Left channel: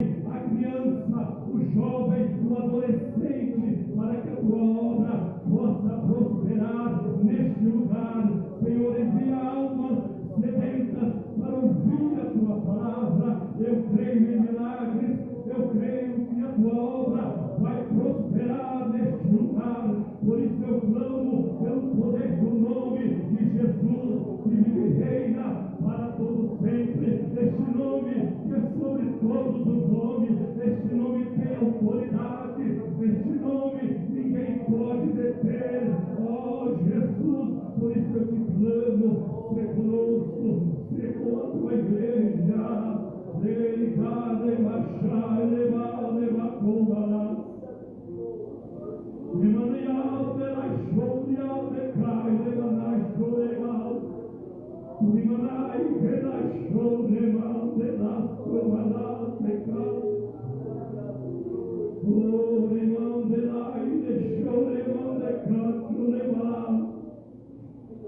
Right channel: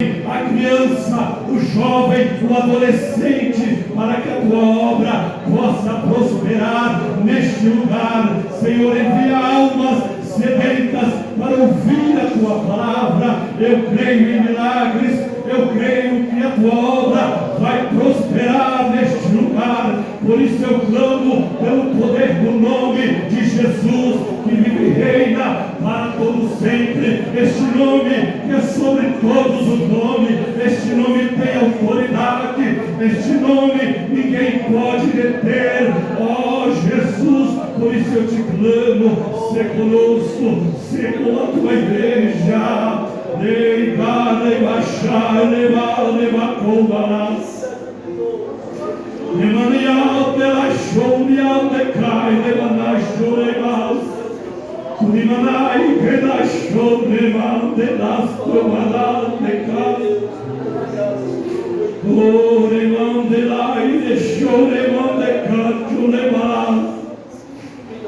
a criança, o jovem, o adolescente, para que a tua obra possa prosperar neste lugar. Senhor, envia almas sedentas para ouvir a tua palavra. Eu creio em milagres, eu creio que a tua obra vai prosperar neste lugar. Por isso eu clamo pelo poder do nome de Jesus, que vive e reina para todo sempre. Este nome que é sobre todos os nomes, este nome tem autoridade, este nome ninguém pode deter. Ó Jesus, por isso eu te clamo, se conosco, se com a tua igreja.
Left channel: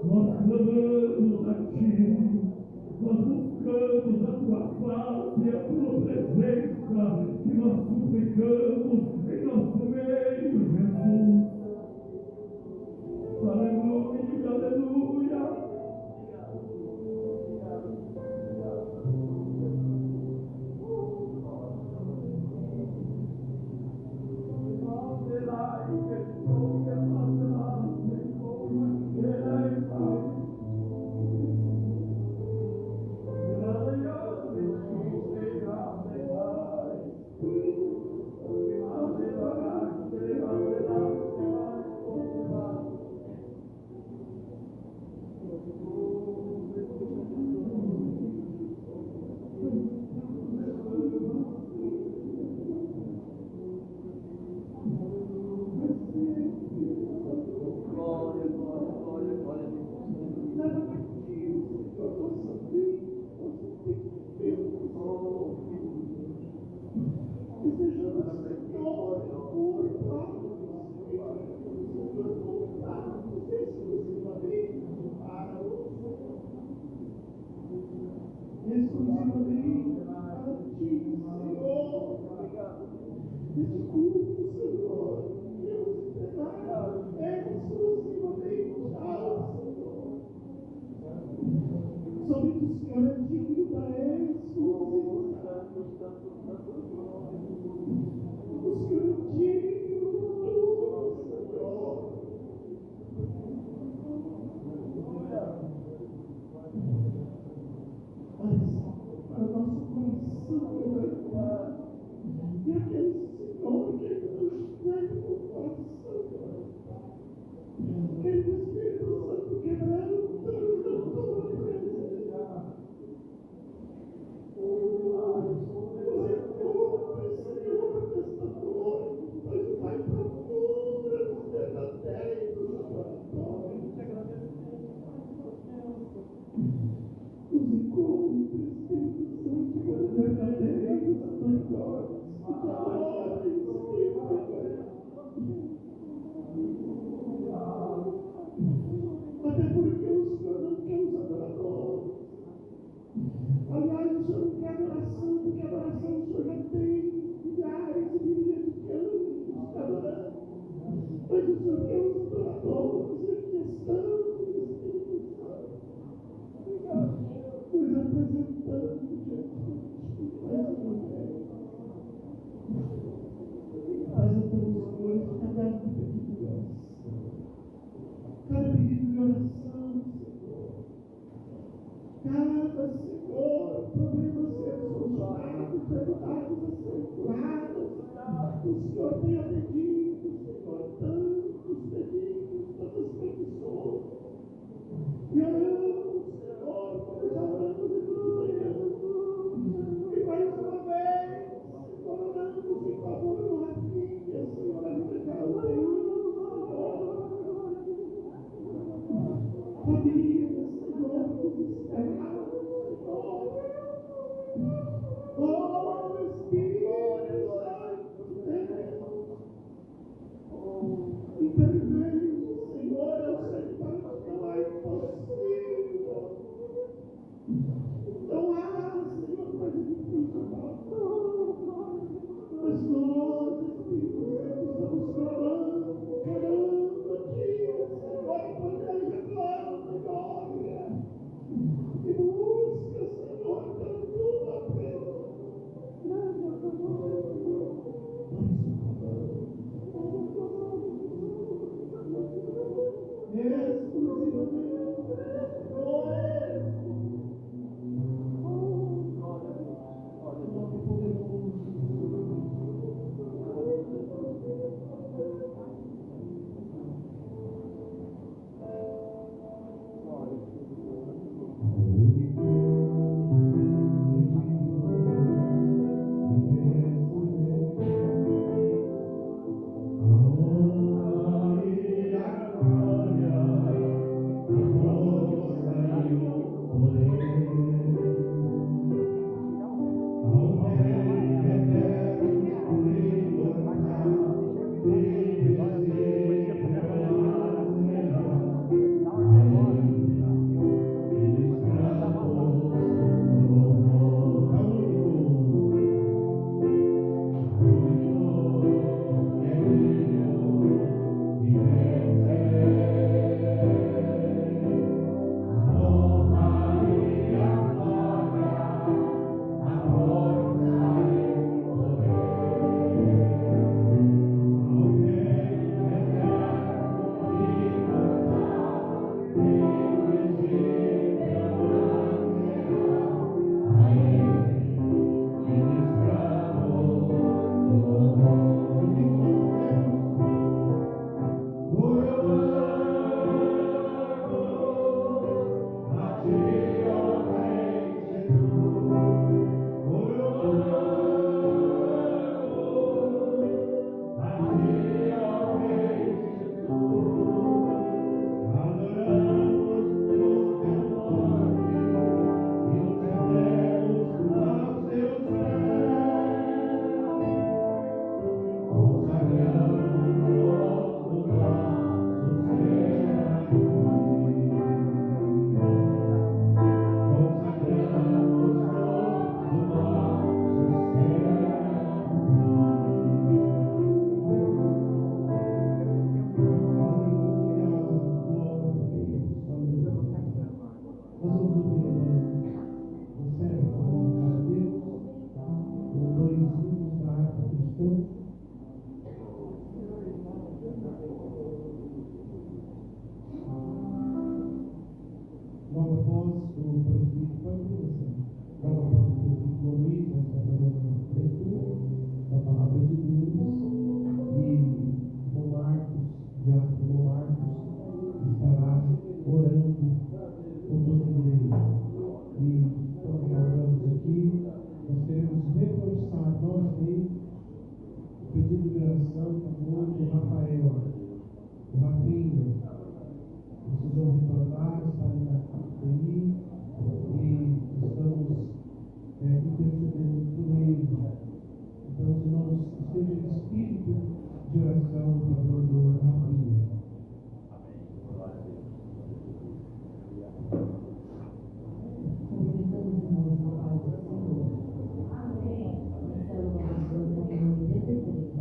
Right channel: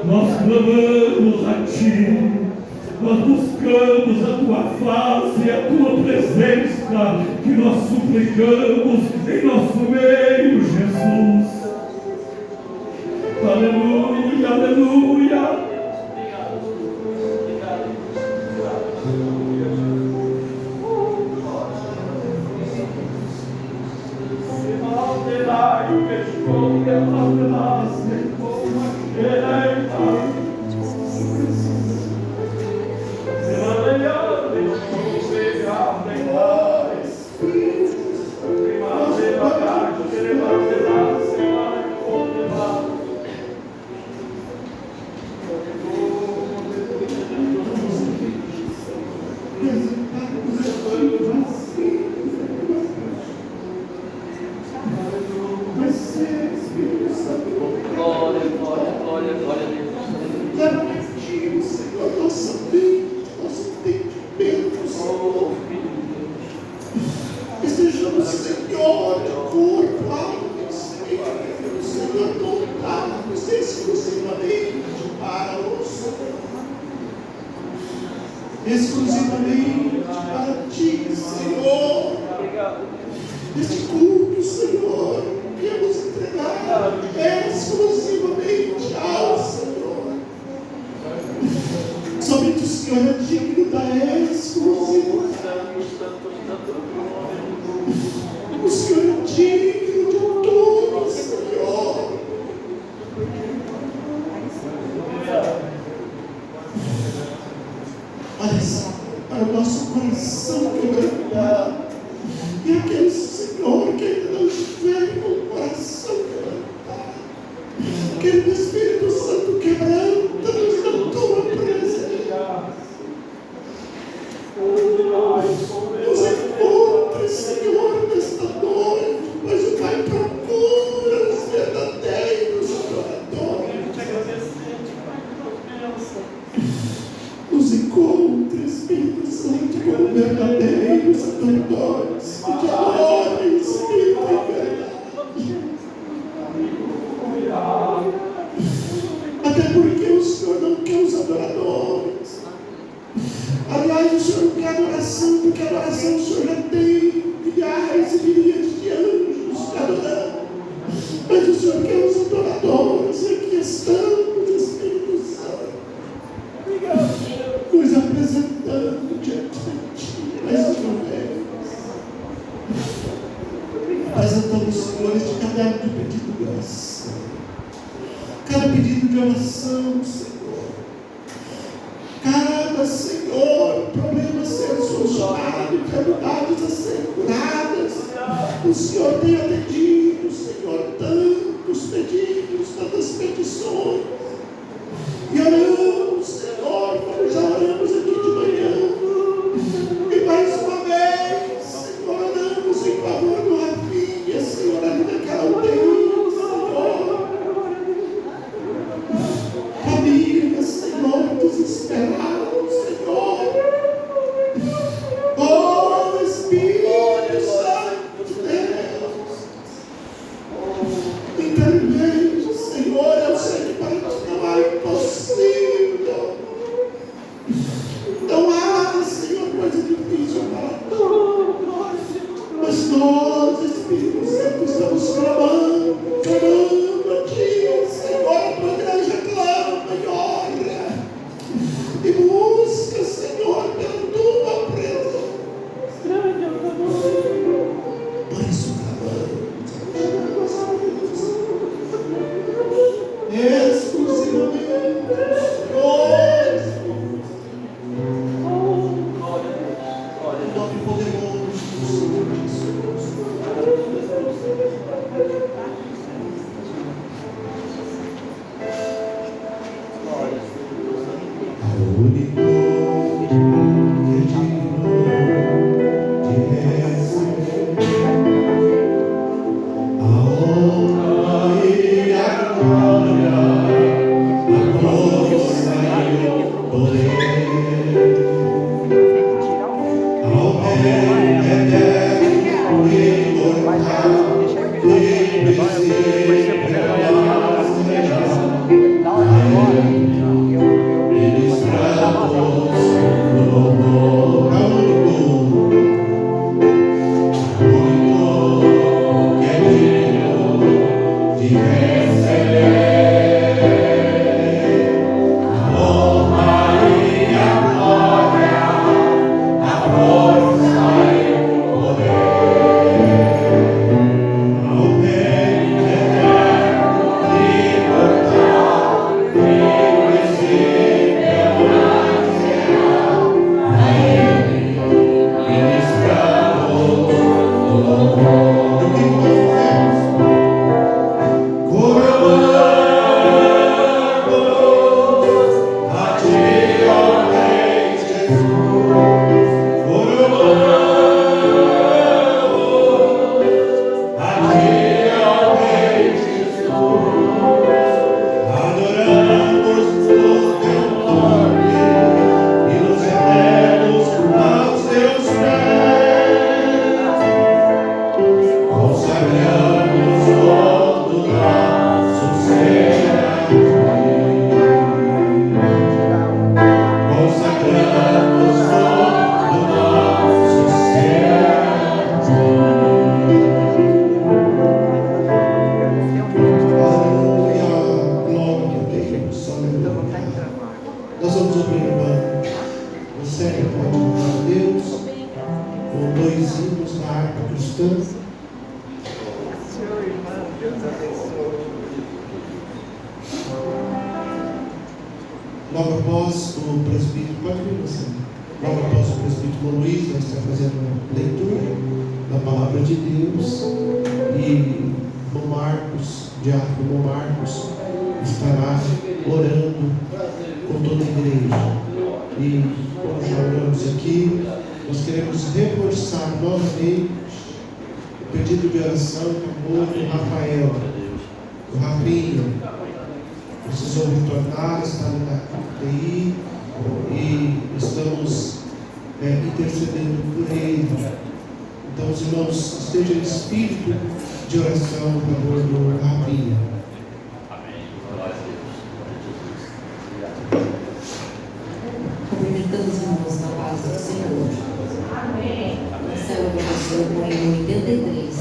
Nós clamamos a ti. Nós buscamos a tua face e a tua presença, que nós suplicamos em nosso meio, Jesus. Aleluia, aleluia. Exclusivamente para ti, Senhor. Este culto, Senhor, queremos entregar exclusivamente ao Senhor. Somente o Senhor é digno da exclusividade. O Senhor é digno de tudo, Senhor. Olha só, para o nosso coração quebrantado, e aquele Senhor que ainda não estiver com o coração quebrantado, que o Espírito Santo quebranta-nos na tua presença. Nos encontre, Senhor, nesta noite, pois o Pai procura os verdadeiros adoradores. Nos encontre, Espírito Santo, como verdadeiros adoradores, que te adorem, Espírito e verdade. Até porque o Senhor não quer os adoradores. Aliás, o Senhor não quer adoração, porque a adoração o Senhor já tem milhares e milhares de anjos adorando. Mas o Senhor quer os adoradores. Aqui estamos, Espírito Santo, nos apresentando diante de ti mais uma vez. Apresentamos, Senhor, este caderno de pedido de oração. Cada pedido de oração, Senhor. Cada, Senhor, problema ser solucionado, enfermidades a serem curadas. O Senhor tem atendido, Senhor, tantos pedidos, tantas petições. E oramos, Senhor, como já oramos aqui de manhã. E mais uma vez, Senhor, oramos em favor do Rafinha, Senhor, ali naquela UTI, Senhor. Família, Senhor, desesperados, Senhor. Oh, Espírito Santo de Deus. Mas nós, Espírito Santo, estamos clamando a Ti, Senhor. A Tua igreja clama e ora e busca, Senhor, pela Tua presença. Por isso clamamos exclusivamente nós, o nome poderoso do Senhor Jesus. O único que é digno de receber a honra e a glória, a força e o poder, ao Rei eterno e imortal, invisível, ministramos o louvor ao único que é digno de receber a honra e a glória, a força e o poder, ao Rei eterno e imortal, invisível, a Ele ministramos o louvor. E o que nós fizemos? Coroamos a Ti, ó Rei Jesus. Coroamos a Ti, ó Rei Jesus. Adoramos o Teu nome e nos rendemos aos Teus pés. Consagramos todo nosso ser a Ti. Consagramos todo nosso ser a Ti. Aleluia, glória a Deus, aleluia. Nós vamos ouvir, irmã, você pode louvar a Deus com 2 hinos na harpa cristã. Logo após o presbítero, pode vir você. Logo após o presbítero Luiz, nós estamos fazendo uma leitura da palavra de Deus. E o Marcos, diácono Marcos, estará orando com toda a igreja. E como já oramos aqui, nós queremos reforçar novamente o pedido de oração do Rafael, do Rafinha. Precisou retornar, está na UTI e estamos intercedendo por ele. Então, os irmãos, esteja em espírito de oração em favor do Rafinha. Cumprimentamos os irmãos na paz do Senhor. Amém. Essa é a oração com o hino 83.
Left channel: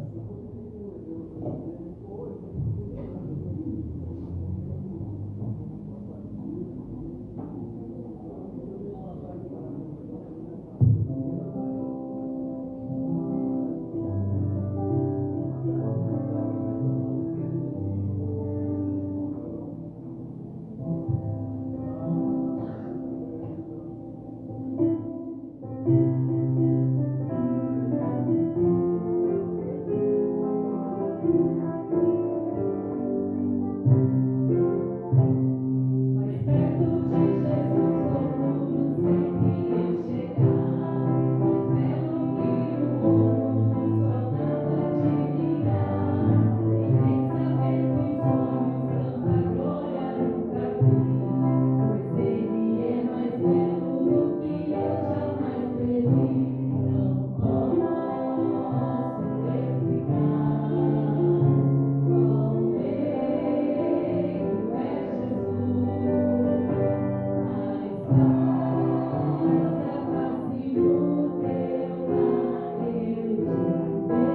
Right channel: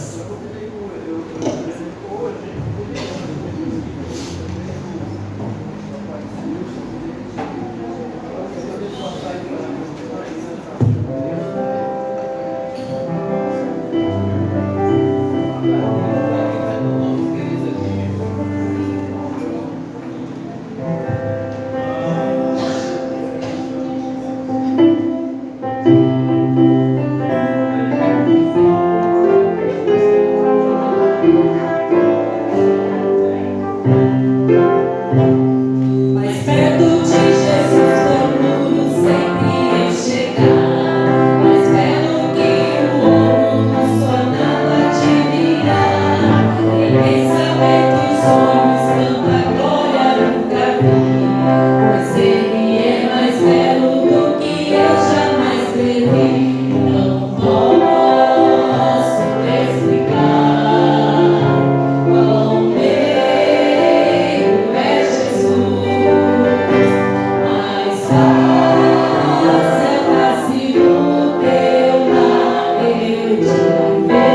Amém.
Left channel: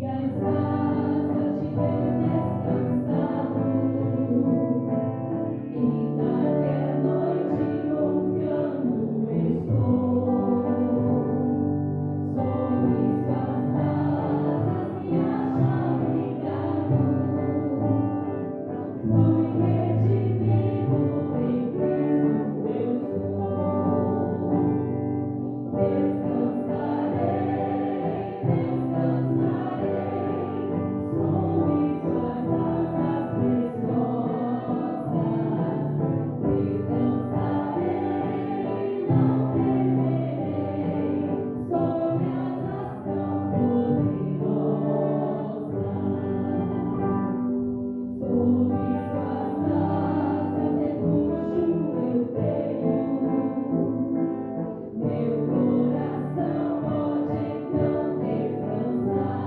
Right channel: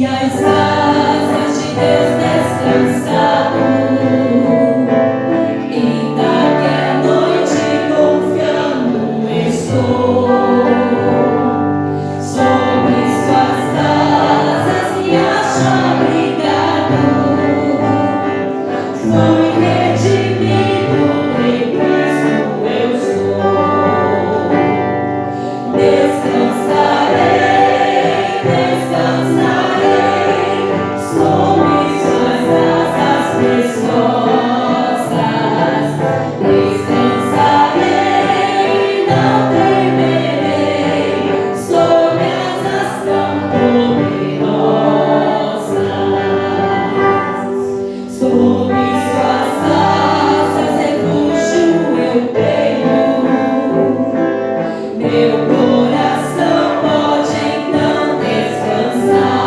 e as asas de Deus descansado. Ainda que a noite confiando estou, sobre suas asas me acho abrigado. Fui redimido, em Cristo eu sou. Descansarei, descansarei, sob suas asas preciosas. Descansarei, não temerei, sob asas tão poderosas. Sob suas asas refúgio eu tenho. Meu coração pode então descansar.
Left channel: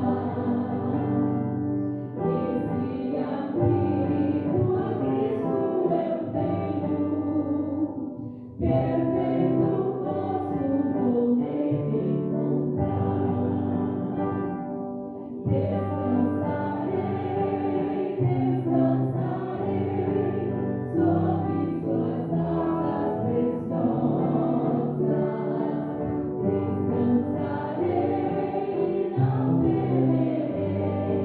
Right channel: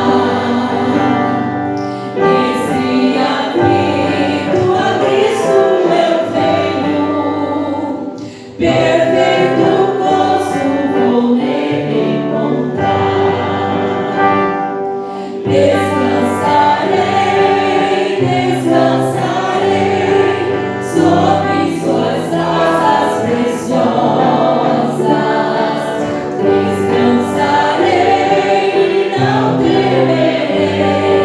Nesse aflito a Cristo eu venho. Perfeito gozo vou nele encontrar. Descansarei, descansarei, sob suas asas preciosas. Descansarei, não temerei,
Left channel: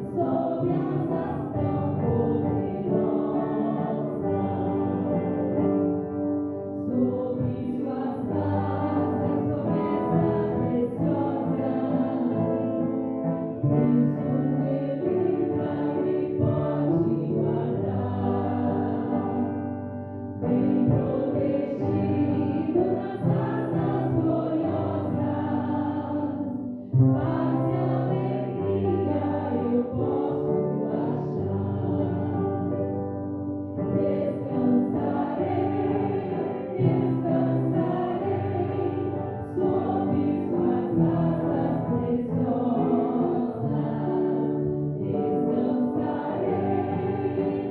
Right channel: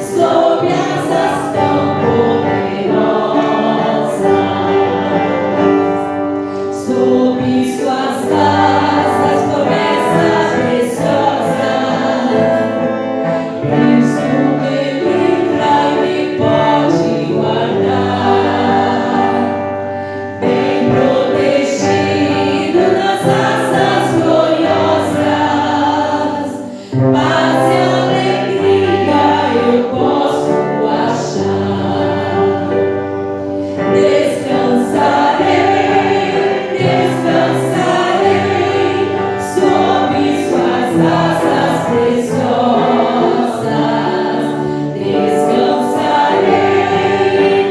sob asas tão poderosas. Sob suas asas, promessa preciosa. Cristo me livra e me pode guardar. Bem protegido nas asas gloriosas. Paz e alegria eu posso achar. Descansarei, descansarei, sob suas asas preciosas. Descansarei,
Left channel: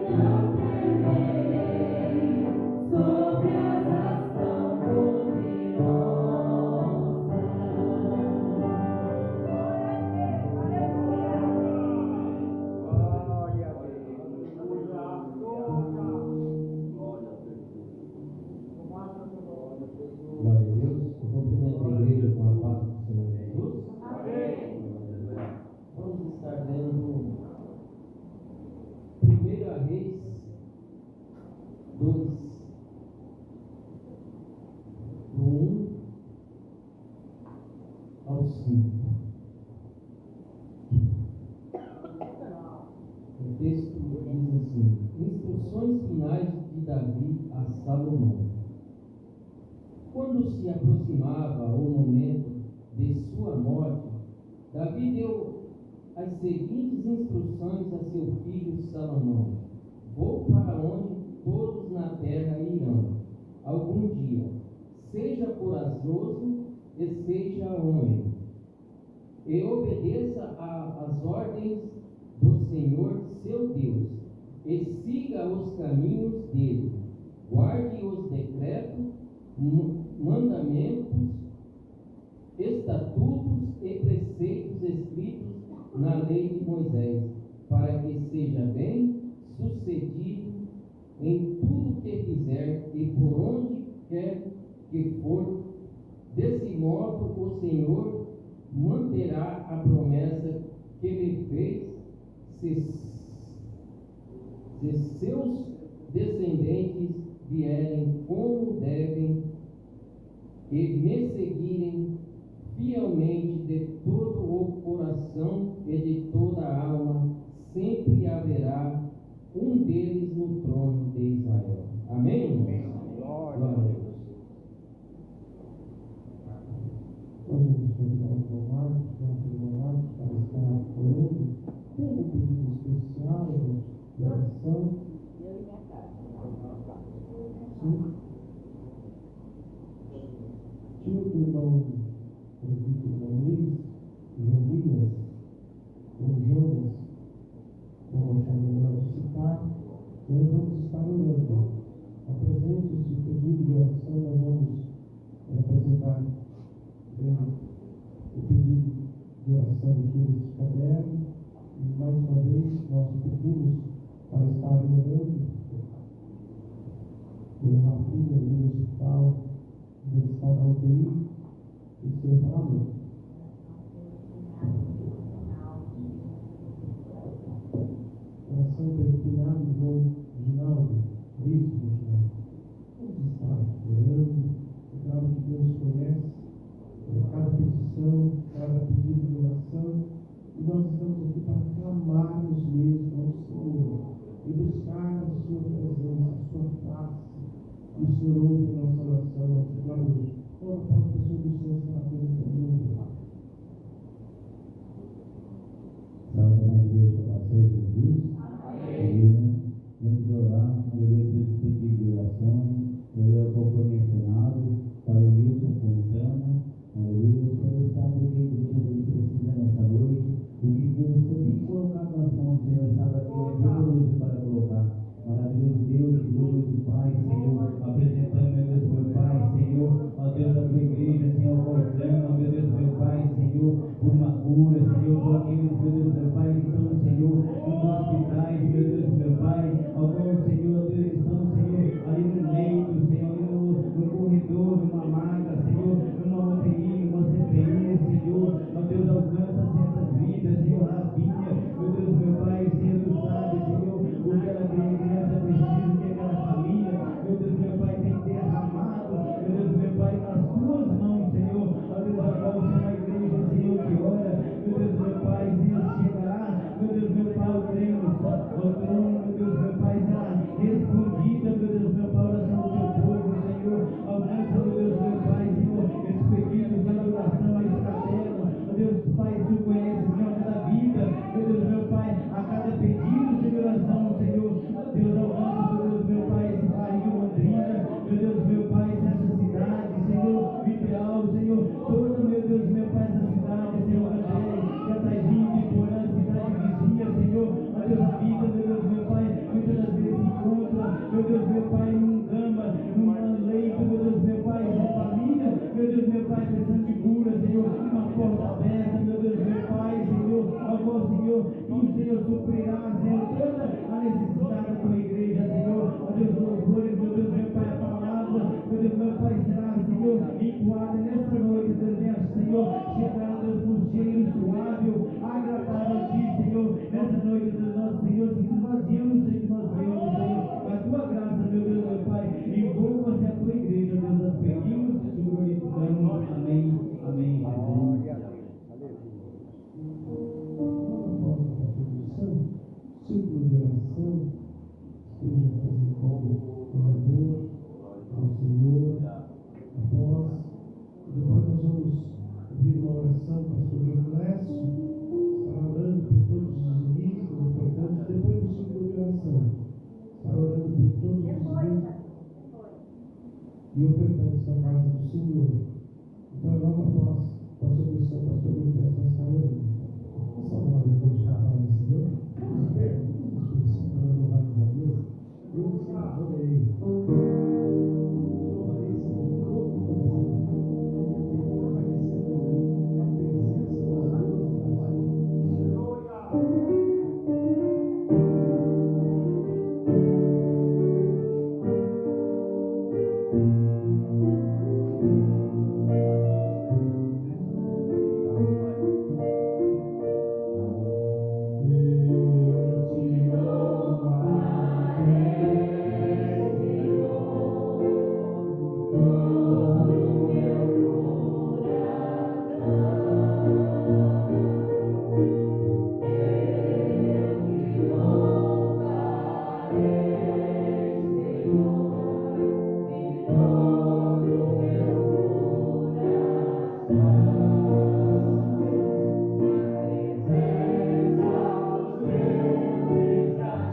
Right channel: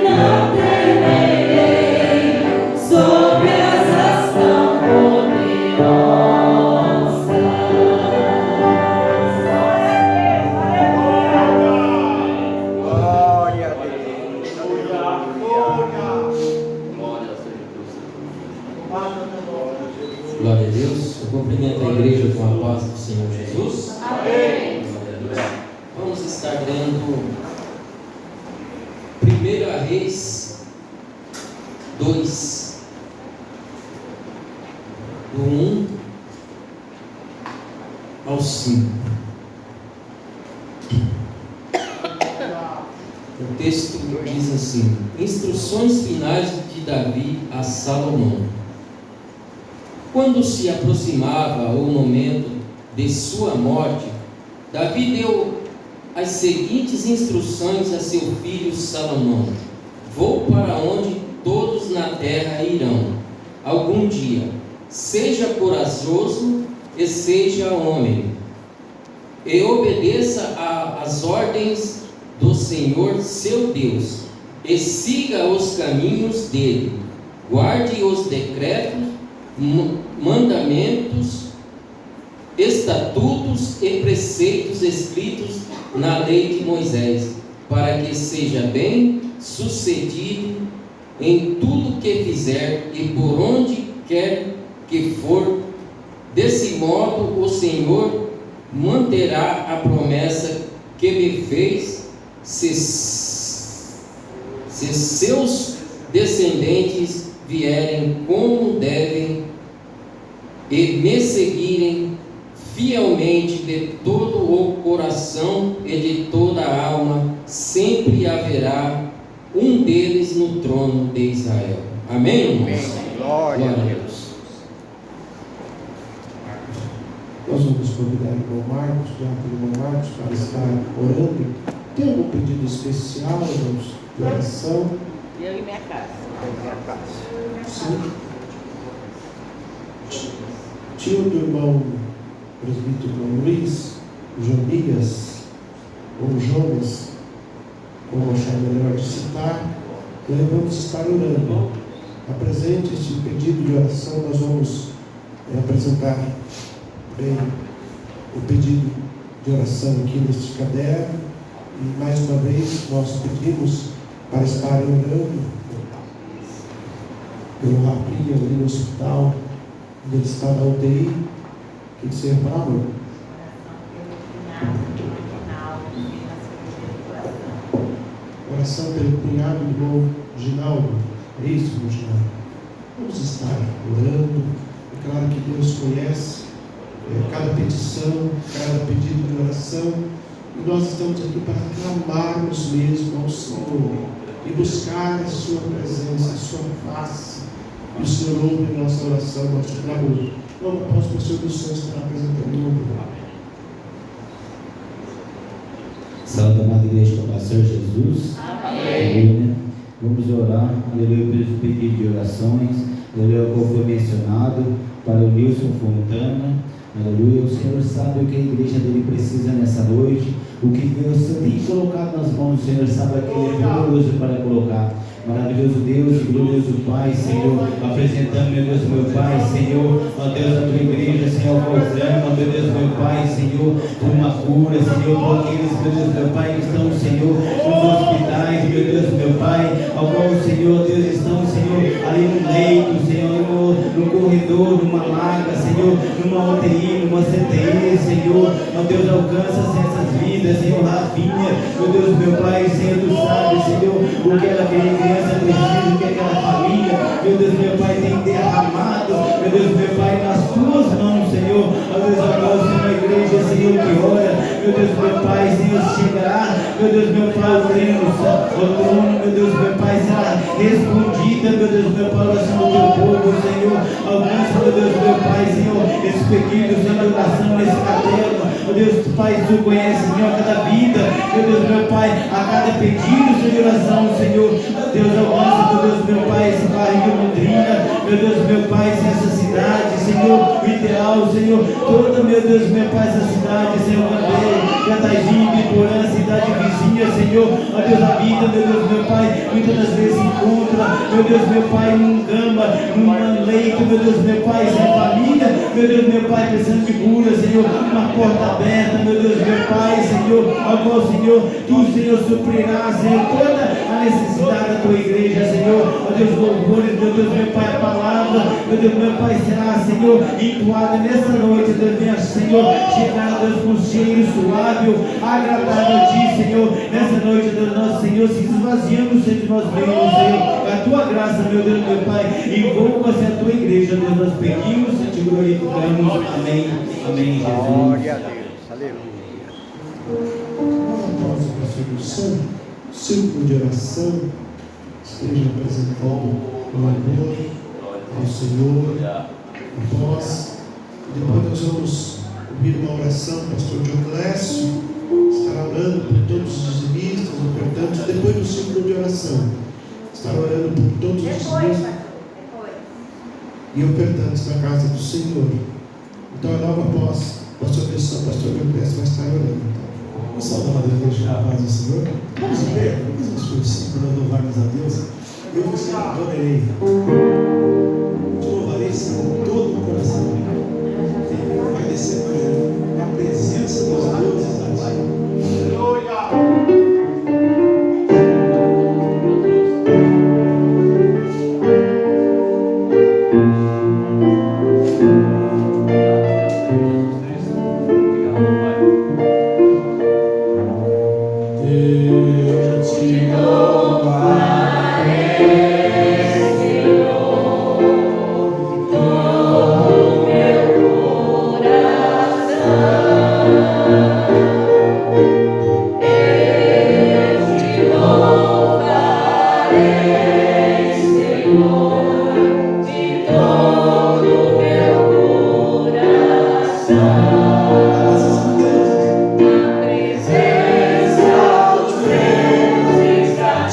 não temerei, sob asas tão poderosas. Glória a Deus. Glória a Deus. Eu cumprimento a igreja com a paz do Senhor Jesus. Amém. Vamos estar lendo 1 Reis 2, do 1 ao 5. O texto diz assim: instruções finais de Davi a Salomão. Quando se aproximava o momento de sua morte, Davi deu as seguintes instruções a seu filho Salomão: vou para onde todos na terra irão algum dia. Seja corajoso e seja homem, e obedeça às ordens do Senhor seu Deus, e siga os caminhos dele. Guarde os decretos, mandamentos, estatutos e preceitos escritos na lei de Moisés, para que seja bem sucedido em tudo que fizer e por onde quer que for. Desse modo o Senhor manterá a promessa que me fez, se seus descendentes vierem como devem e me seguirem fielmente de todo o coração e de toda a alma. Sempre haverá um deles no trono de Israel. Amém, irmãos? Glória a Deus. Nós vamos convidar o irmão Marcos, o irmão Marcos, para estar orando. Tem algum pedido especial, irmãos, de oração? Eu e minha casa. Sim. Tio do irmão presbítero Luiz, Jonias, ou Jonas, como achar melhor de citar, nós vamos estar orando. Apresente este pedido de oração, nós vamos apresentar bem o pedido de oração aqui neste caderno. E mais uma vez nós pedimos para estarem orando pelo Rapinho ali no hospital, onde ele está na UTI. O que você falava? Oração pelo cunhado do irmão Ginaldo. É isso, irmão Ginaldo? Vamos estar orando. É claro que Deus conhece cada petição, cada pedido de oração. E nós estamos aqui para clamarmos mesmo ao Senhor e buscar a sua presença, a sua face. E o Senhor ouve nossa oração, nosso clamor. Logo após o pastor do Senhor estar apresentando o nome. Salve, amada igreja do Senhor Jesus. Amém. Vamos orar, aleluia, pelos pedidos de orações, aleluia, como foi mencionado, para o Nilson Fontana, aleluia. O Senhor sabe o que a igreja dele precisa nessa noite, o que Deus tem colocado nas mãos do Senhor, sabe que Ele é poderoso para colocar. Maravilhoso Deus, glorioso Pai, Senhor, apresentando, meu Deus, meu Pai, Senhor, ó Deus, a tua igreja, Senhor, proclama, meu Deus, meu Pai, Senhor, por uma cura, Senhor, por aqueles, meu Deus, meu Pai, que estão, Senhor, nos hospitais, meu Deus, meu Pai, ao qual, Senhor, Deus, estão, Senhor, ali no leito, Senhor, no corredor, numa maca, Senhor, numa UTI, numa CTI, Senhor, ó Deus, alcança essas vidas, Senhor, Rafinha, meu Deus, meu Pai, Senhor, tu sabe, Senhor, o que ela quer precisa, o que aquela família, meu Deus, meu Pai, tem derramado, meu Deus, meu Pai, nas tuas mãos, Senhor. Ó Deus, agora uma igreja, Senhor, que ora, meu Deus, meu Pai, Senhor, chegará, meu Deus, meu Pai, o trono, meu Deus, meu Pai, será respondida, meu Deus, meu Pai, oração do teu povo, Senhor. Alcança, meu Deus, meu Pai, Senhor, esse pedido, Senhor, de oração, esse caderno, meu Deus, Pai, tu conheces, Senhor, cada vida, meu Deus, meu Pai, a cada pedido, Senhor, de oração, Senhor. Deus, alcança, meu Deus, meu Pai, esse bairro de Londrina, meu Deus, meu Pai, essa cidade, Senhor, ideal, Senhor, toda, meu Deus, meu Pai, essa cidade, Senhor, também, Cataizinho, Biporã, cidade vizinha, Senhor, ó Deus, a vida, meu Deus, meu Pai, muitas das vezes se encontra, meu Deus, meu Pai, num cama, num leito, meu Deus, meu Pai, sem família, meu Deus, meu Pai, precisando de cura, Senhor, uma porta aberta, meu Deus, meu Pai, Senhor, ao qual, Senhor, tu, Senhor, suprirás, Senhor, toda a necessidade da tua igreja, Senhor, ó Deus, louvores, meu Deus, meu Pai, a palavra, meu Deus, meu Pai, será, Senhor, entoada nessa noite, Deus, venha, Senhor, chegar, Deus, com cheiro suave, agradável a ti, Senhor, nessa noite, Deus, nosso Senhor, se esvaziando entre nós mesmos, Senhor, a tua graça, meu Deus, meu Pai, envolva-se a tua igreja, Deus, nós pedimos e te glorificamos, amém, amém, Jesus. Glória a Deus, aleluia. Após o pastor do Santo, círculo de oração, esteja apresentando o louvor ao Senhor, após, e depois nós vamos ouvir uma oração, o pastor Dionísio estará orando por todos os dizimistas, ofertantes, depois do círculo de oração, estará orando por todos os dizimistas e ofertantes da casa do Senhor. Então, logo após a sua pessoa, o pastor Dionísio vai estar orando. Vamos saudar a igreja da paz do Senhor. Vamos ver, vamos as coisas para louvarmos a Deus. Eu você adorarei. Te louvarei com todo o coração. Vai descer a presença dos deuses da Pai. Presença dos deuses da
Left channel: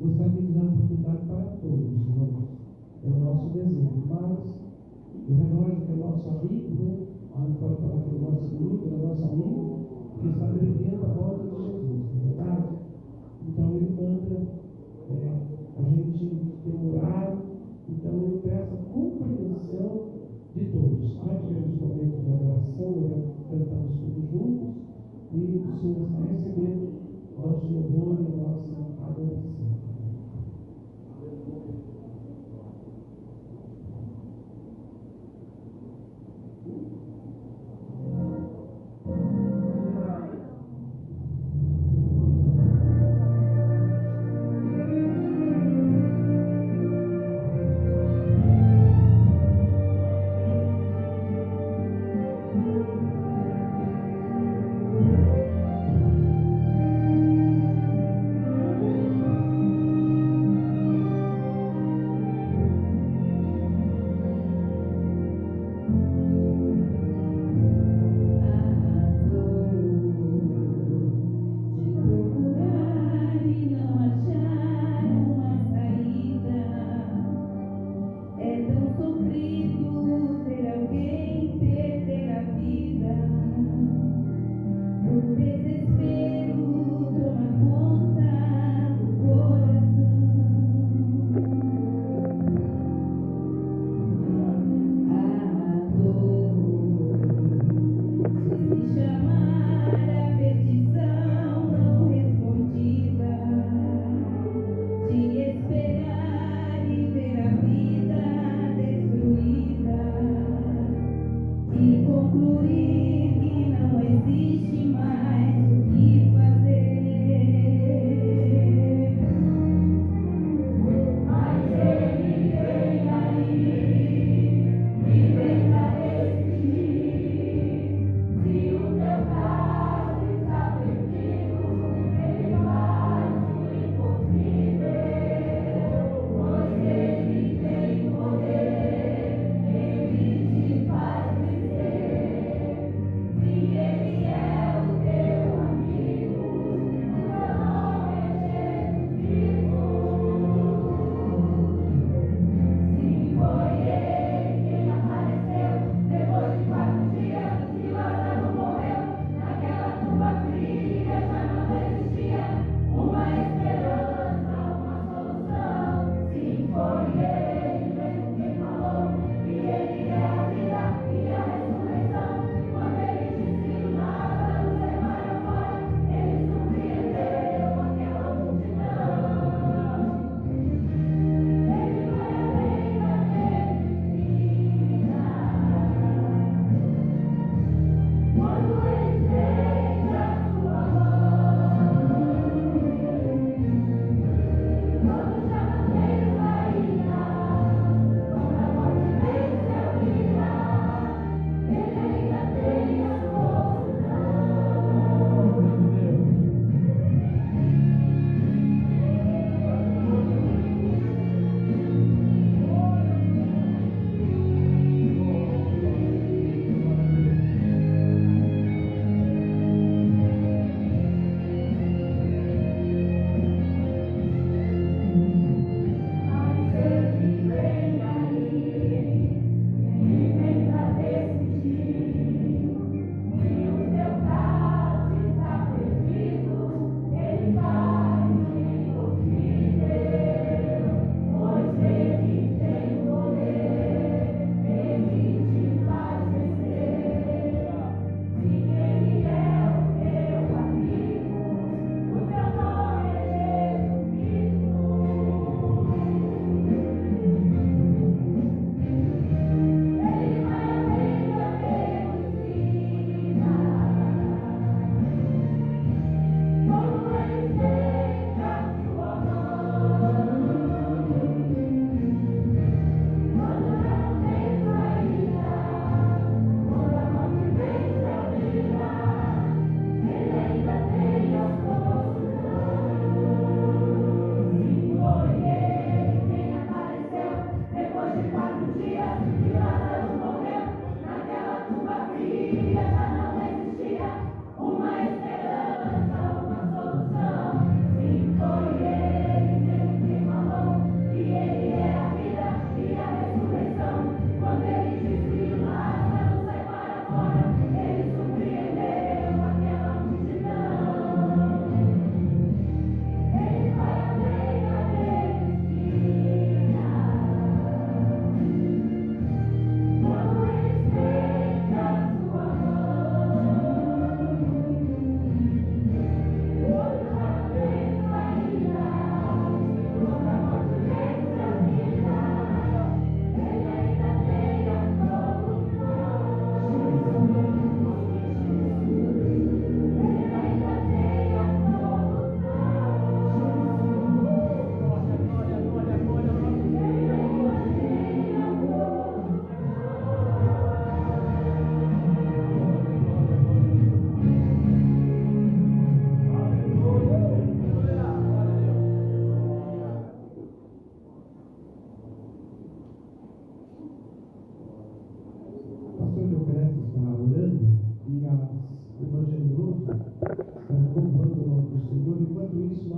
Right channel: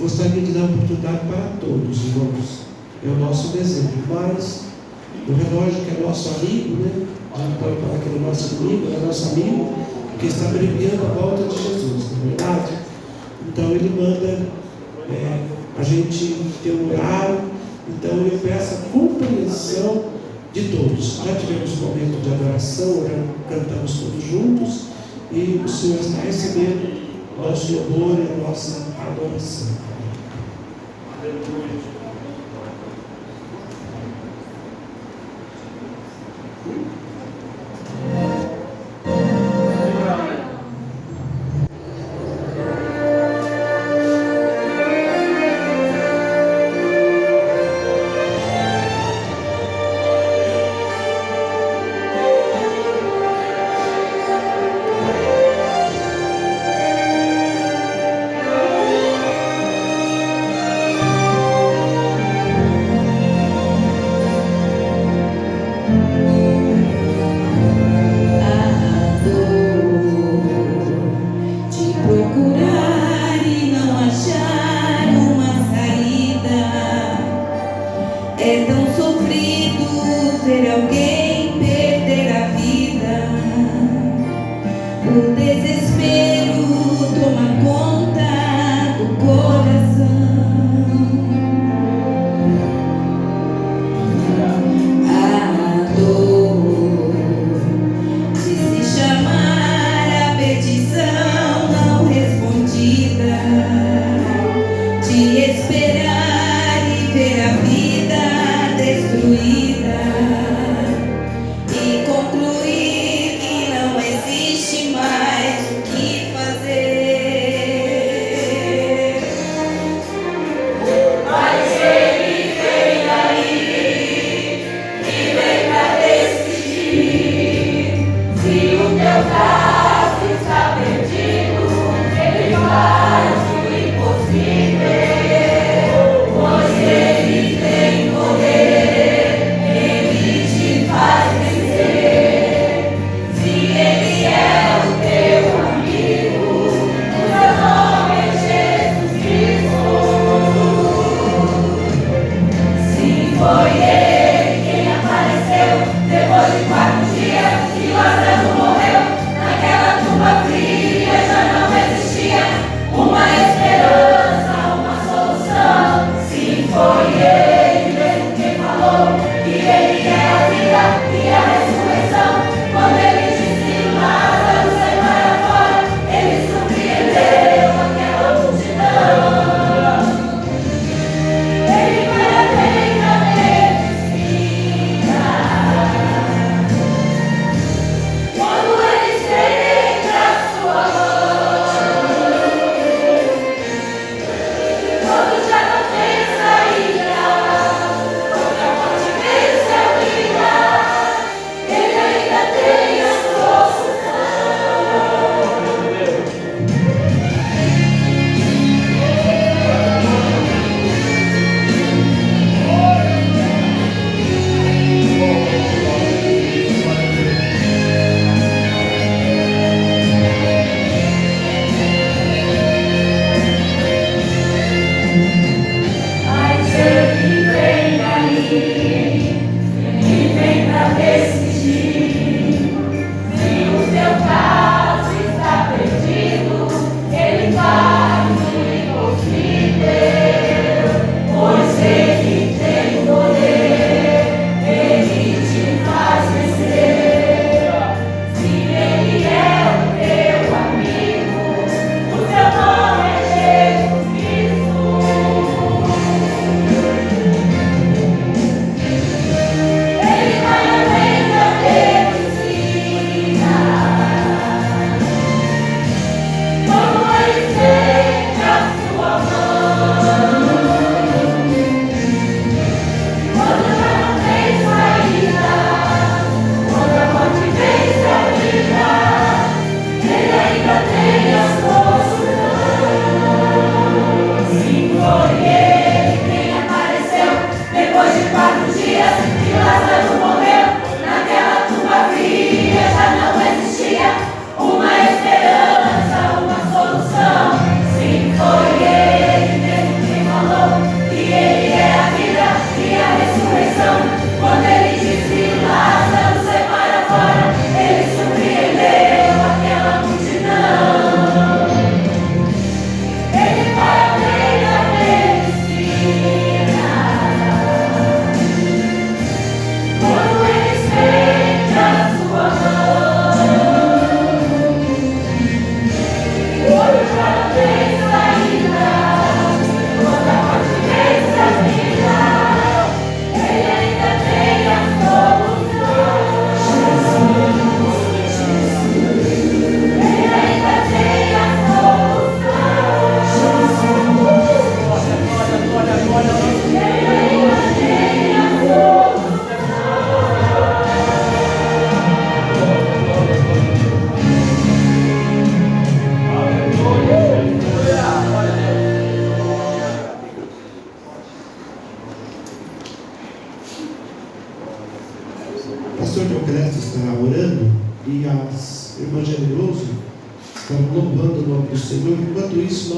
Gostaria de dar oportunidade para todos, irmãos. É o nosso desejo. Mas o relógio, que é nosso amigo, né? Então, para aquele nosso amigo, é nosso amigo, que está abreviando a volta de Jesus, não é verdade? Então, ele manda a gente ter um horário. Então, eu peço a compreensão de todos. Já tivemos um momento de adoração, cantamos todos juntos, e o Senhor está recebendo nosso louvor e a nossa adoração. Aleluia.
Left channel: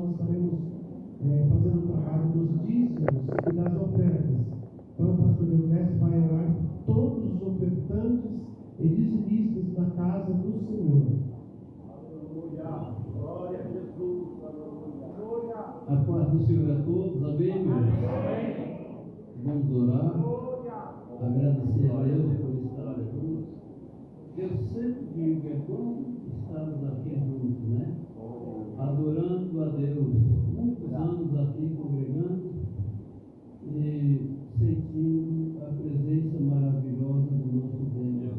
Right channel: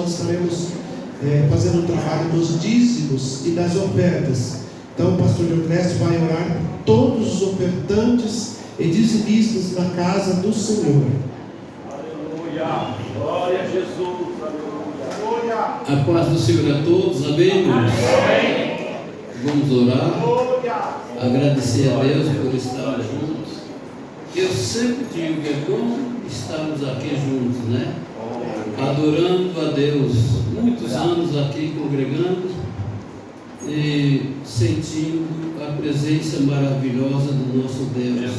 nós estaremos fazendo o trabalho dos dízimos e das ofertas. Então o pastor Leocrécio vai orar por todos os ofertantes e dizimistas na casa do Senhor. Aleluia. Glória a Jesus. Aleluia. A paz do Senhor a todos, amém, irmãos? Vamos orar, agradecer a Deus por estarmos juntos. Eu sempre digo que é bom estarmos aqui juntos, né? Adorando a Deus, muitos anos aqui congregando e sentindo a presença maravilhosa do nosso Deus.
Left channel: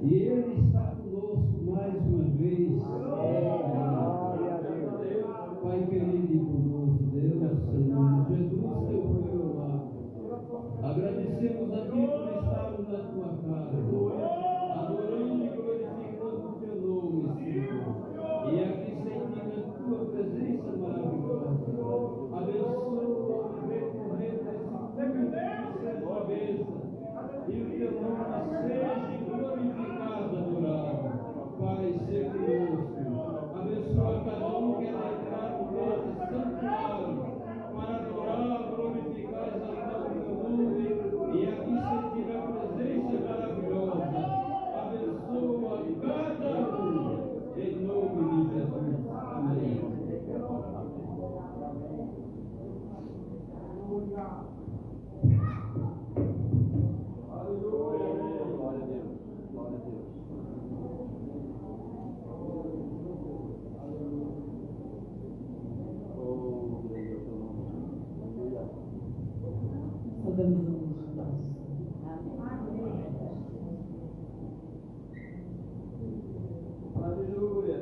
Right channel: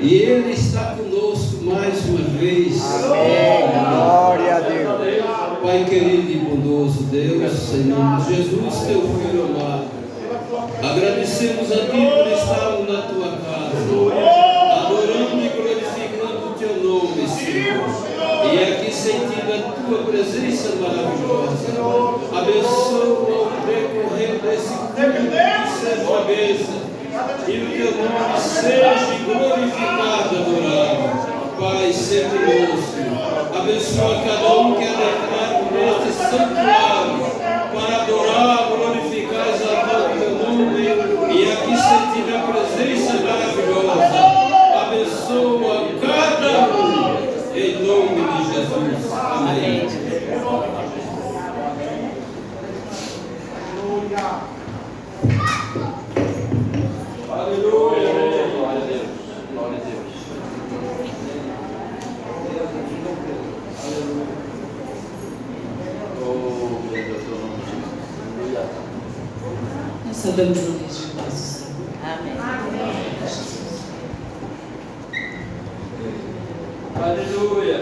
E Ele está conosco mais uma vez. Glória a Deus. Pai querido e bondoso Deus, em nome de Jesus, teu filho amado, agradecemos a Ti por estarmos na Tua casa, adorando e glorificando o Teu nome, Senhor, e aqui sentindo a Tua presença maravilhosa. Abençoa o decorrer desse culto que seja a mesa, e o Teu nome seja glorificado, adorado. Pai, sempre conosco. Abençoa cada um que é declarado neste santuário para adorar, glorificar, exaltar o Teu nome e aqui sentir a presença maravilhosa. Abençoa cada um em nome de Jesus. Amém. Aleluia. Glória a Deus. Glória a Deus. Nós sabemos o nome de nosso Senhor. Amém. Aleluia.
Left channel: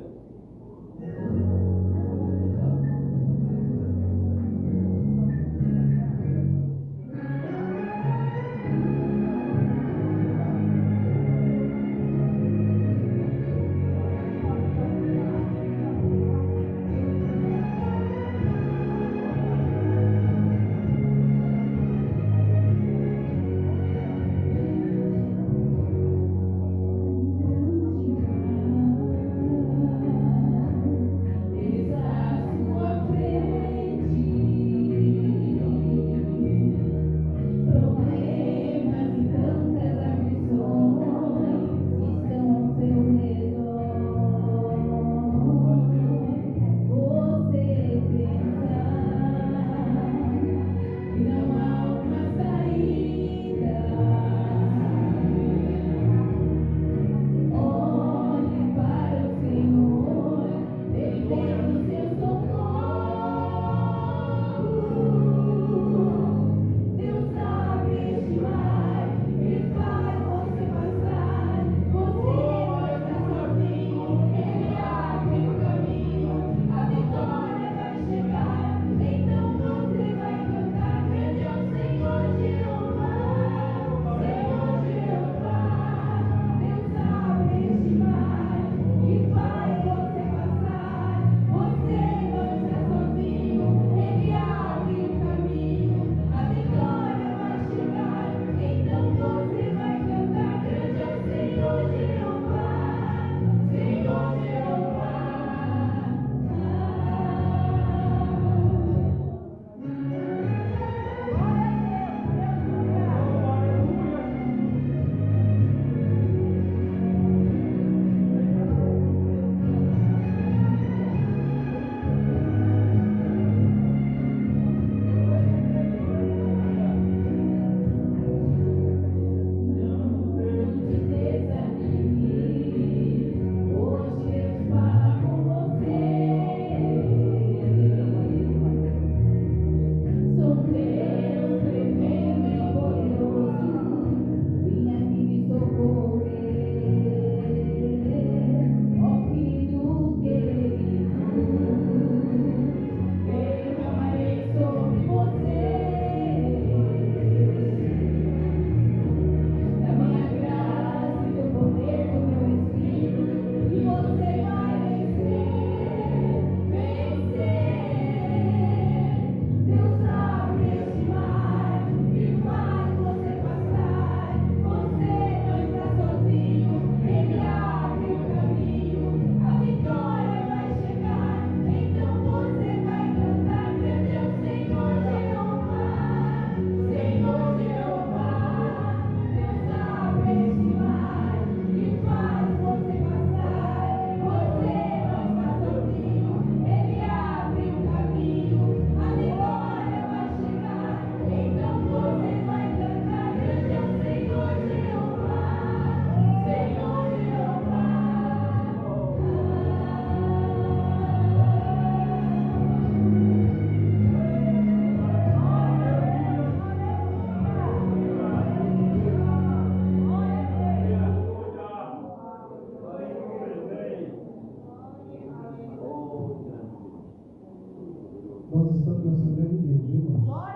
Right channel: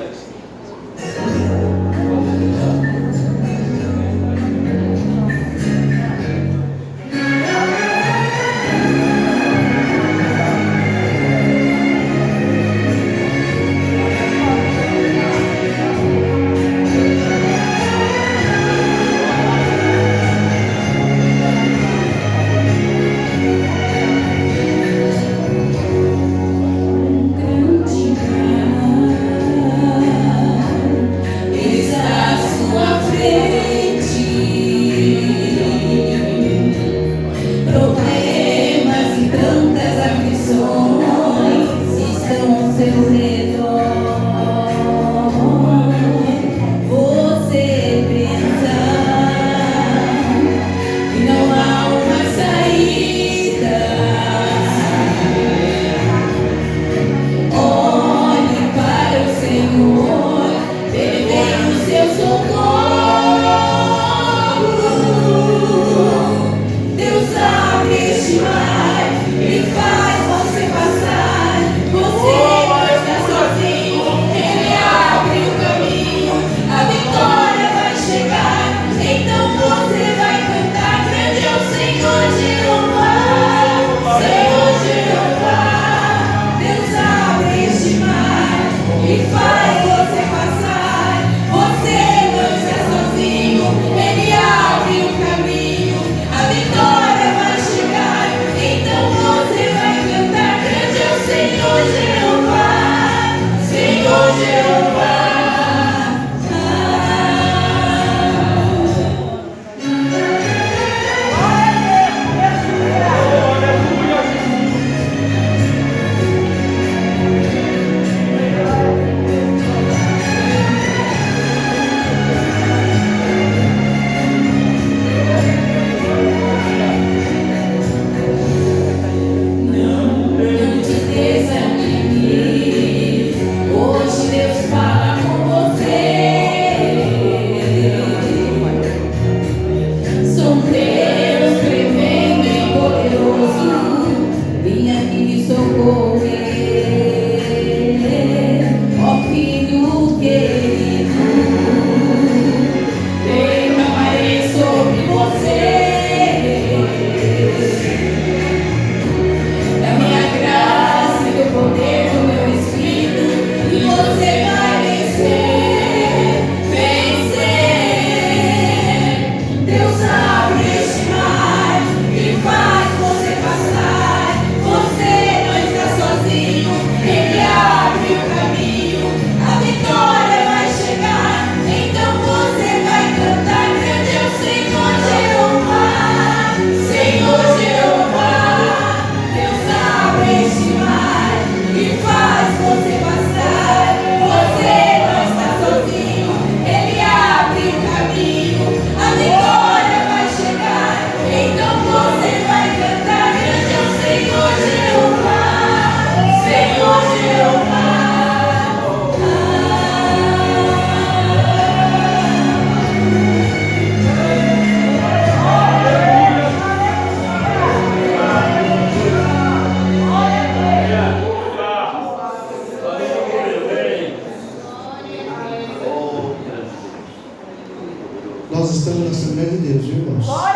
Nós estamos na Assembleia de Deus, viu, irmãos? Pode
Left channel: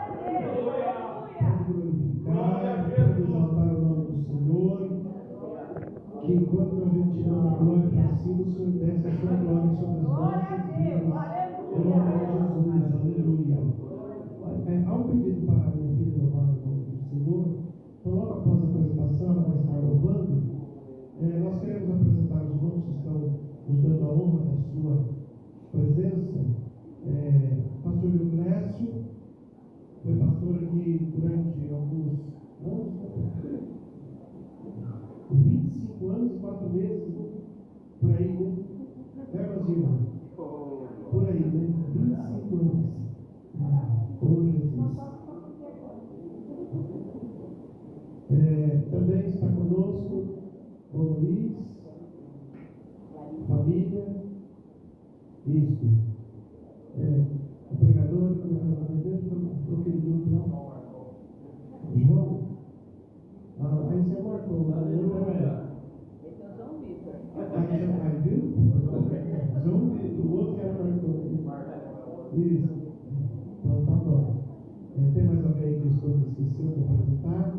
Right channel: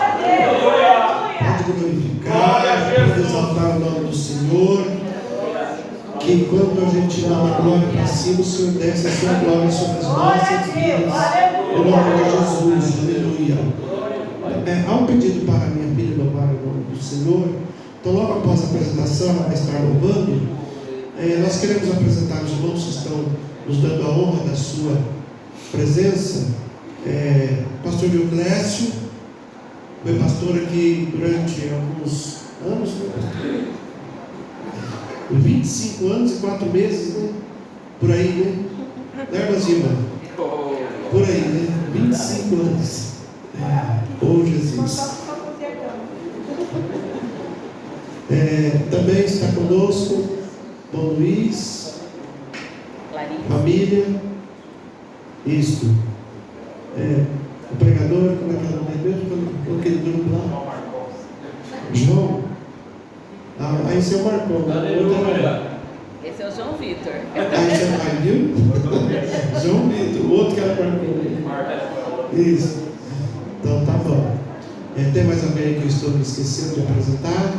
glorificar, pode exaltar o nome do Senhor. Que enquanto a gente dá a glória para cima, o Senhor desce a sua glória sobre as nossas vidas. Em nome de Jesus, aleluia. Há um pedido para a minha filha louvar o nome do Senhor. Então, logo após a apresentação, ela vai estar louvando. Nós queremos apresentar os irmãos que estão nos dando a honra da sua presença. Pastor Dioclésio foi pastor aqui durante alguns anos, né? 25 anos e 4 meses, né? Por aí, né? Irmã Zima? Por aí, né? 25 anos. Oh, Jesus. Também está conosco Dom Luiz, família. Isto. O pregador, como é que é o nome mesmo? Aquele grupo lá? João. Esse é o Marcão. Esse é o João Vitor. Esse é o viu? João Vitor, o outro que era Marcão. Isso. Então tá bom. Tem mais alguém aí que eu estou me esquecendo de apresentar?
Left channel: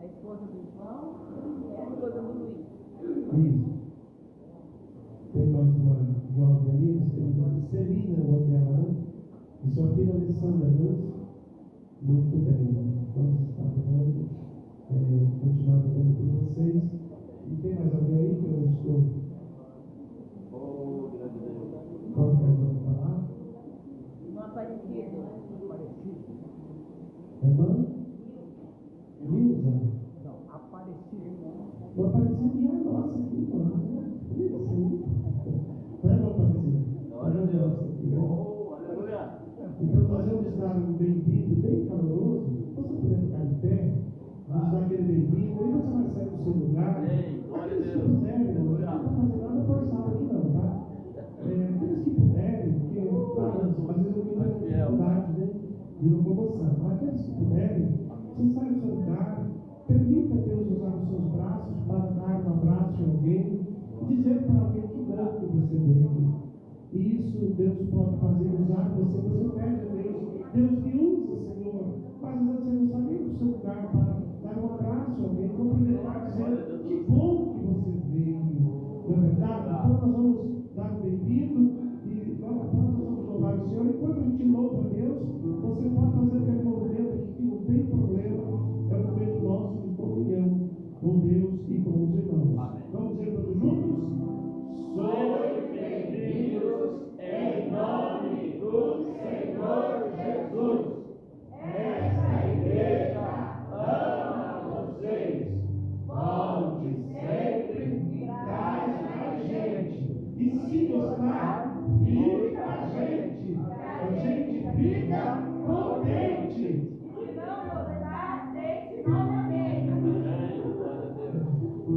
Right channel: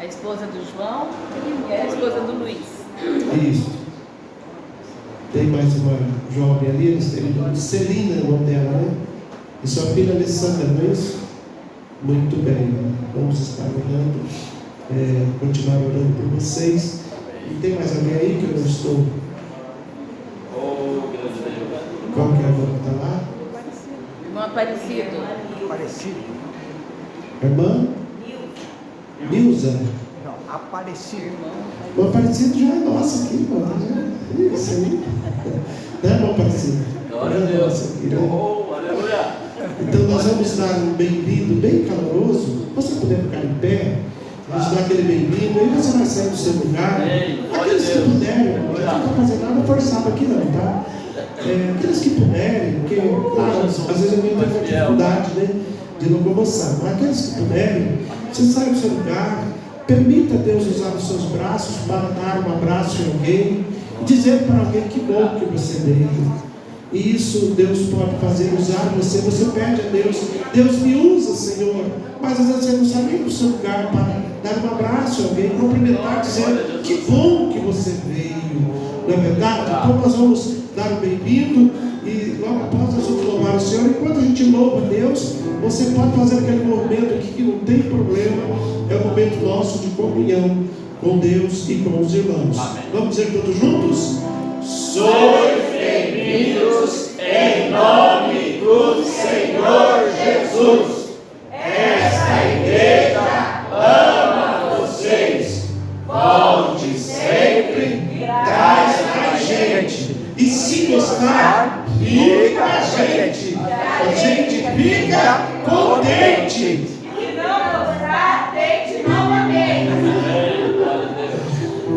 A esposa do João e a esposa do Luiz. Isso. Tem mais uma jovem ali, eles têm o nome de Celina, o nome dela, né? E sua filha Alessandra, não é isso? Muito bem. Vamos estar orando. Continuar orando por vocês. E tem mais alguém aí que eu não estou? Qual que é a irmã que está lá? Irmão Aparecido. Irmã? Nilza? Não, Aparecido. O Aparecido já é nosso aqui, irmão. Isso aí. Não é, irmão Aparecido? Glória a Deus. Aqui, né? Aleluia. Então nós vamos dar um bem-vindo bem caloroso. Você puder ficar em pé, vamos dar aquele bem-vindo. Aí você vai sair do seu lugar. Aqueles que puderem, não está fazendo nada forçado aqui não, tá? Aqueles que puderem, porque claro, às vezes eu tenho uma dificuldade, né, de locomoção. Mas aqueles que puderem, você sai do seu lugar, permita Deus usar os seus braços para dar um abraço em alguém e dizer para alguém que bom que você veio. E isso Deus pode fazer, usar você. Você pede a Deus, Deus me usa, Senhor. Mas às vezes você não sabe ir para o seu lugar para dar um abraço a alguém, cumprimentar, dizer que bom que você veio. Não é verdade? Então nós vamos dar um bem-vindo e logo após nós vamos louvar o Senhor. Enquanto a gente louva a Deus, você pode fazer aquele movimento aqui que não tem problema. É o momento nosso de comunhão com Deus e com os irmãos. Amém. Vamos dizer todos juntos? Sois bem-vindos em nome do Senhor Jesus. Esta igreja ama vocês. Volte sempre, traz mais gente. E se gostar, fique com a gente. A gente fica contente. E não gostar, tente novamente.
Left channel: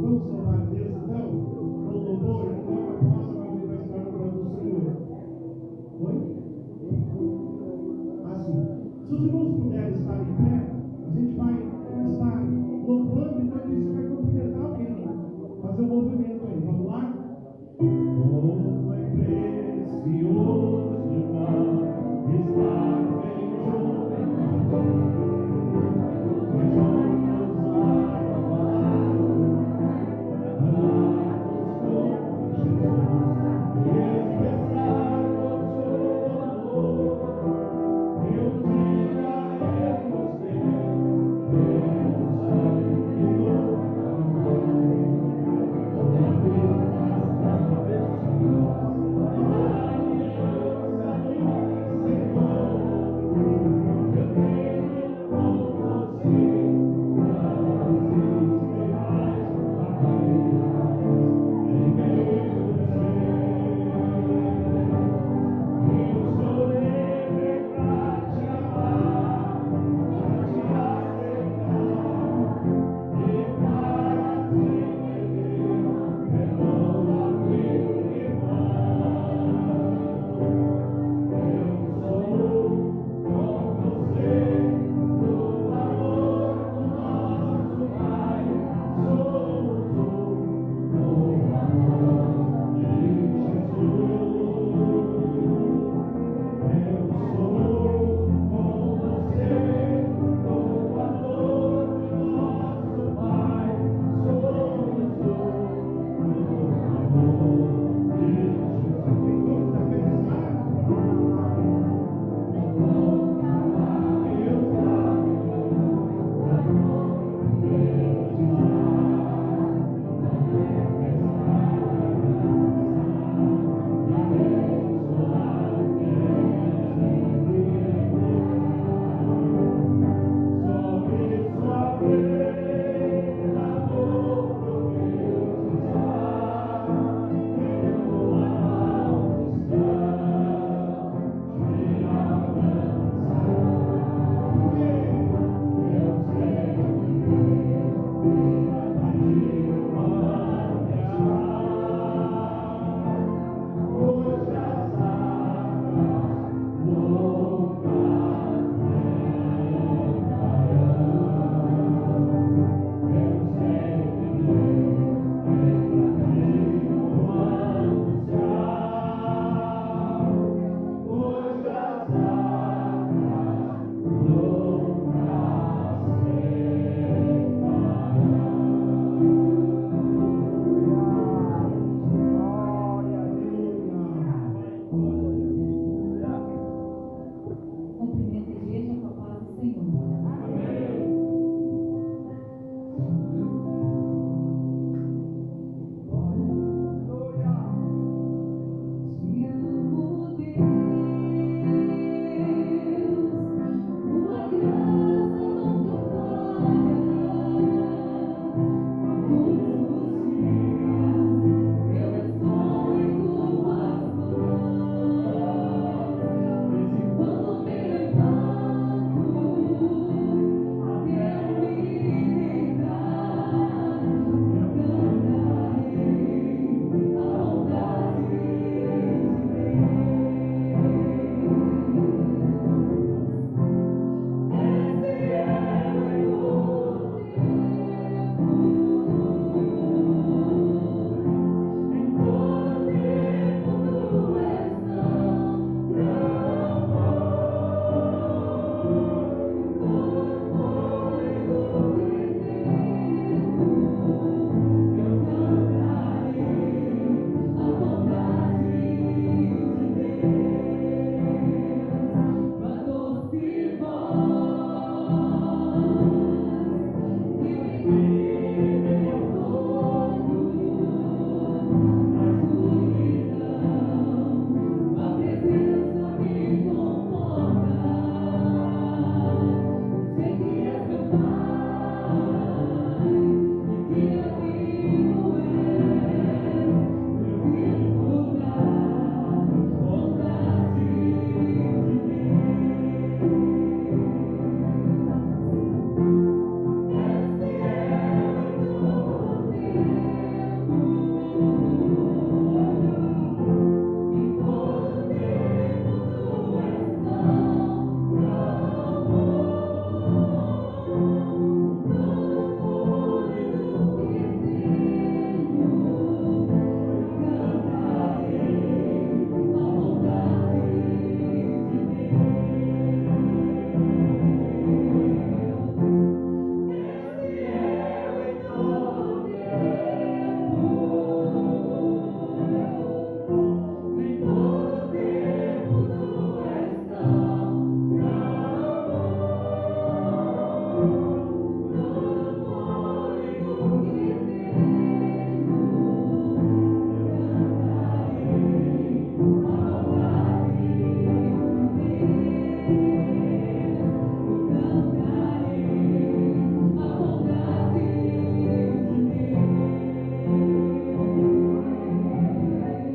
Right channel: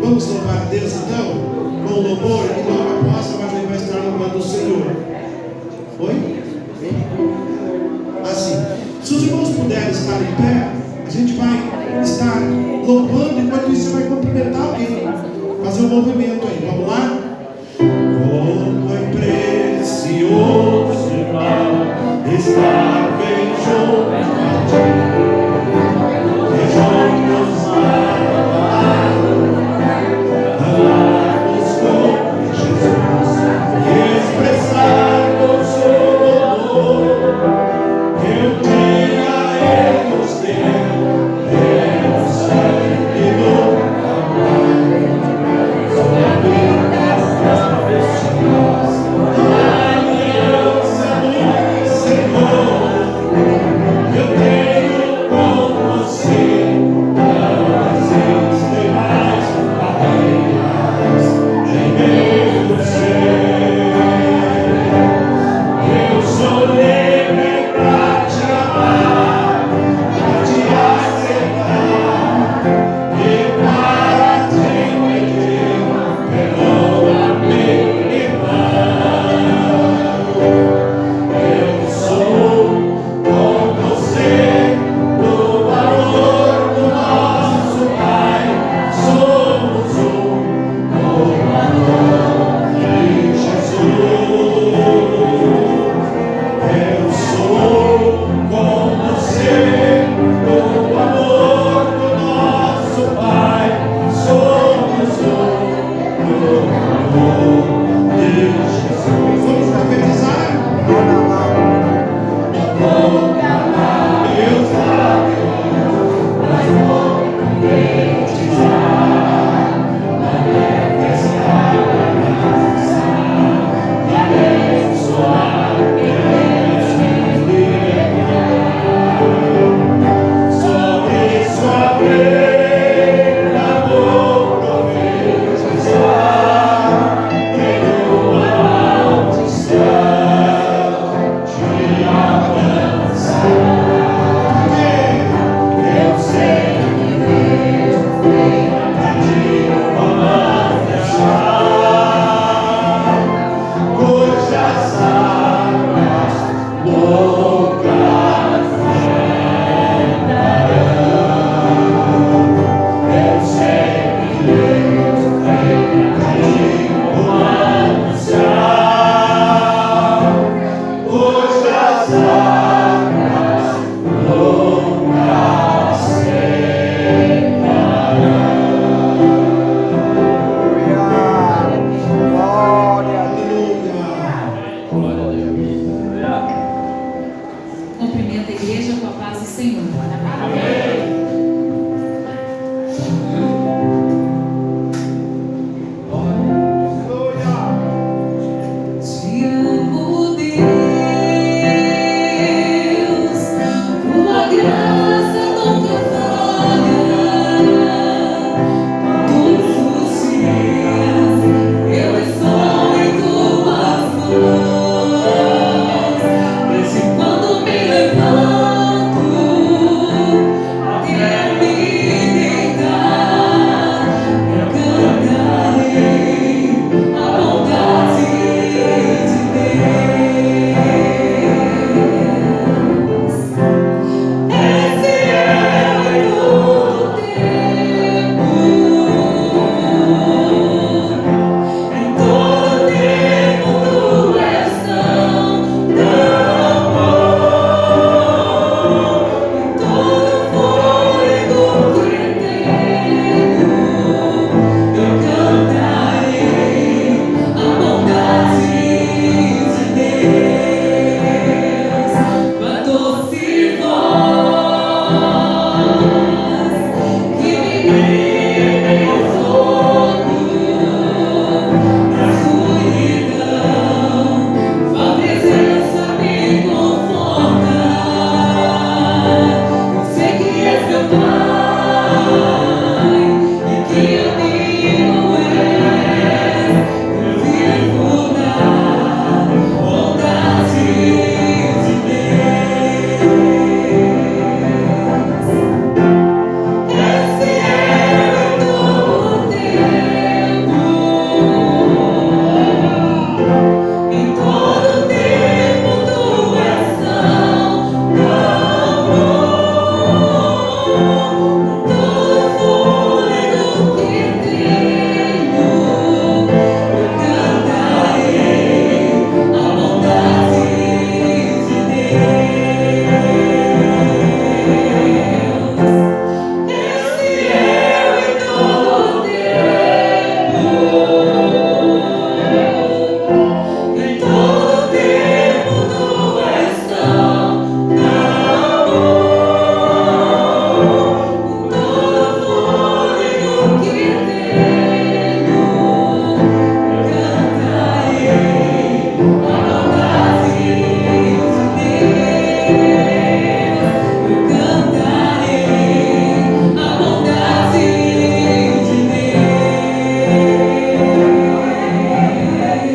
Vamos louvar a Deus então? Com louvor, e logo após a vai estar louvando o Senhor. Oi? Assim, se os irmãos puderem estar em pé, a gente vai estar louvando, enquanto isso você vai cumprimentar alguém. Fazer um movimento aí, vamos lá? Como é precioso, irmão, estar bem junto a ti. E juntos amarmos com Jesus e expressarmos o amor que um dia Ele nos deu, pelo sangue do amor. Senhor. Te amo, Deus, tua graça nunca falha. Todos os dias eu estou em tuas mãos. Desde quando me levanto até me deitar, eu cantarei a bondade de Deus. Esse é o todo tempo, em todo tempo tu és tão bom, em todo fôlego que tenho, eu cantarei a bondade de Deus. Tua doce voz que me guia em meu fogo, na escuridão, tua presença me conforta. Eu sei que és meu Pai e que amigo és. Eu vivo na bondade de Deus. Esse é o todo tempo, em todo tempo tu és tão bom, em todo fôlego que tenho, eu cantarei a bondade de Deus. Esse é o todo tempo, em todo tempo tu és tão bom, em todo fôlego que tenho, eu cantarei a bondade de Deus. Eu cantarei a bondade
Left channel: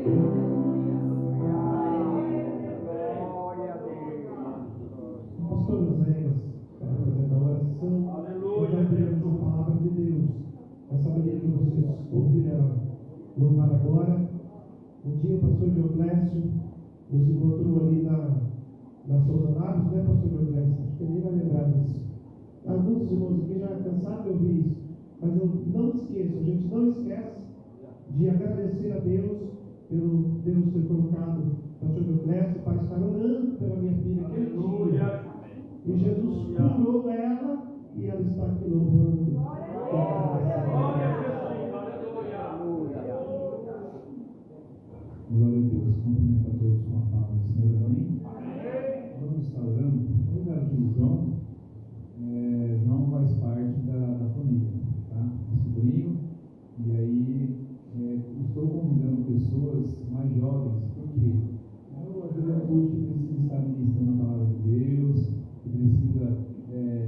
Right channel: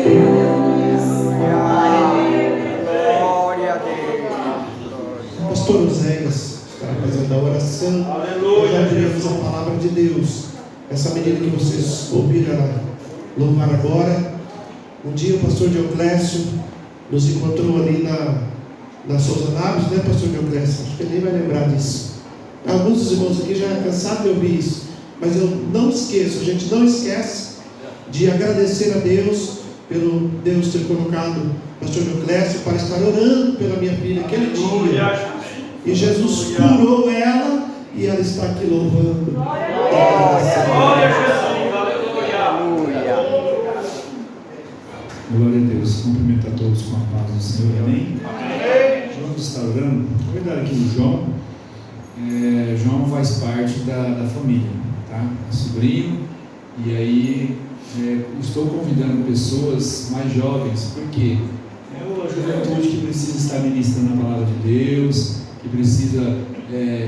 de Deus. Glória a Deus. Pastor Oséias está fazendo a oração. Nós abriremos a palavra de Deus. Essa medida que vocês ouviram louvar agora. Um dia o pastor Dioclésio nos encontrou ali na Souza Naves, né, pastor Dioclésio? Acho que ele nem vai lembrar disso. Alguns dos irmãos aqui já cansaram de ouvir isso, mas eu não esqueço, a gente não esquece de agradecer a Deus pelo Deus ter colocado o pastor Dioclésio para estar orando pela minha filha aquele dia. E Jesus curou ela e ela está aqui louvando. Glória a Deus. Cumprimento a todos com a paz do Senhor. Amém? Vamos estar orando. Vou dar aqui o João. João faz parte da família, tá? É sobrinho. E aí estou convidando pessoas mais jovens, porque é a juventude que precisa estar ministrando a palavra de Deus, que precisa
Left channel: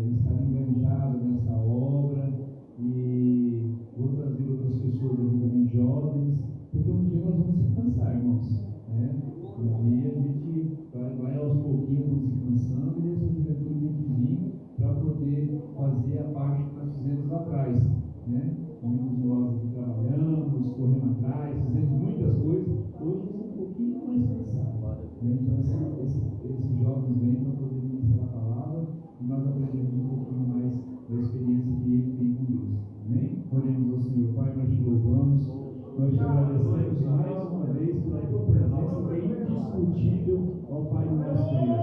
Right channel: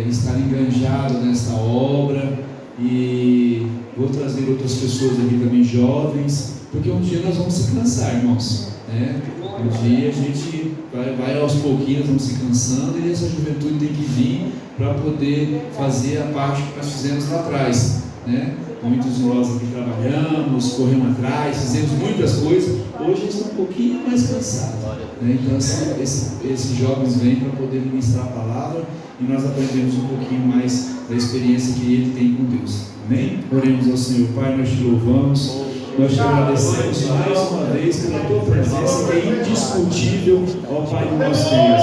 estar enganjado nesta obra. E vou trazer outras pessoas aqui também jovens, porque um dia nós vamos se cansar, irmãos, né? Um dia a gente vai aos pouquinhos, nós vamos se cansando, e essa juventude tem que vir para poder fazer a parte que nós fizemos lá atrás, né? Muitos de nós aqui trabalhamos, corremos atrás, fizemos muitas coisas. Hoje estão um pouquinho mais cansados, né? Então esses jovens vêm para poder ministrar a palavra, e nós aprendemos um pouquinho mais da experiência que ele tem com Deus. Amém? Oremos ao Senhor. Pai, nós te louvamos, nós te agradecemos mais uma vez pela tua presença, que é indiscutível, ó Pai do nosso Deus.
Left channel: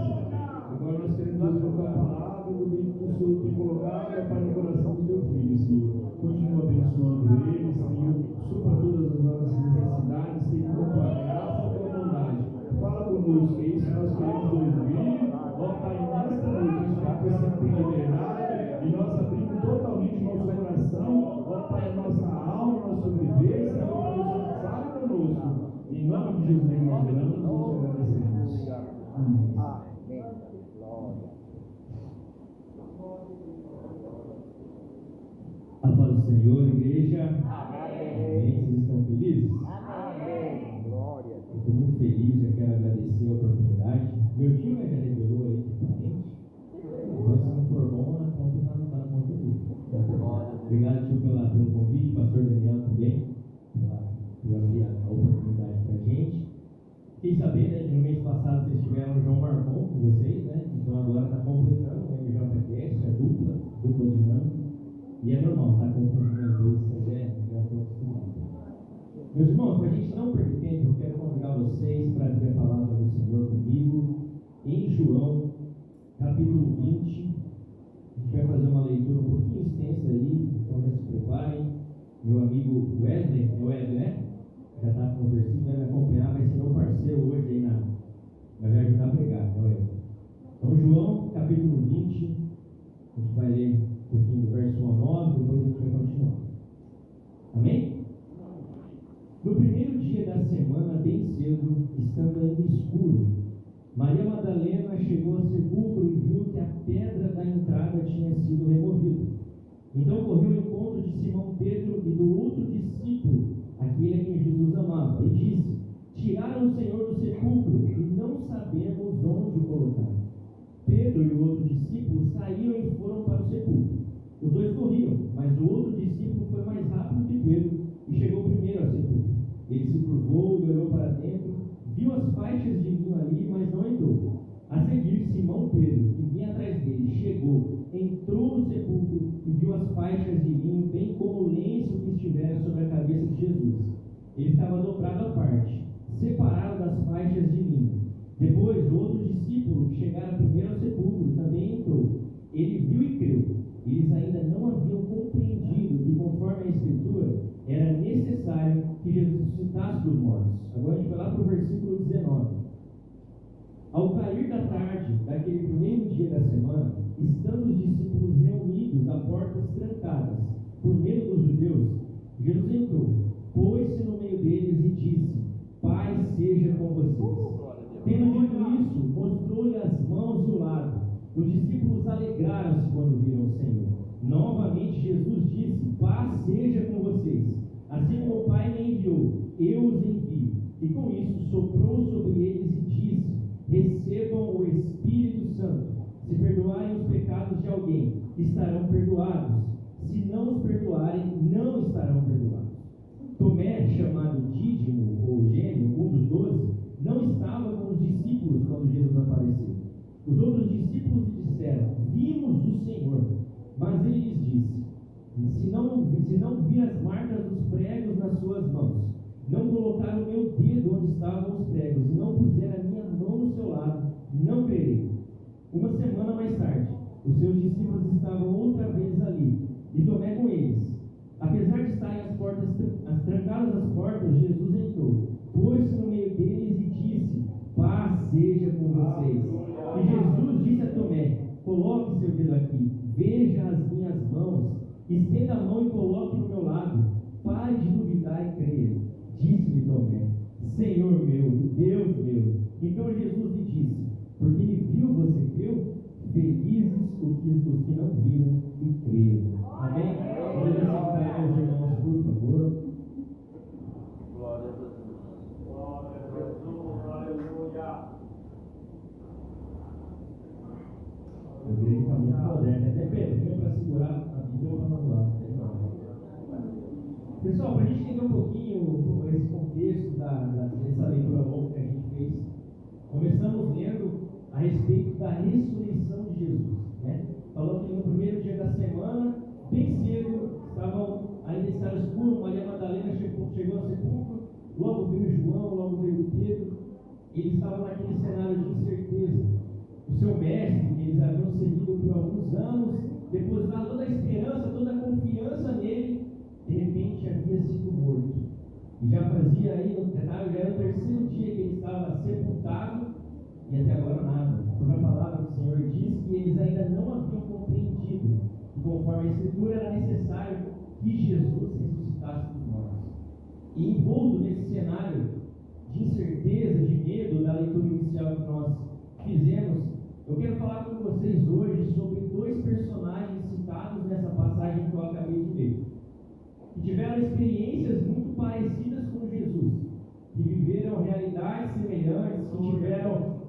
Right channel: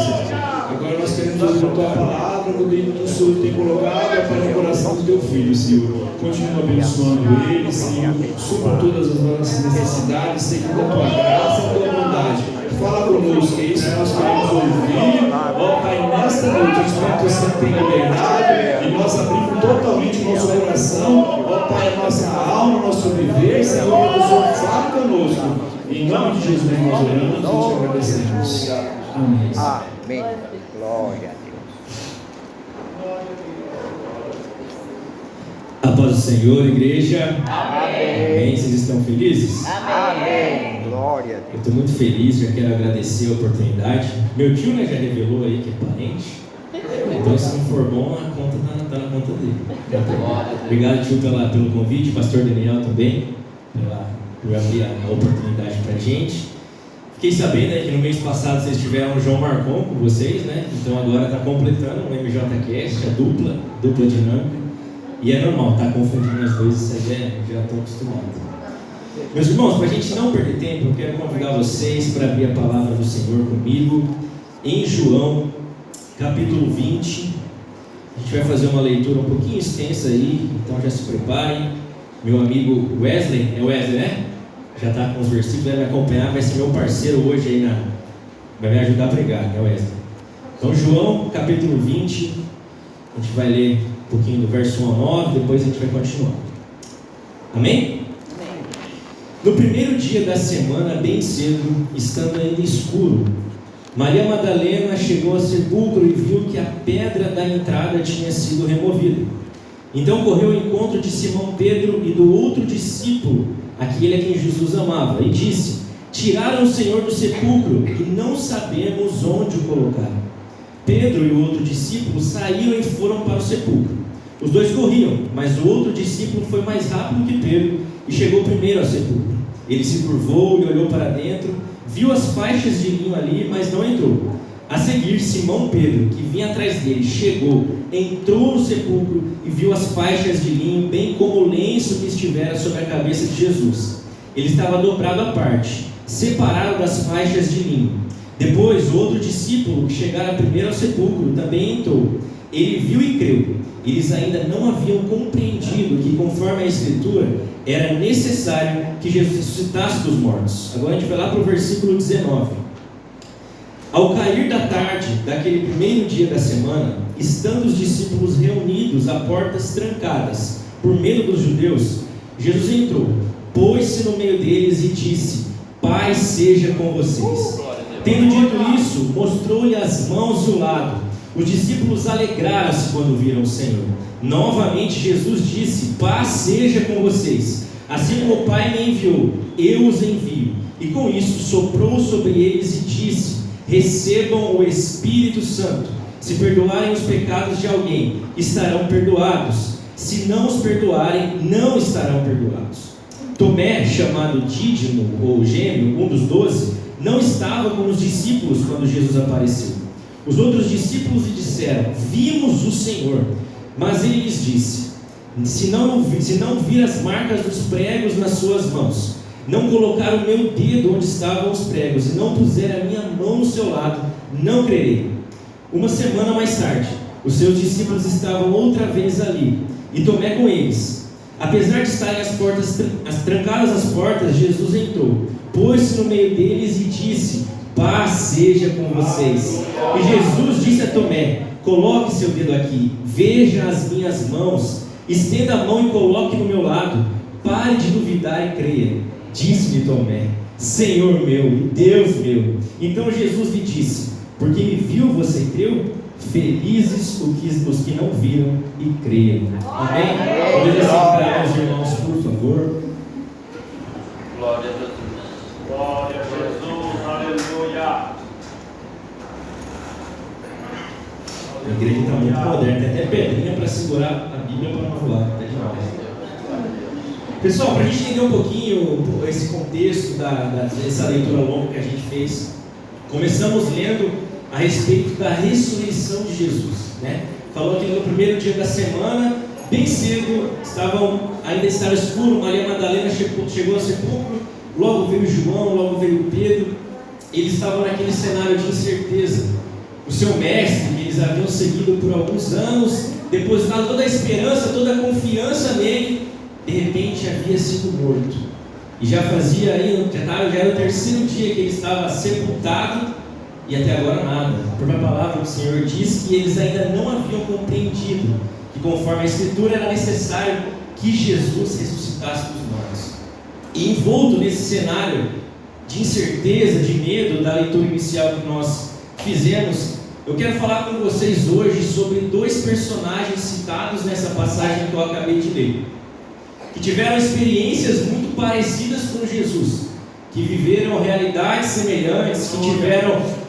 Agora nós queremos ouvir a tua palavra, no meio do Senhor tem colocado, Pai, no coração do teu filho, Senhor. Continua abençoando ele, Senhor. Supra todas as nossas necessidades, segundo a tua graça e a tua bondade. Fala conosco, é isso que nós queremos ouvir, ó Pai, nesta noite, o Espírito Santo tem liberdade e nós abrimos totalmente o nosso coração, ó Pai, a nossa alma, o nosso viver, Senhor, que o Senhor fale conosco. Em nome de Jesus nós oramos e te agradecemos. Amém. Amém. Glória a Deus. A paz do Senhor, igreja. Amém. Vocês estão felizes? Amém. Glória a Deus. Eu estou muito feliz, já quero agradecer a oportunidade. Meu tio, né, já revelou aí que é parente. Então, se não for bom, a conta está na conta dele. Obrigado, tio, pelo convite. Pastor Daniel também, por abrir a oportunidade para a gente. Fiquei sabendo aí que no mês passado vocês tiveram o João Marcon com vocês, né? Então agora está completando o MJCast, a dupla dinâmica. E é normal, tá confundindo as coisas, isso aí já estou acostumado. Meus irmãos, para a gente não perder tempo, eu quero convidar vocês para abrir a palavra do Senhor comigo em João, capítulo 20. A gente vai fazer uma leitura um pouquinho extensa aí, então já se preparem. Meu amigo Wesley, é Wesley, né? Já está com os versículos, vai me acompanhar, vai ser meu parceiro hoje aí, vai me ajudar a pregar, né, Wesley? Então, João, capítulo 20, a gente vai ler um pouquinho do verso 1 ao 9, depois a gente vai continuar. Amém? No primeiro dia da semana, bem cedo, estando ainda escuro, Maria Madalena chegou ao sepulcro e viu que a pedra da entrada tinha sido removida. Então correu ao encontro de Simão Pedro e do outro discípulo, aquele a quem Jesus amava, e disse: tiraram o Senhor do sepulcro e não sabemos onde o colocaram. Pedro e o outro discípulo saíram e foram para o sepulcro. Os dois corriam, mas o outro discípulo foi mais rápido que Pedro e chegou primeiro ao sepulcro. Ele se curvou e olhou para dentro, viu as faixas de linho ali, mas não entrou. A seguir, Simão Pedro, que vinha atrás dele, chegou, entrou no sepulcro e viu as faixas de linho, bem como o lenço que estivera sobre a cabeça de Jesus. Ele estava dobrado à parte, separado das faixas de linho. Depois, o outro discípulo, que chegara primeiro ao sepulcro, também entrou. Ele viu e creu. Eles ainda não haviam compreendido que, conforme a Escritura, era necessário que Jesus ressuscitasse dos mortos. Agora a gente vai lá para o versículo 19. Ao cair da tarde daquele primeiro dia da semana, estando os discípulos reunidos a portas trancadas, por medo dos judeus, Jesus entrou, pôs-se no meio deles e disse: paz seja com vocês. Tendo dito isso, mostrou-lhe as mãos e o lado. Os discípulos alegraram-se quando viram o Senhor. Novamente Jesus disse: paz seja com vocês. Assim como o Pai me enviou, eu os envio. E com isso soprou sobre eles e disse: recebam o Espírito Santo. Se perdoarem os pecados de alguém, estarão perdoados. Se não os perdoarem, não estarão perdoados. Tomé, chamado Dídimo ou Gêmeo, um dos 12, não estava com os discípulos quando Jesus apareceu. Os outros discípulos lhe disseram: vimos o Senhor. Mas ele lhes disse: se não vir as marcas dos pregos nas suas mãos, não colocar o meu dedo onde estavam os pregos e não puser a minha mão no seu lado, não crerei. Uma semana mais tarde, os seus discípulos estavam outra vez ali, e Tomé com eles. Apesar de estarem trancadas as portas, Jesus entrou, pôs-se no meio deles e disse: paz seja com vocês. E Jesus disse a Tomé: coloque seu dedo aqui, veja as minhas mãos, estenda a mão e coloque no meu lado. Pare de duvidar e creia. Disse-lhe Tomé: Senhor meu e Deus meu. Então Jesus lhe disse: porque me viu, você creu? Felizes os que não viram e creram. Amém? Podemos sentar, meus irmãos, por favor. Glória a Jesus. Glória a Jesus. Aleluia. A igreja está muito moderna, tem até pedrinha para segurar a Bíblia para não voar. Tá demais. Pessoal, para a gente entender um pouquinho esse contexto dessa leitura longa que a gente fez, começamos lendo a respeito da ressurreição de Jesus, né? Falou que no primeiro dia da semana, bem cedo, ainda estava escuro, Maria Madalena chegou ao sepulcro, logo veio João, logo veio Pedro. Eles estavam naquele cenário de incerteza. O seu mestre, que eles haviam seguido por alguns anos, depositado toda a esperança, toda a confiança nele, de repente havia sido morto. E já era o terceiro dia que ele estava sepultado, e até agora nada. Porque a palavra palavra do Senhor diz que eles ainda não haviam compreendido que, conforme a Escritura, era necessário que Jesus ressuscitasse dos mortos. E envolto nesse cenário de incerteza, de medo da leitura inicial que nós fizemos, eu quero falar com vocês hoje sobre dois personagens citados nessa passagem que eu acabei de ler, que tiveram experiências muito parecidas com Jesus, que viveram realidades semelhantes, que tiveram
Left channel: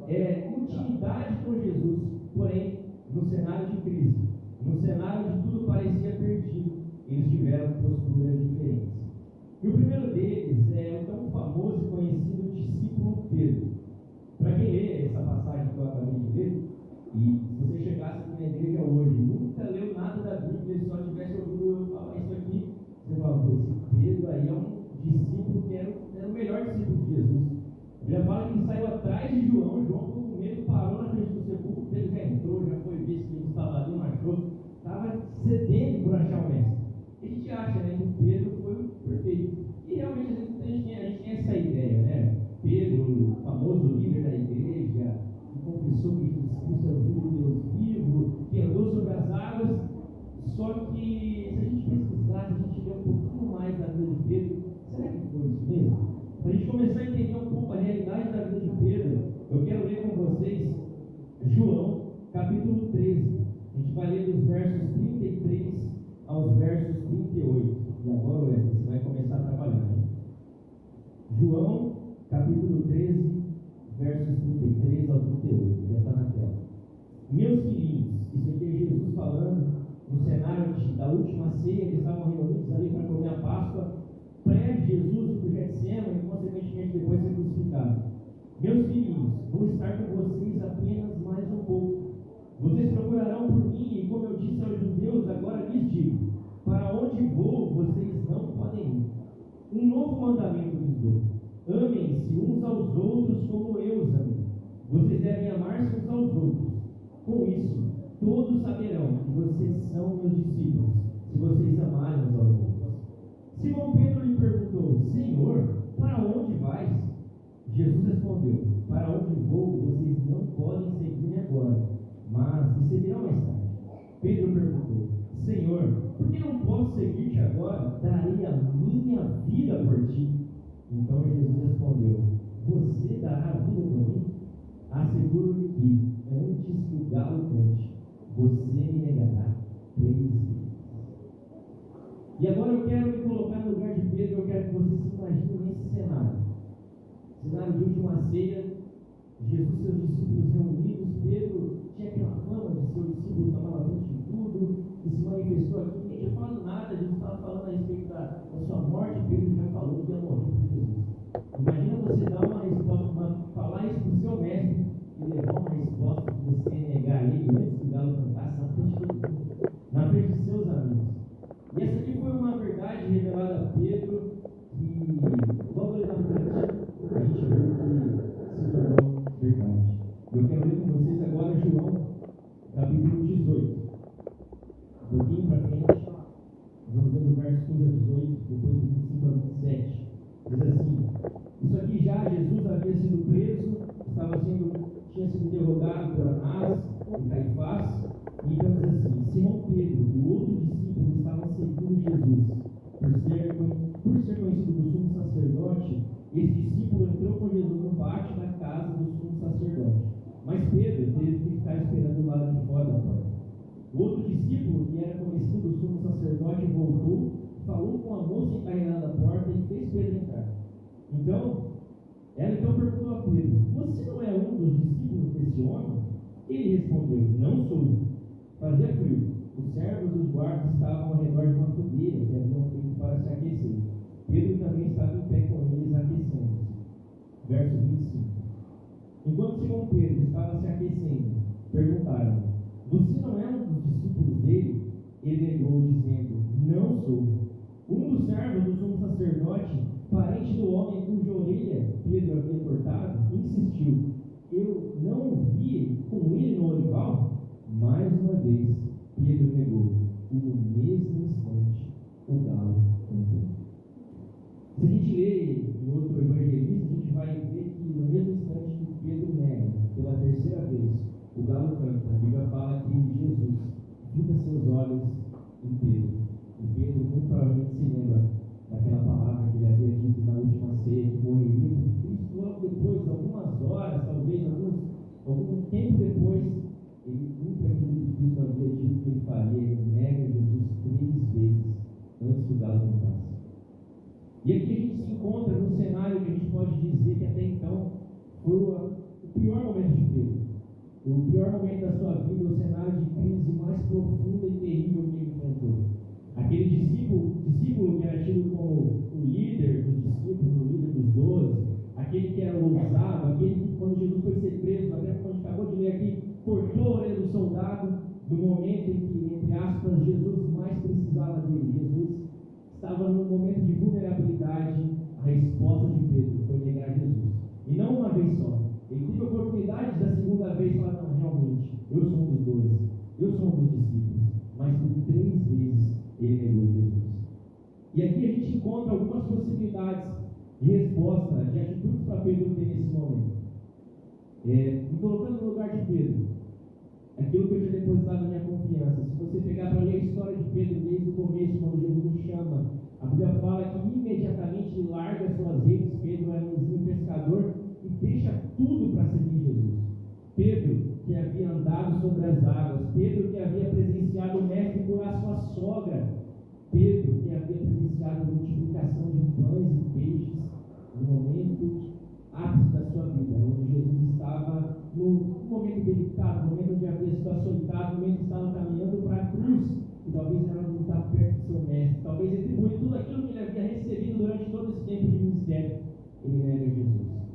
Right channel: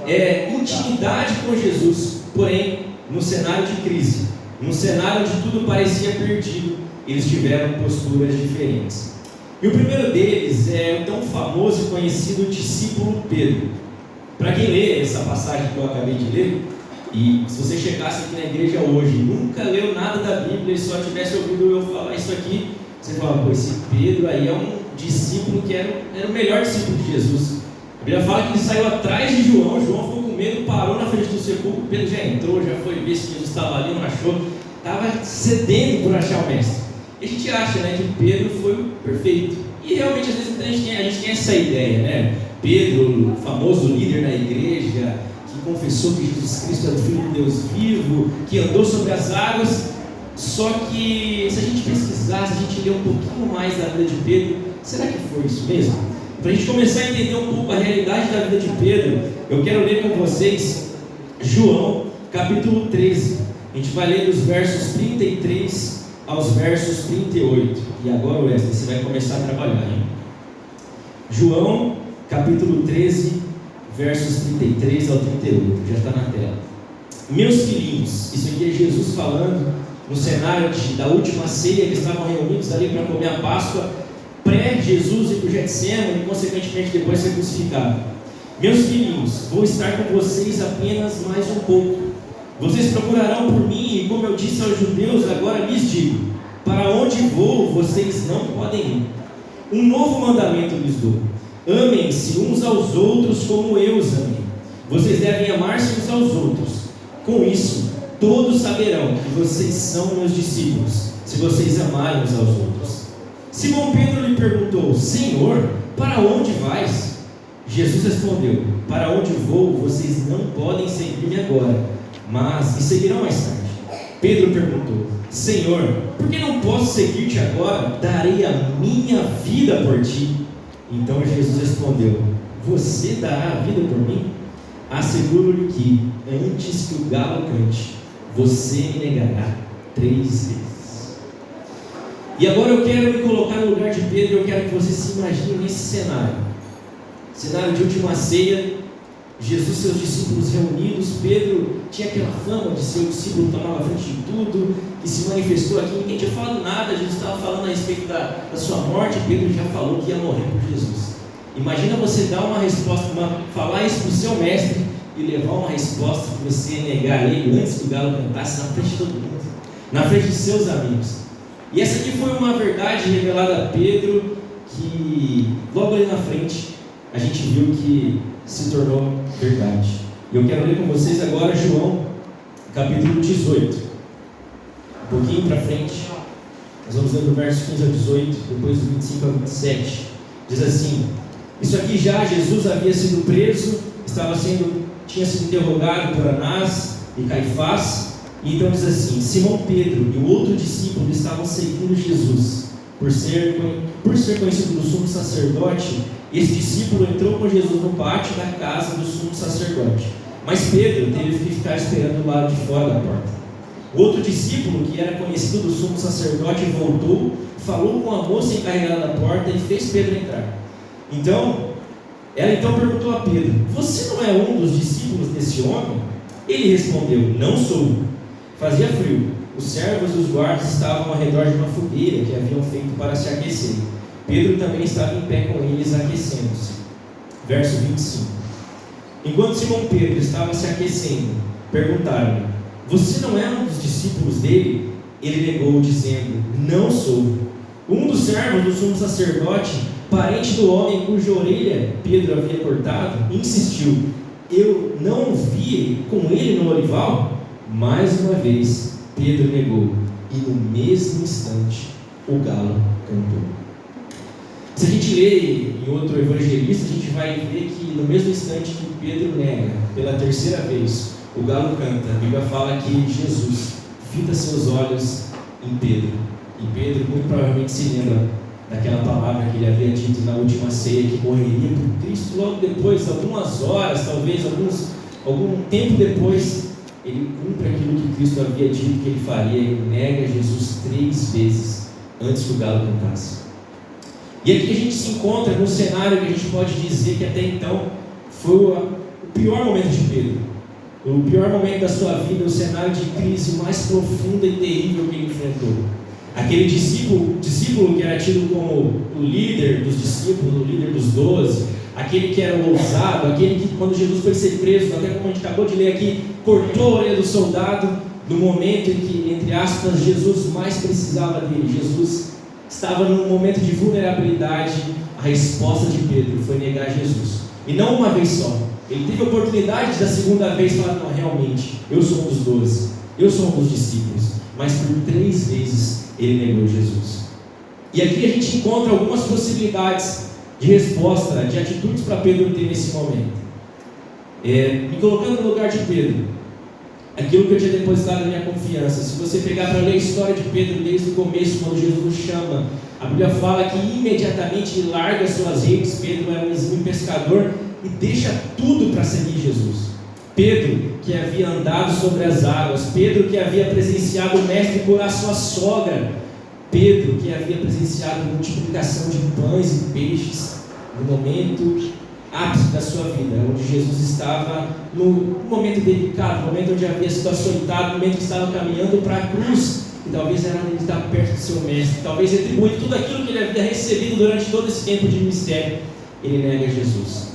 intimidade com Jesus, porém no cenário de crise, no cenário onde tudo parecia perdido, eles tiveram posturas diferentes. E o primeiro deles é o tão famoso e conhecido discípulo Pedro. Para quem lê essa passagem que eu acabei de ler, e se você chegasse aqui na igreja hoje, nunca leu nada da Bíblia e só tivesse ouvido eu falar isso aqui, você fala, pô, esse Pedro aí é um discípulo que era o melhor discípulo de Jesus. A Bíblia fala que ele saiu atrás de João, João ficou com medo, parou na frente do sepulcro, Pedro já entrou, já foi ver se Jesus estava ali, não achou, estava sedento por achar o mestre. E a gente acha, né, que Pedro foi o perfeito. E realmente às vezes a gente tem essa ideia, né? Pedro, famoso líder na igreja, que confessou que Jesus Cristo é o Filho de Deus vivo, que andou sobre as águas. Só que se a gente pesquisar, se a gente ler um pouquinho mais da vida de Pedro, será que foi isso mesmo? Para a gente começar a entender um pouco a realidade da vida de Pedro, eu quero ler com vocês João, capítulo 13. A gente vai ler dos versos 33 aos versos 38. E agora, Wesley, você vai começar a trabalhar, hein? João, capítulo 13, versos 33 ao 38. Já está na tela. Meus filhinhos, isso aqui é Jesus falando no cenário da última ceia. Eles estavam reunidos ali para comer a Páscoa, pré-Jesus ir para o Getsemane e consequentemente depois ser crucificado. Meus filhinhos, vou estar com vocês apenas mais um pouco. Vocês procurarão por mim, e como eu disse aos judeus, agora lhes digo: para onde vou, vocês não podem ir. Um novo mandamento lhes dou: amem-se uns aos outros como eu os amei. Vocês devem amar-se uns aos outros. Com isso, todos saberão que vocês são meus discípulos, se vocês amarem uns aos outros. Simão Pedro lhe perguntou: Senhor, para onde vais? Jesus respondeu: para onde vou, vocês não podem seguir-me agora, mas me seguirão mais tarde. Pedro perguntou: Senhor, por que não posso seguir-te agora? Darei a minha vida por ti. Então Jesus respondeu: você dará a vida por mim? Asseguro-lhe que, antes que o galo cante, você me negará 3 vezes. E agora eu quero me colocar no lugar de Pedro. Eu quero que você se imagine nesse cenário de última ceia, Jesus e seus discípulos reunidos. Pedro tinha aquela fama de ser o discípulo que tomava a frente de tudo, que se manifestou aqui. Ninguém tinha falado nada, Jesus estava falando a respeito da sua morte. Pedro já falou que ia morrer por Jesus. Imagina você dar uma resposta, falar isso para o seu mestre e levar uma resposta que você ia negar ele antes que o galo cantasse, na frente de todo mundo, na frente de seus amigos. E essa aqui foi uma verdade revelada a Pedro, que logo ali na frente a gente viu que se tornou verdade. E eu quero ler com vocês agora João, capítulo 18. Um pouquinho para frente, nós vamos ler do verso 15 ao 18, depois do 25 ao 27. Diz assim: isso aqui já Jesus havia sido preso, tinha sido interrogado por Anás e Caifás. E então diz assim: Simão Pedro e o outro discípulo estavam seguindo Jesus. Por ser conhecido do sumo sacerdote, esse discípulo entrou com Jesus no pátio da casa do sumo sacerdote. Mas Pedro teve que ficar esperando do lado de fora da porta. O outro discípulo, que era conhecido do sumo sacerdote, voltou, falou com a moça encarregada da porta e fez Pedro entrar. Ela então perguntou a Pedro: você não é um dos discípulos desse homem? Ele respondeu: não sou. Fazia frio. Os servos e os guardas estavam ao redor de uma fogueira que haviam feito para se aquecer. Pedro também estava em pé com eles, aquecendo-se. Verso 25. Enquanto Simão Pedro estava se aquecendo, perguntaram-lhe: você não é um dos discípulos dele? Ele negou, dizendo: não sou. Um dos servos do sumo sacerdote, parente do homem cuja orelha Pedro havia cortado, insistiu: eu não o vi com ele no olival? Mais uma vez Pedro negou, e no mesmo instante o galo cantou. Se a gente lê em outro evangelista, a gente vai ver que no mesmo instante que Pedro nega pela terceira vez, o galo canta, a Bíblia fala que Jesus fita seus olhos em Pedro. E Pedro muito provavelmente se lembra daquela palavra que ele havia dito na última ceia, que morreria por Cristo. Logo depois, algumas horas, talvez algum tempo depois, ele cumpre aquilo que Cristo havia dito que ele faria. Ele nega Jesus 3 vezes antes que o galo cantasse. E aqui a gente se encontra num cenário que a gente pode dizer que até então foi o pior momento de Pedro. O pior momento da sua vida, o cenário de crise mais profunda e terrível que ele enfrentou. Aquele discípulo que era tido como o líder dos discípulos, o líder dos 12, aquele que era o ousado, aquele que quando Jesus foi ser preso, até como a gente acabou de ler aqui, cortou a orelha do soldado, no momento em que, entre aspas, Jesus mais precisava dele. Jesus estava num momento de vulnerabilidade. A resposta de Pedro foi negar Jesus, e não uma vez só. Ele teve a oportunidade da segunda vez falar: não, realmente, eu sou um dos 12, eu sou um dos discípulos. Mas por 3 vezes ele negou Jesus. E aqui a gente encontra algumas possibilidades de resposta, de atitudes para Pedro ter nesse momento. Me colocando no lugar de Pedro, aquilo que eu tinha depositado na minha confiança. Se você pegar para ler a história de Pedro desde o começo, quando Jesus o chama, a Bíblia fala que imediatamente ele larga suas redes. Pedro era um exímio pescador e deixa tudo para seguir Jesus. Pedro, que havia andado sobre as águas, Pedro, que havia presenciado o mestre curar sua sogra, Pedro, que havia presenciado a multiplicação de pães e peixes, no momento ápice da sua vida, onde Jesus estava no momento delicado, no momento onde havia sido açoitado, no momento que estava caminhando para a cruz, e talvez era ele estar perto do seu mestre, talvez retribuindo tudo aquilo que ele havia recebido durante todo esse tempo de ministério. Ele nega Jesus.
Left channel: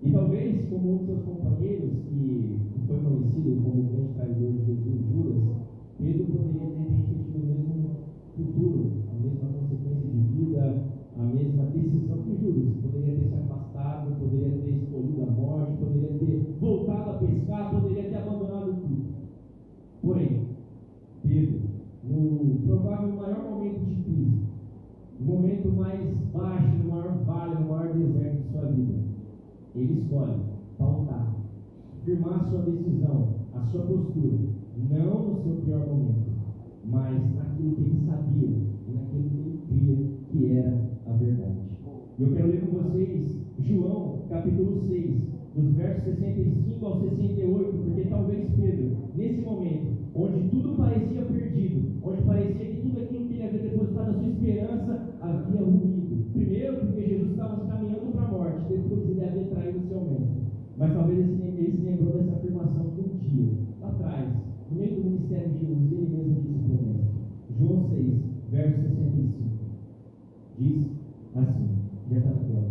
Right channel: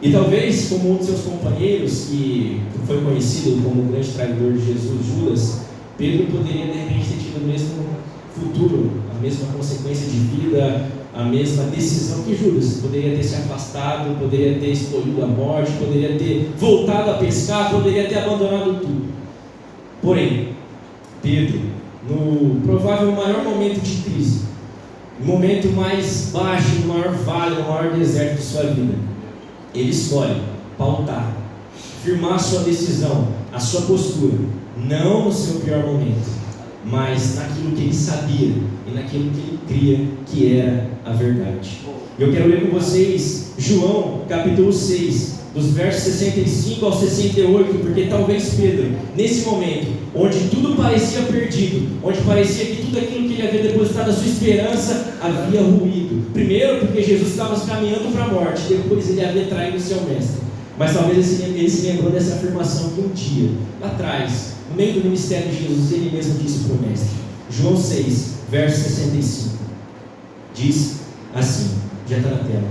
E talvez, como um de seus companheiros, que foi conhecido como o grande traidor de Jesus, Judas, Pedro poderia de repente ter tido o mesmo futuro, a mesma consequência de vida, a mesma decisão que Judas. Poderia ter se afastado, poderia ter escolhido a morte, poderia ter voltado a pescar, poderia ter abandonado tudo. Porém, Pedro, no provável maior momento de crise, no momento mais baixo, no maior vale, no maior deserto de sua vida, ele escolhe pautar, firmar a sua decisão, a sua postura, não no seu pior momento, mas naquilo que ele sabia e naquilo que ele cria que era a verdade. Eu quero ler com vocês João capítulo 6, dos versos 65 ao 68, porque talvez Pedro, nesse momento, onde tudo parecia perdido, onde parecia que tudo aquilo que ele havia depositado a sua esperança havia ruído. Primeiro porque Jesus estava caminhando para a morte, depois ele havia traído o seu mestre. Mas talvez ele se lembrou dessa afirmação que um dia, lá atrás, no meio do ministério de Jesus, ele mesmo disse para o mestre. João 6, verso 65, diz assim, já está na tela:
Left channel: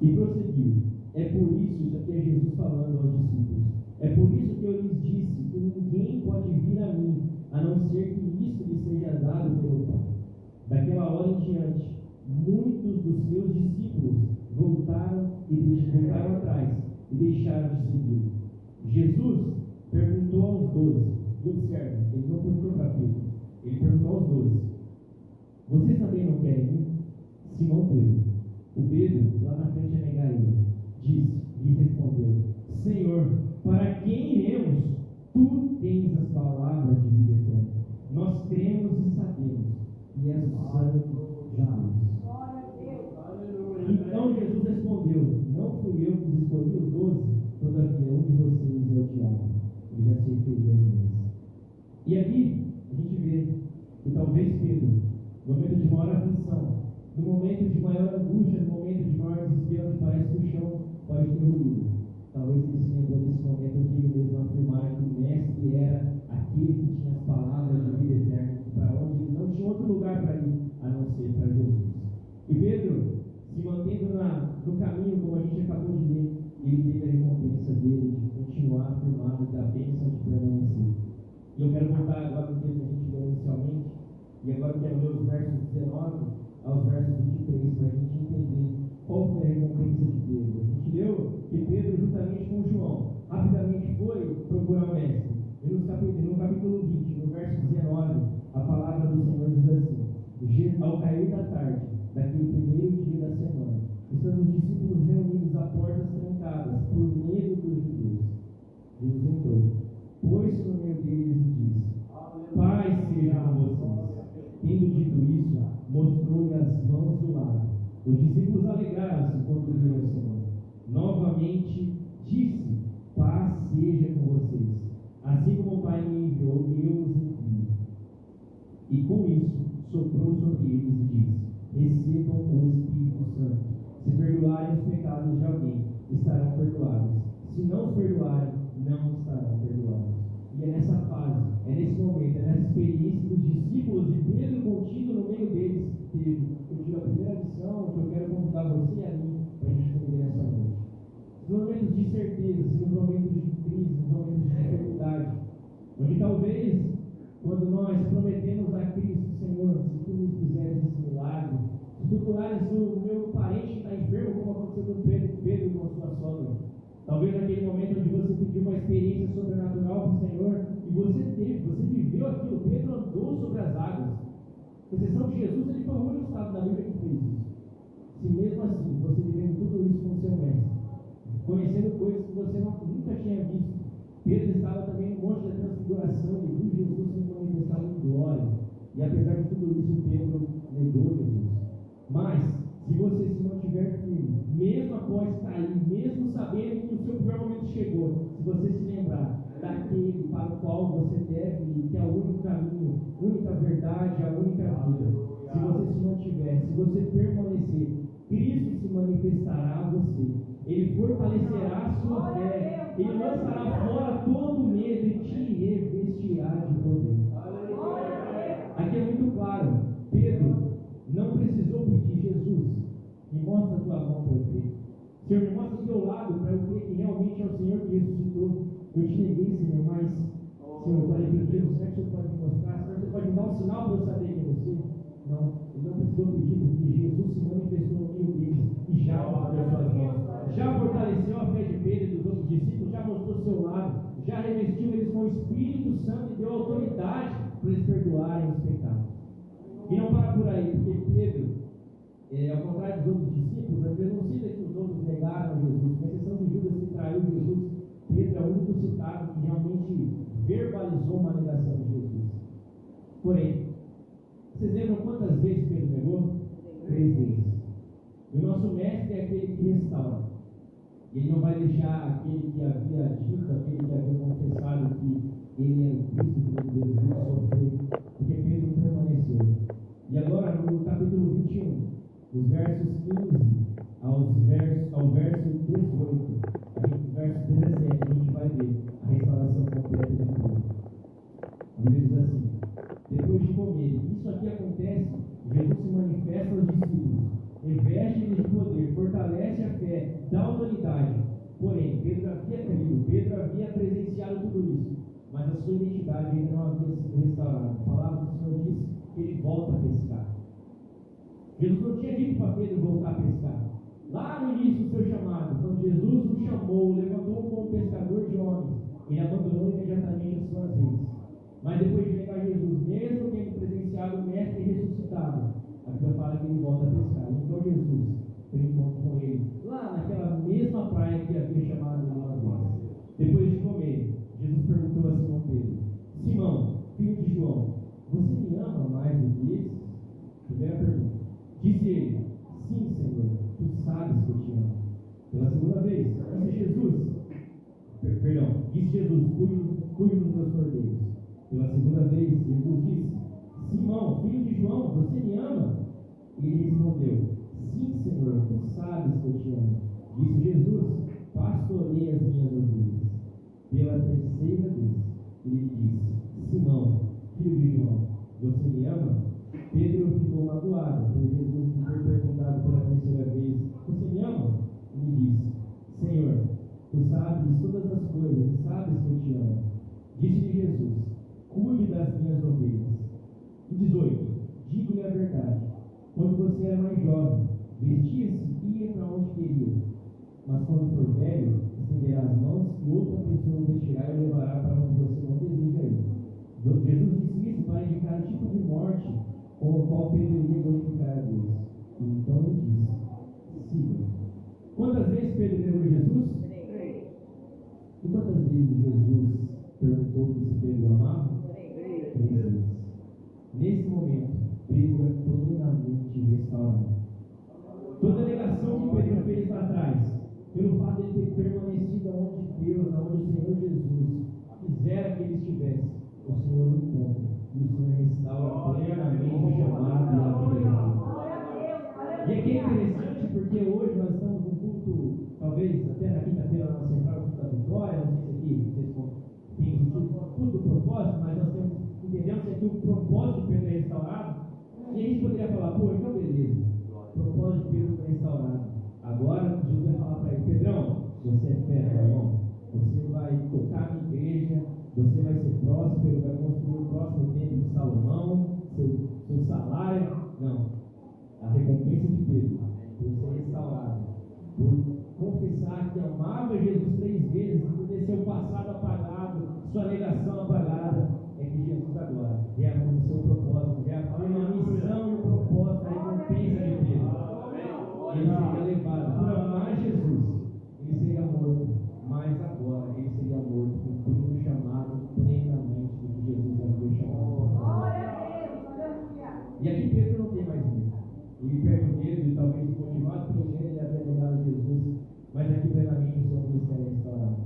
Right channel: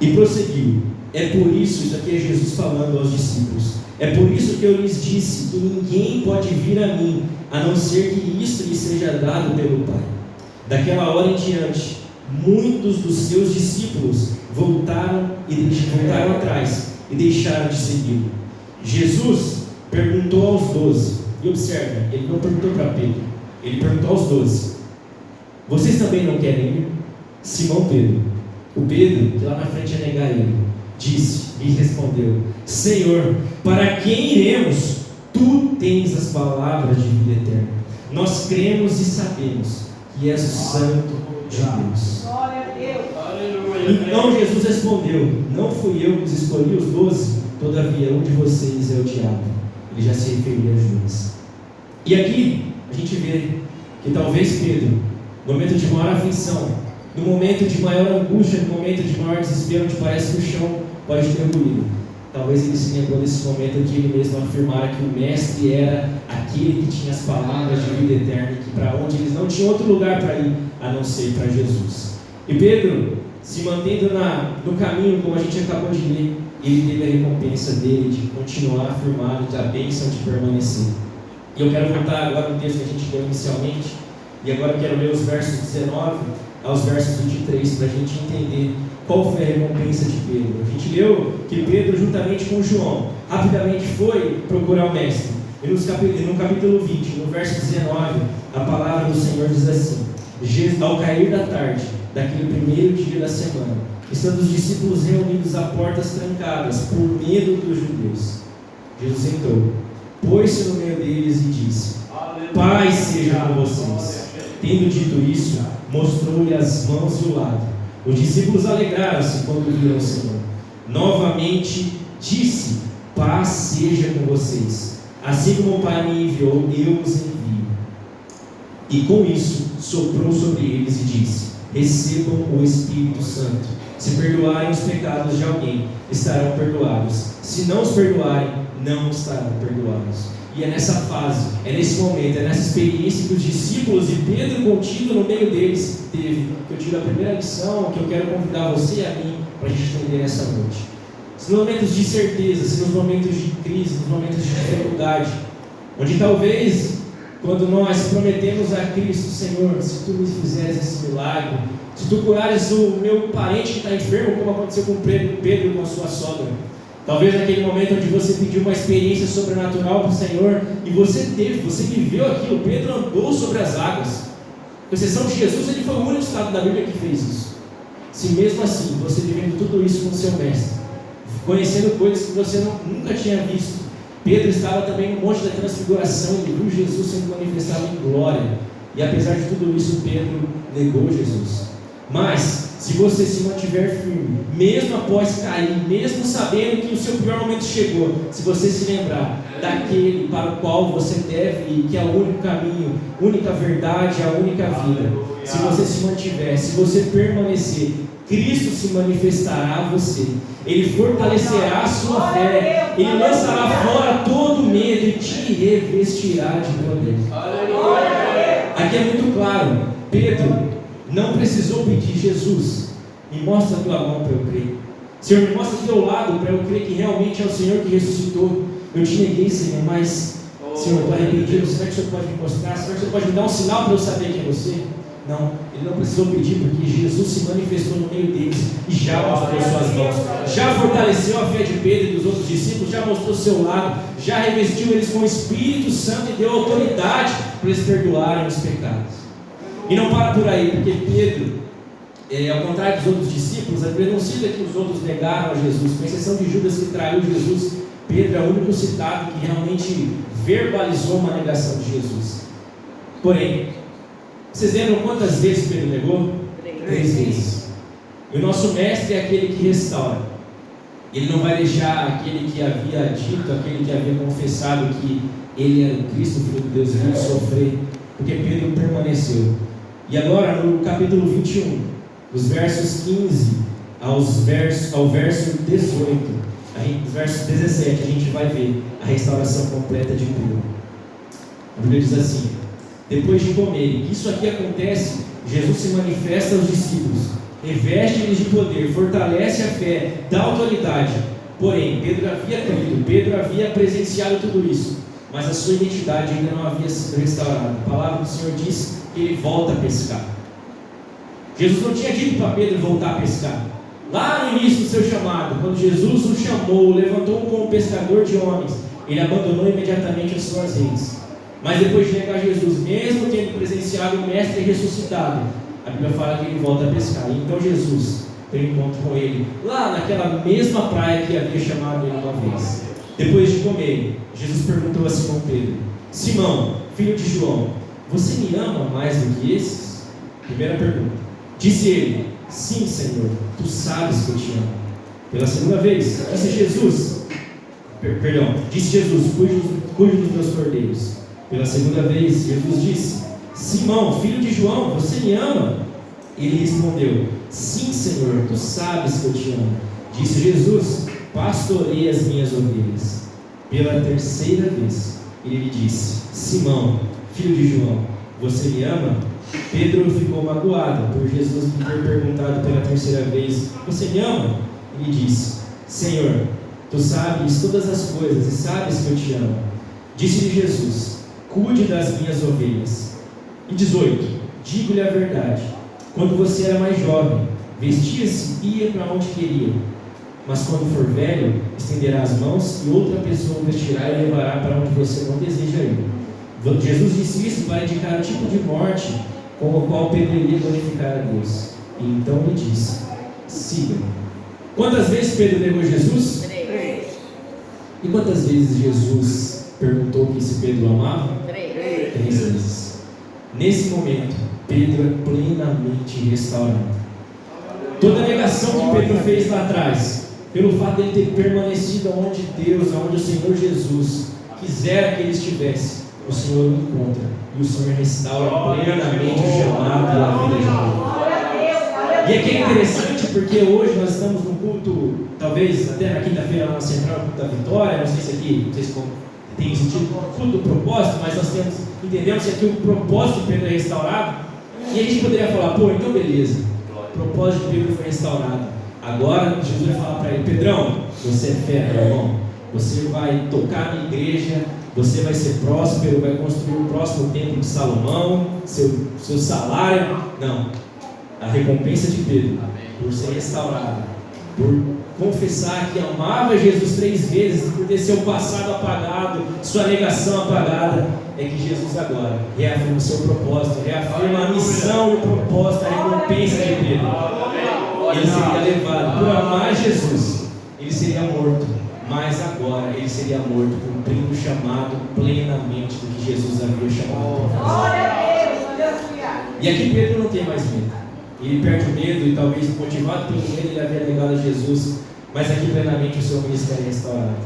e prosseguiu: é por isso aqui é Jesus falando aos discípulos, é por isso que eu lhes disse que ninguém pode vir a mim, a não ser que isto lhe seja dado pelo Pai. Daquela hora em diante, muitos dos seus discípulos voltaram atrás e deixaram de segui-lo. Jesus perguntou aos 12, e observe, ele não perguntou para Pedro, ele perguntou aos 12: vocês também não querem ir? Simão Pedro, o Pedro, que lá na frente ia negar ele, e respondeu: Senhor, para quem iremos? Tu tens as palavras de vida eterna. Nós cremos e sabemos que és o Santo de Deus. Então Jesus respondeu: não fui eu que os escolhi os 12, todavia um de vocês é o diabo. Ele já se referia a Judas. E aqui a gente vê que talvez Pedro, no momento de maior aflição, no momento de maior angústia, no momento de maior desespero, onde parece que o chão pode ter ruído, talvez ele se lembrou desse momento que ele mesmo afirmara que o mestre era aquele que tinha as palavras de vida eterna, que para onde eles não tinham outro lugar para ir a não ser para Jesus. E Pedro, se mantendo no caminho, como a gente acabou de ler, ele teve a recompensa dele de continuar afirmado, da bênção de permanecer. E eu quero voltar agora no texto que a gente leu inicialmente, e agora eu quero ler os versos 19 aos versos 23, para a gente entender qual foi a recompensa de Pedro. A gente leu que Pedro, juntamente com João, rapidamente foi procurar o mestre. E no capítulo 20, no verso 19, a palavra do Senhor diz assim: ao cair da tarde, daquele primeiro dia da semana, estando os discípulos reunidos a portas trancadas, por medo dos judeus, Jesus entrou, pôs-se no meio deles e disse: Paz seja com vocês. Tendo dito isso, mostrou-lhe as mãos e o lado. Os discípulos alegraram-se quando viram o Senhor. Novamente disse: Paz seja com vocês. Assim como o Pai me enviou, eu os envio. E com isso soprou sobre eles e disse: Recebam o Espírito Santo. Se perdoarem os pecados de alguém, estarão perdoados. Se não os perdoarem, não estarão perdoados. E é nessa fase, é nesse momento, é nessa experiência que os discípulos e Pedro contido no meio deles teve, que eu tiro a primeira lição, que eu quero convidar você e a mim para a gente entender nessa noite. Se nos momentos de incerteza, se nos momentos de crise, nos momentos de dificuldade, onde talvez, quando nós prometemos a Cristo: Senhor, se Tu me fizeres esse milagre, se Tu curares o meu parente que está enfermo, como aconteceu com Pedro com a sua sogra, talvez naquele momento onde você pediu uma experiência sobrenatural para o Senhor, e você viveu aquilo. Pedro andou sobre as águas, com exceção de Jesus, ele foi o único estado da Bíblia que fez isso. Se mesmo assim, você vivendo tudo isso com o seu mestre, conhecendo coisas que você nunca tinha visto, Pedro estava também no monte da transfiguração, ele viu Jesus sendo manifestado em glória, e apesar de tudo isso, Pedro negou Jesus. Mas, se você se mantiver firme, mesmo após cair, mesmo sabendo que o seu pior momento chegou, se você se lembrar daquele para o qual você deve ir, que é o único caminho, única verdade, a única vida, se você se mantiver, se você permanecer, Cristo se manifestará a você, Ele fortalecerá a sua fé, Ele lançará fora todo medo e te revestirá de poder. Aqui é muito claro, Pedro não precisou pedir: Jesus, me mostra a tua mão para eu crer. Senhor, me mostra o teu lado para eu crer que realmente é o Senhor que ressuscitou. Eu te neguei, Senhor, mas, Senhor, eu estou arrependido. Será que o Senhor pode me mostrar? Será que o Senhor pode me dar um sinal para eu saber quem é você? Não, ele não precisou pedir, porque Jesus se manifestou no meio deles e já mostrou suas mãos, já fortaleceu a fé de Pedro e dos outros discípulos, já mostrou seu lado, já revestiu eles com o Espírito Santo e deu autoridade para eles perdoarem os pecados. E não para por aí, porque Pedro, ao contrário dos outros discípulos, a Bíblia não cita que os outros negaram a Jesus, com exceção de Judas, que traiu Jesus. Pedro é o único citado que realmente verbalizou uma negação de Jesus. Porém, vocês lembram quantas vezes Pedro negou? 3 vezes. E o nosso mestre é aquele que restaura. Ele não vai deixar aquele que havia dito, aquele que havia confessado que ele era o Cristo, o Filho de Deus, vir sofrer, porque Pedro permaneceu. E agora, no capítulo 21, dos versos 15 ao verso 18, aí, verso 17, a gente vai ver a restauração completa de Pedro. A Bíblia diz assim: depois de comerem, isso aqui acontece, Jesus se manifesta aos discípulos, reveste-lhes de poder, fortalece a fé, dá autoridade. Porém, Pedro havia crido, Pedro havia presenciado tudo isso, mas a sua identidade ainda não havia sido restaurada. A palavra do Senhor diz que ele volta a pescar. Jesus não tinha dito para Pedro voltar a pescar. Lá no início do seu chamado, quando Jesus o chamou, levantou como pescador de homens, ele abandonou imediatamente as suas redes. Mas depois de negar Jesus, mesmo tendo presenciado o mestre ressuscitado, a Bíblia fala que ele volta a pescar. E então Jesus tem um encontro com ele, lá naquela mesma praia que havia chamado ele uma vez. Depois de comer, Jesus perguntou a Simão Pedro: Simão, filho de João, você me ama mais do que esses? Primeira pergunta. Disse ele: sim, Senhor, tu sabes que eu te amo. Pela segunda vez, disse Jesus: cuide dos meus cordeiros. Pela segunda vez, Jesus disse: Simão, filho de João, você me ama? Ele respondeu: sim, Senhor, tu sabes que eu te amo. Disse Jesus: pastorei as minhas ovelhas. Pela terceira vez, ele lhe disse: Simão, filho de João, você me ama? Pedro ficou magoado por Jesus lhe ter perguntado pela terceira vez: você me ama? Ele disse: Senhor, tu sabes todas as coisas e sabes que eu te amo. Disse-lhe Jesus: cuide das minhas ovelhas. E 18: digo-lhe a verdade, quando você era mais jovem, vestia-se e ia para onde queria. Mas quando for velho, estenderá as mãos e outra pessoa o vestirá e levará para onde você não deseja ir. Jesus disse isso para indicar o tipo de morte com o qual Pedro iria glorificar a Deus. E então lhe disse: siga-me. Quantas vezes Pedro negou Jesus? 3. E quantas vezes Jesus perguntou que se Pedro amava? 3. 3 vezes. Nesse momento, Pedro é plenamente restaurado. Toda a negação que Pedro fez lá atrás, pelo fato de ele ter permanecido onde Deus, onde o Senhor Jesus quisera que ele estivesse, o Senhor o encontra e o Senhor restaura plenamente o chamado pela vida de Deus. E aqui é interessante porque hoje nós estamos no culto, talvez até na quinta-feira lá na Central, culto da Vitória, não sei se aqui vocês têm sentido culto do propósito, mas nós entendemos que aqui o propósito de Pedro é restaurado, e a gente poderia falar, pô, então beleza, o propósito de Pedro foi restaurado. Agora Jesus vai falar para ele, Pedrão, você é fera, meu irmão, você vai tocar na igreja, você vai ser próspero, vai construir o próximo templo de Salomão, seu salário. Não, a recompensa de Pedro, por ser restaurado, por confessar que amava Jesus 3 vezes, por ter seu passado apagado, sua negação apagada, é que Jesus agora reafirma o seu propósito, reafirma a missão e o propósito, a recompensa de Pedro. Ele seria levado por amar Jesus, ele seria morto, mas agora ele seria morto cumprindo o chamado plenamente do que Jesus havia chamado para fazer. E aqui Pedro não tem mais medo, ele perde o medo e talvez motivado pelo medo ele havia negado a Jesus, mas aqui plenamente o seu ministério é restaurado.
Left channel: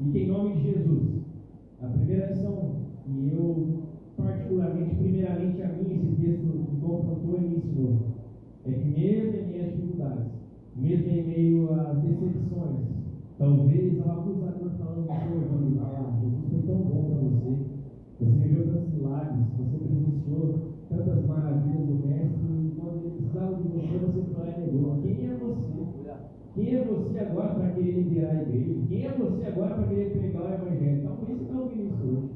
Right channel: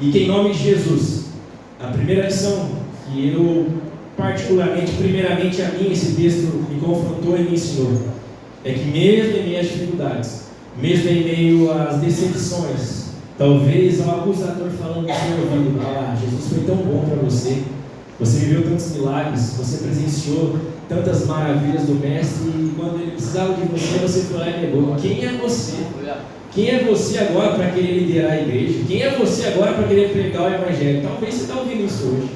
E que em nome de Jesus, a primeira lição que eu particularmente, primeiramente a mim, esse texto me confrontou e me ensinou, é que mesmo em meio às dificuldades, mesmo em meio às decepções, talvez ao acusador falando no seu ouvido, Jesus foi tão bom para você, você viveu tantos milagres, você presenciou tantas maravilhas do Mestre, e quando ele precisava de você, você foi lá e negou. Quem é você? Quem é você agora para querer liderar a igreja? Quem é você agora para querer pregar o Evangelho? Talvez você está ouvindo isso hoje.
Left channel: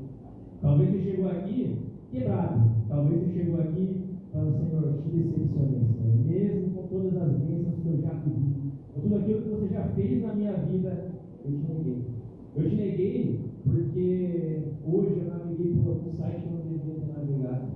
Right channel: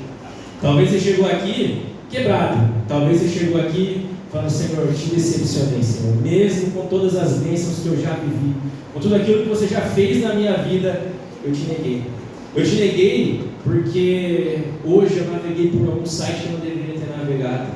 Talvez você chegou aqui quebrado. Talvez você chegou aqui falando, Senhor, eu te decepcionei, Senhor. Mesmo com todas as bênçãos que eu já vivi, com tudo aquilo que você já fez na minha vida, eu te neguei. Eu te neguei porque hoje eu naveguei por algum site que eu não deveria ter navegado.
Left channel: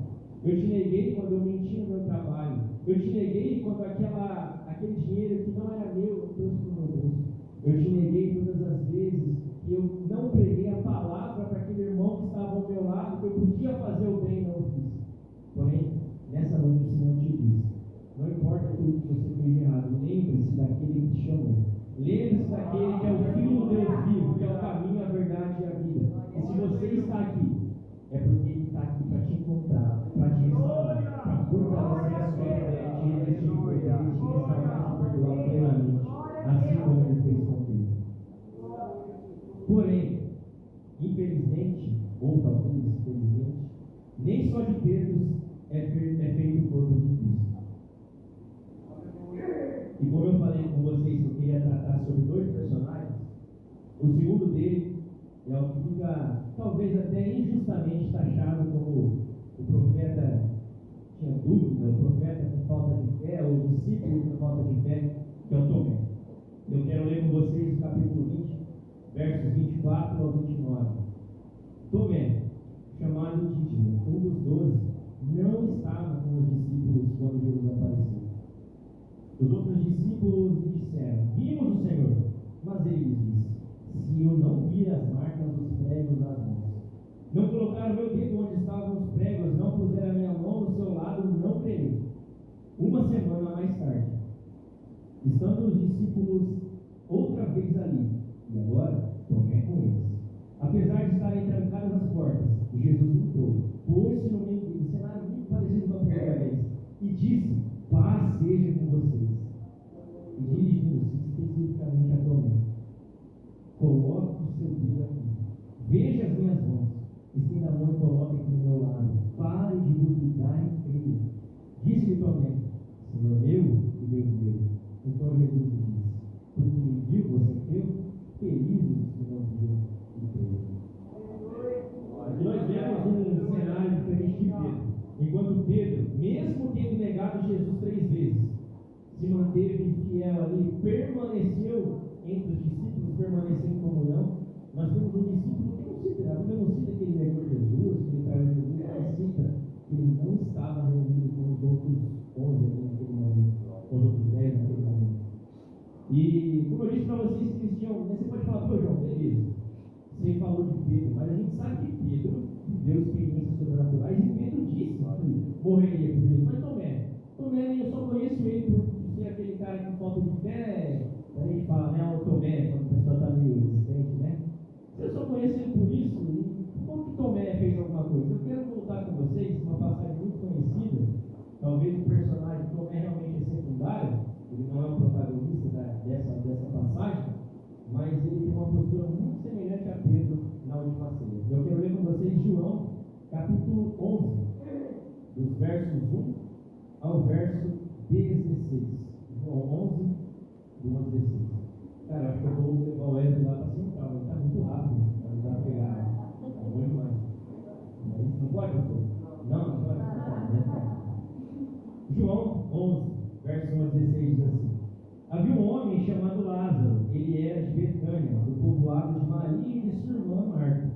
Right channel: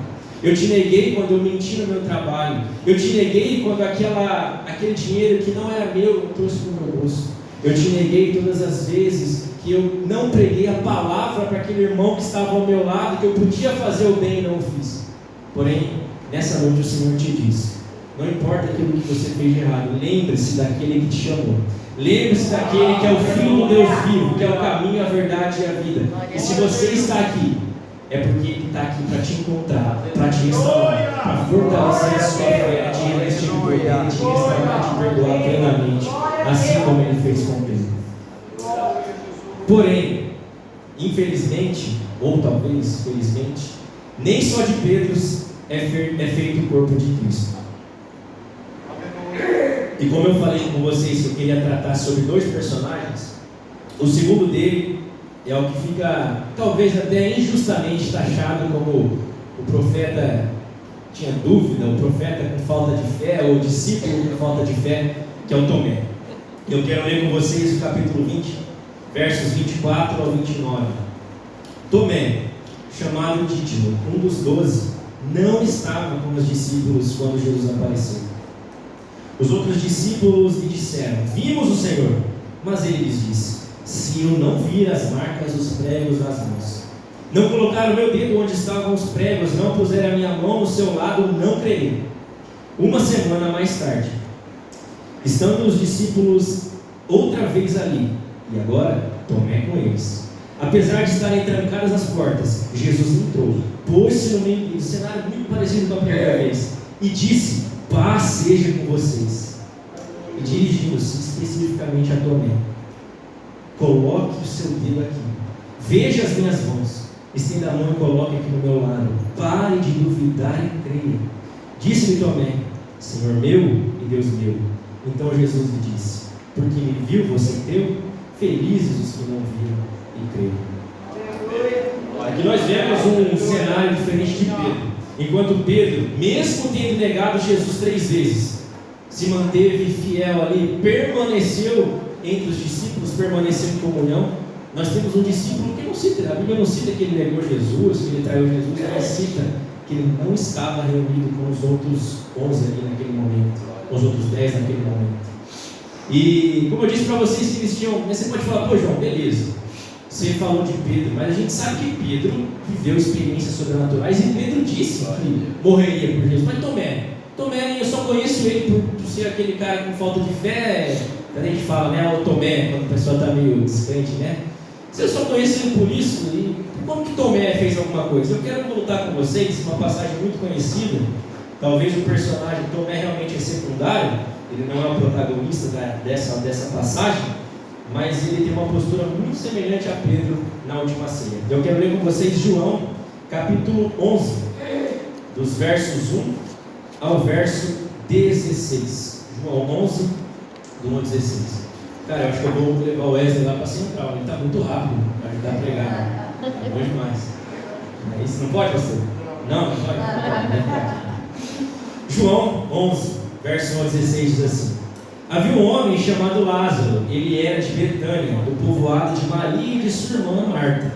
Eu te neguei quando eu menti no meu trabalho. Eu te neguei quando aquele dinheiro que não era meu eu trouxe para o meu bolso. Eu te neguei todas as vezes que eu não preguei a palavra para aquele irmão que estava ao meu lado, que eu podia fazer o bem e não o fiz. Porém, nessa noite o Senhor te diz, não importa aquilo que você fez de errado, lembre-se daquele que te chamou. Lembre-se daquele que é o Filho do Deus vivo, que é o caminho, a verdade e a vida. E se você está aqui, é porque Ele está aqui para te encontrar, para te restaurar, para fortalecer a sua fé, te revestir de poder, te restaurar, te perdoar plenamente, assim como Ele fez com Pedro. Porém, infelizmente, ou talvez felizmente, nem só de Pedros é feito o corpo de Cristo. E como eu falei com vocês que eu queria tratar sobre 2 personagens, o segundo dele é o que fica, talvez até injustamente taxado como o profeta tinha dúvida, o profeta com falta de fé, ou o discípulo com falta de fé, que é o Tomé. Eu quero ler com vocês o capítulo 20, versos 24 ao 29. Tomé, chamado Dídimo, um dos 12, não estava com os discípulos quando Jesus apareceu. Os outros discípulos lhe disseram, vimos o Senhor. Mas ele lhes disse, se eu não vir as marcas dos pregos nas mãos, não colocar o meu dedo onde estavam os pregos, não puser a minha mão no seu lado, não crerei. 1 semana mais tarde, estando os discípulos outra vez ali, e agora Tomé com eles, apesar de estarem trancadas as portas, Jesus entrou, pôs-se no meio deles, cenário muito parecido com a primeira vez, e disse, paz seja com vocês. E dirigindo-se especificamente a Tomé, coloque o seu dedo aqui, veja as minhas mãos, estenda a mão e coloque aqui no meu lado, pare de duvidar e creia. Disse-lhe Tomé, Senhor meu e Deus meu. Então Jesus lhe disse, porque me viu, você creu? Felizes os que não viram e creram. Aqui nós vemos um cenário diferente de Pedro. Enquanto Pedro, mesmo tendo negado Jesus 3 vezes, se manteve fiel ali, permaneceu entre os discípulos, permaneceu em comunhão, nós temos um discípulo que não cita, a Bíblia não cita que ele negou Jesus, que ele traiu Jesus, ela cita que ele não estava reunido com os outros 11 ali naquele momento, com os outros 10 naquele momento. E como eu disse para vocês que eles tinham, você pode falar, pô João, beleza, Você falou de Pedro, mas a gente sabe que Pedro viveu experiências sobrenaturais e Pedro disse que morreria por Jesus. Mas Tomé, eu só conheço ele por ser aquele cara com falta de fé. A gente fala, né? O Tomé, quando a pessoa está meio descrente, né? Se eu só conheço ele por isso, e como que Tomé fez alguma coisa? Eu quero voltar com vocês uma passagem muito conhecida. Talvez o personagem Tomé realmente é secundário, ele não é o protagonista dessa passagem, mas ele tem uma postura muito semelhante a Pedro na última ceia. Eu quero ler com vocês João, capítulo 11, dos versos 1 ao verso 16. João 11, do 1 ao 16. Cara, eu acho que eu vou levar o Wesley lá para central, ele está muito rápido para ajudar a pregar. É bom demais. É isso, não pode, pastor? Não pode. João 11, verso 1 ao 16 diz assim: havia um homem chamado Lázaro, ele era de Betânia, do povoado de Maria e de sua irmã Marta.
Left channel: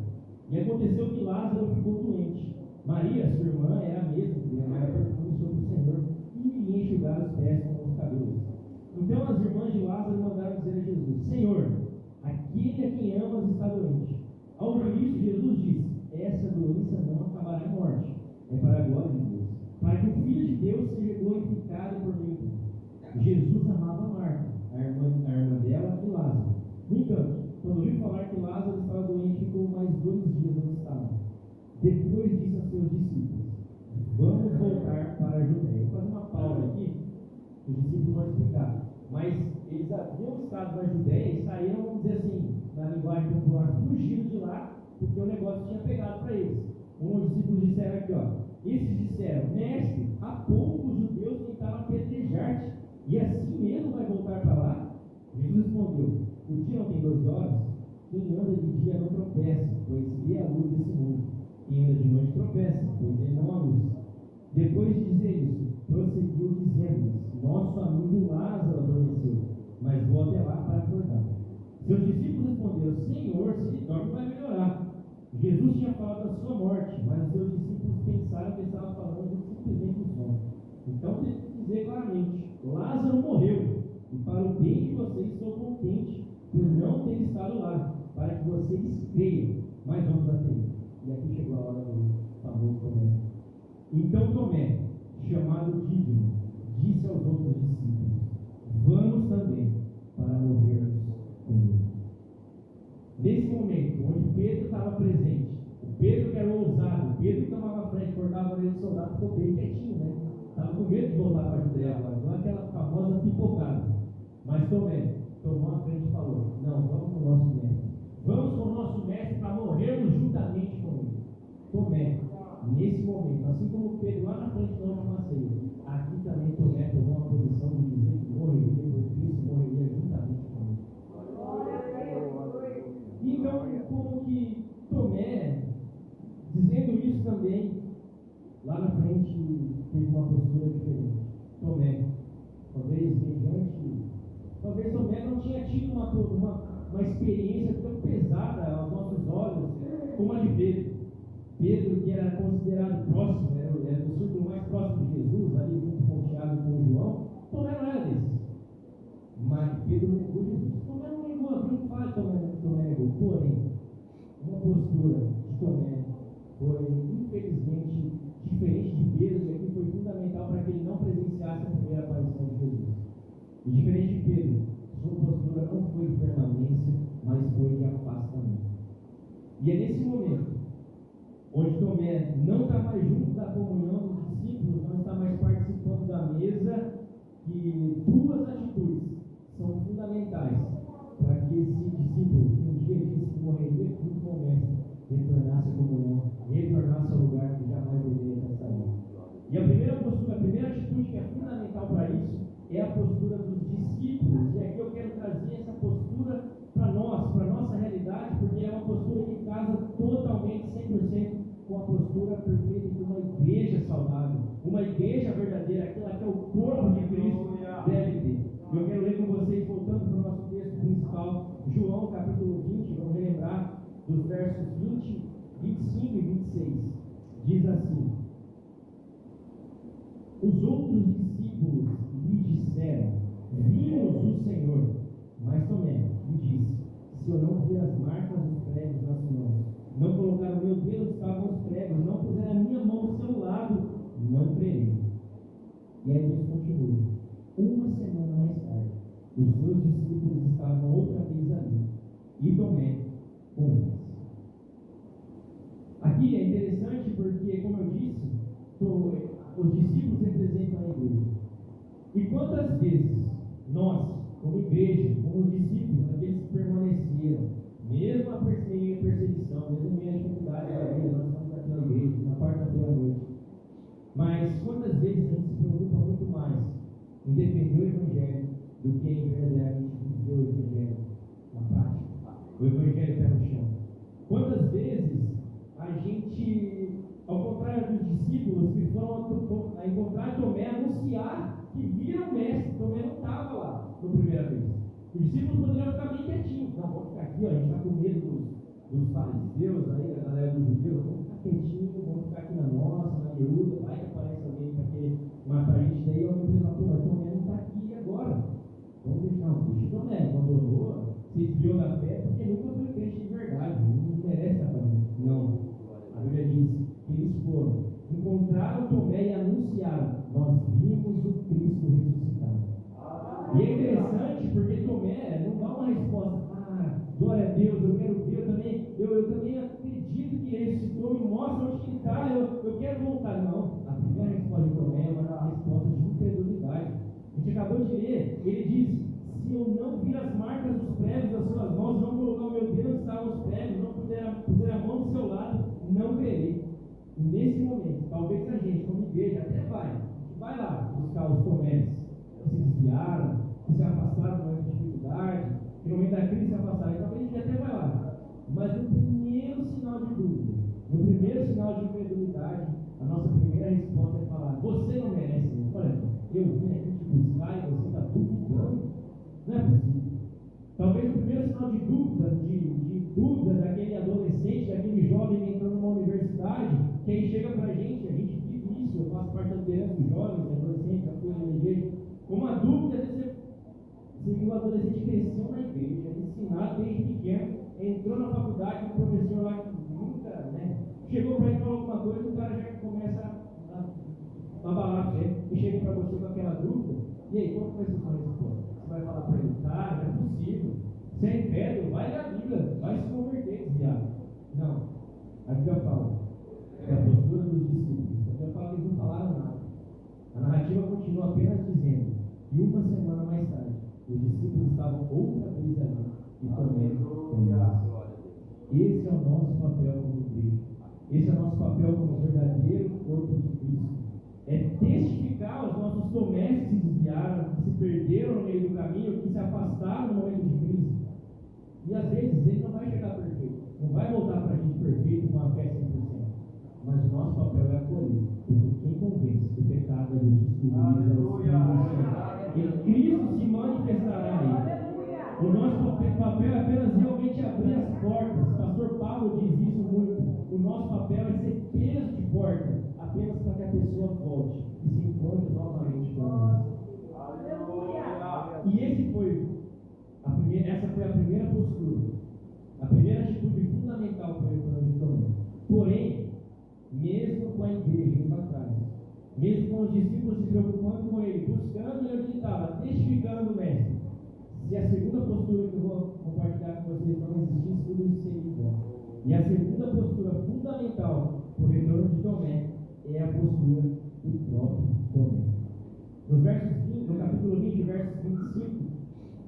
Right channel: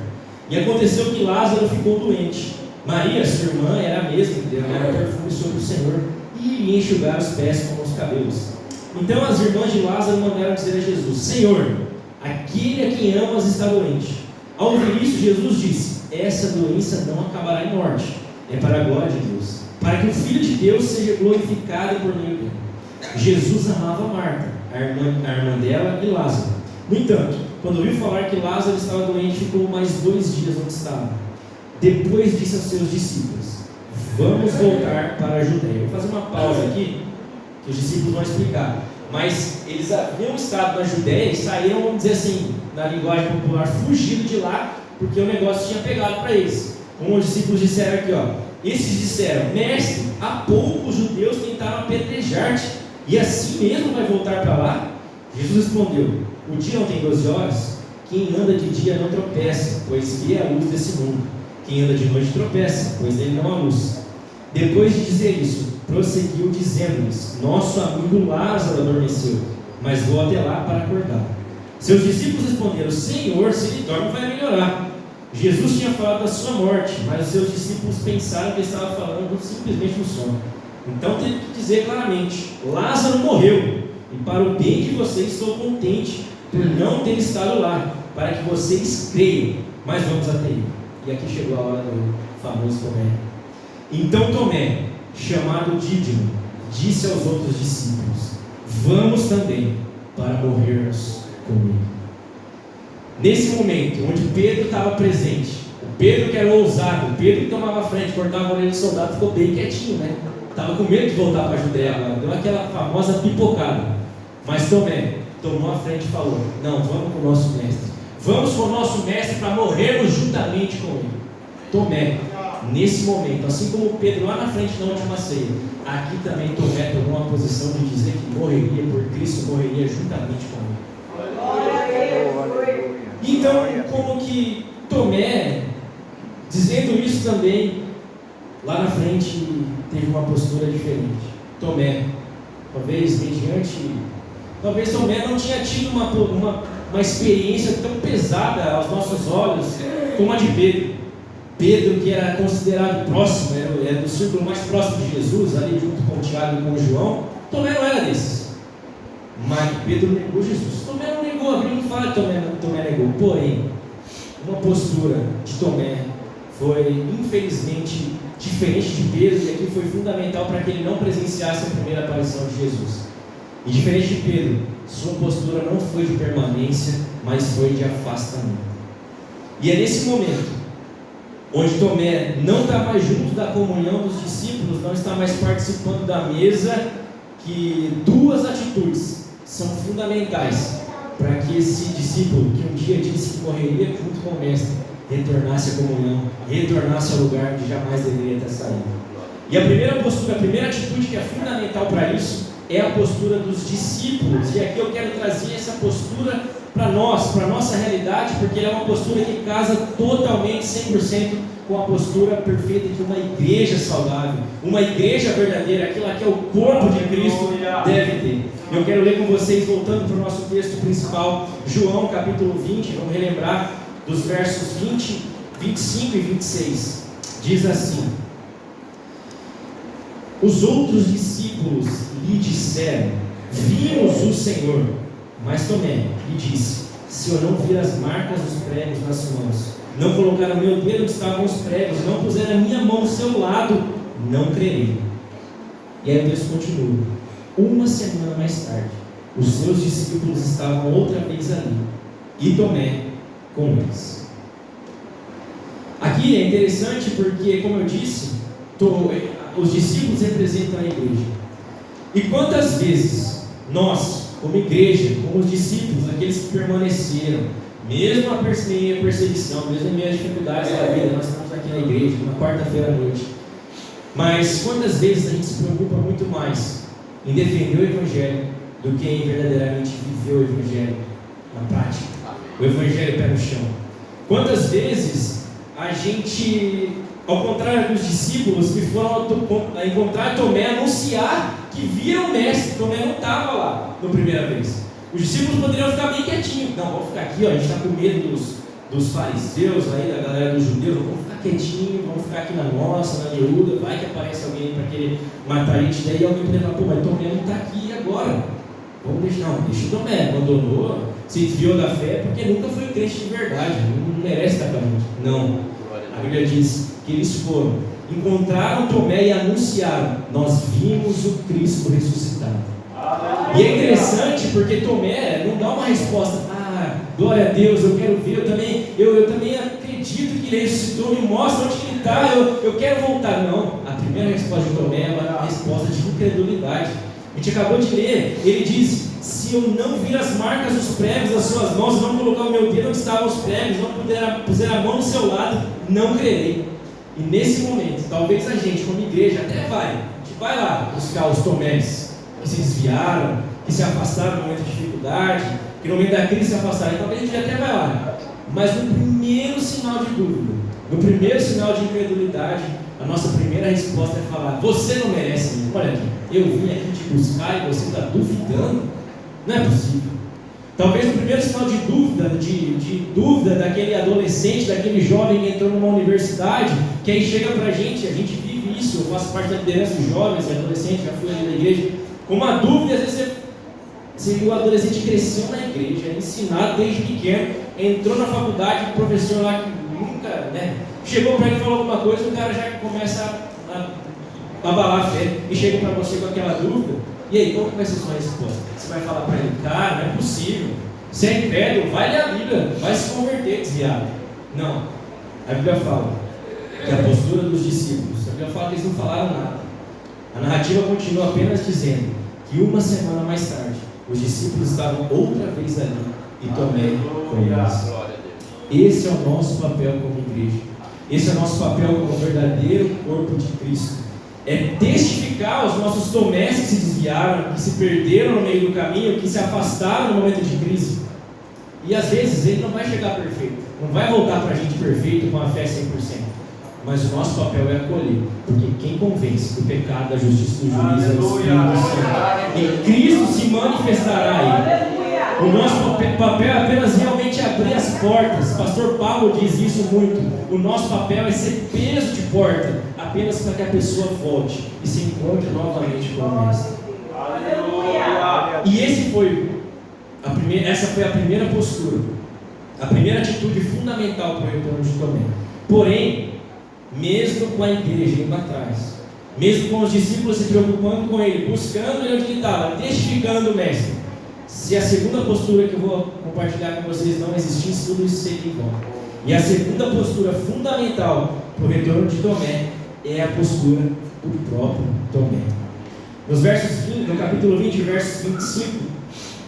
E aconteceu que Lázaro ficou doente. Maria, sua irmã, era a mesma que derramava perfume sobre o Senhor e lhe enxugar os pés com os cabelos. Então as irmãs de Lázaro mandaram dizer a Jesus: Senhor, aquele a quem amas está doente. Ao ouvir isso, Jesus disse: essa doença não acabará em morte, é para a glória de Deus, para que o Filho de Deus seja glorificado por meio dele. Jesus amava Marta, a irmã dela, e Lázaro. No entanto, quando ouviu falar que Lázaro estava doente, ficou mais 2 dias onde estava. Depois disse aos seus discípulos: vamos voltar para a Judéia. Vou fazer uma pausa aqui, que os discípulos vão explicar. Mas eles haviam estado na Judéia e saíram, vamos dizer assim, na linguagem popular, fugido de lá, porque o negócio tinha pegado para eles. Como os discípulos disseram aqui, ó. Esses disseram: mestre, há pouco os judeus tentaram apedrejar-te, e assim mesmo vai voltar para lá? Jesus respondeu: o dia não tem 12 horas? Quem anda de dia não tropeça, pois vê a luz desse mundo. Quem anda de noite tropeça, pois nele não há luz. Depois de dizer isso, prosseguiu dizendo-lhes: nosso amigo Lázaro adormeceu, mas vou até lá para acordá-lo. Seus discípulos responderam: Senhor, se ele dorme vai melhorar. Jesus tinha falado da sua morte, mas os seus discípulos pensaram que ele estava falando simplesmente do sono. Então teve que dizer claramente: Lázaro morreu, e para o bem de vocês estou contente por não ter estado lá, para que vocês creiam. Mas vamos até ele. E aqui chegou a hora do famoso Tomé. Então Tomé, chamado Dídimo, disse aos outros discípulos: vamos também para morrermos com ele. Nesse momento, onde Pedro estava presente, o Pedro que era ousado, o Pedro que tomava frente, cortava a orelha do soldado, ficou bem quietinho, né? Estava com medo de voltar para a Judéia agora, deu aquela famosa pipocada. Mas Tomé tomou a frente e falou: não, vamos com o nosso mestre. Vamos com o nosso mestre para morrermos juntamente com ele. Tomé, nesse momento, assim como Pedro lá na frente na última ceia, aqui também Tomé tomou uma posição de dizer que morreria por Cristo, morreria juntamente com ele. Então, como que Tomé, dizendo isso também, lá na frente teve uma postura diferente. Tomé, talvez Tomé não tinha tido uma experiência tão pesada aos nossos olhos como a de Pedro. Pedro, que era considerado próximo, era do círculo mais próximo de Jesus, ali junto com o Tiago e com o João. Tomé não era desses. Mas Pedro negou Jesus. Tomé não negou, a Bíblia não fala que Tomé negou. Porém, uma postura de Tomé foi, infelizmente, diferente de Pedro, e aqui foi fundamental para que ele não presenciasse a primeira aparição de Jesus. E diferente de Pedro, sua postura não foi de permanência, mas foi de afastamento. E é nesse momento, onde Tomé não está mais junto da comunhão dos discípulos, não está mais participando da mesa, que 2 atitudes são fundamentais para que esse discípulo, que um dia disse que morreria junto com o mestre, retornasse à comunhão, retornasse ao lugar que jamais deveria ter saído. E a primeira postura, a primeira atitude que é fundamental para isso, é a postura dos discípulos. E aqui eu quero trazer essa postura para nós, para a nossa realidade, porque ela é uma postura que casa totalmente, 100%, com a postura perfeita de uma igreja saudável, uma igreja verdadeira, aquilo que é o corpo de Cristo deve ter. Eu quero ler com vocês, voltando para o nosso texto principal, João capítulo 20, vamos relembrar dos versos 20, 25 e 26. Diz assim: os outros discípulos lhe disseram: vimos o Senhor. Mas Tomé lhe disse: se eu não vir as marcas dos pregos nas mãos, não colocar o meu dedo onde estavam os pregos, não puser a minha mão ao seu lado, não crerei. E aí o texto continua. Uma semana mais tarde, os seus discípulos estavam outra vez ali, e Tomé com eles. Aqui é interessante porque, como eu disse, os discípulos representam a igreja. E quantas vezes nós, como igreja, como os discípulos, aqueles que permaneceram, mesmo a perseguição, mesmo em meio às dificuldades da vida, nós estamos aqui na igreja, na quarta-feira à noite. Mas quantas vezes a gente se preocupa muito mais em defender o Evangelho do que em verdadeiramente viver o Evangelho na prática, o Evangelho pé no chão? Quantas vezes a gente, ao contrário dos discípulos que foram encontrar Tomé, anunciar que viram o mestre, Tomé não estava lá na primeira vez. Os discípulos poderiam ficar bem quietinhos. Não, vamos ficar aqui, ó, a gente está com medo dos fariseus, aí, da galera dos judeus, vamos ficar quietinho, vamos ficar aqui na nossa, na miúda, vai que aparece alguém para querer matar a gente, daí alguém poderia falar, pô, mas Tomé não está aqui agora. Vamos deixar, não, deixa o Tomé, abandonou, se desviou da fé, porque nunca foi crente de verdade, não merece estar com a gente. Não, a Bíblia diz que eles foram, encontraram Tomé e anunciaram, nós vimos o Cristo ressuscitado. E é interessante porque Tomé não dá uma resposta, glória a Deus, eu quero ver, eu também acredito que ele ressuscitou, me mostra onde ele está, eu quero voltar. Não, a primeira resposta de Tomé é uma resposta de incredulidade. A gente acabou de ler, ele diz, se eu não vir as marcas dos pregos das suas mãos, não colocar o meu dedo onde estavam os pregos, não puser a mão do seu lado, não crerei. E nesse momento, talvez a gente como igreja até a gente vai lá buscar os Tomés que se desviaram, que se afastaram no momento de dificuldade, que no momento da crise se afastaram, talvez a gente até vai lá. Mas no primeiro sinal de dúvida, no primeiro sinal de incredulidade, a nossa primeira resposta é falar, você não merece mesmo. Olha aqui, eu vim aqui te buscar e você está duvidando? Não é possível. Talvez o primeiro sinal de dúvida daquele adolescente, daquele jovem que entrou numa universidade, que aí chega pra gente, a gente vive isso, eu faço parte da liderança dos jovens e adolescentes, já fui ali na igreja, com uma dúvida, às vezes o adolescente cresceu na igreja, é ensinado desde pequeno, entrou na faculdade, o professor lá que nunca, chegou para ele e falou alguma coisa, o cara já começa a abalar a fé, e chega para você com aquela dúvida, e aí, qual vai ser a sua resposta? Você vai falar para ele, cara, não é possível, você é incrédulo, vai ler a Bíblia, vai se converter, desviado. Não, a Bíblia fala que a postura dos discípulos, a Bíblia fala que eles não falaram nada. A narrativa continua apenas dizendo que uma semana mais tarde, os discípulos estavam outra vez ali e Tomé com eles. Esse é o nosso papel como igreja. Esse é o nosso papel como verdadeiro corpo de Cristo. É testificar aos nossos Tomés que se desviaram, que se perderam no meio do caminho, que se afastaram no momento de crise. E às vezes ele não vai chegar perfeito, não vai voltar para a gente perfeito com a fé 100%. Mas o nosso papel é acolher, porque quem convence do pecado, da justiça e do juízo é o Espírito Santo. E Cristo se manifestará aí. O nosso papel é apenas realmente abrir as portas. O pastor Paulo diz isso muito. O nosso papel é ser peso de porta, apenas para que a pessoa volte e se encontre novamente com o Mestre. E essa foi a primeira postura, a primeira atitude fundamental para o retorno de Tomé. Porém, mesmo com a igreja indo atrás, mesmo com os discípulos se preocupando com ele, buscando ele onde ele estava, testificando o Mestre, se a segunda postura que eu vou compartilhar com vocês não existisse, tudo isso seria em vão. E a segunda postura fundamental para o retorno de Tomé é a postura do próprio Tomé. No capítulo 20, versos 25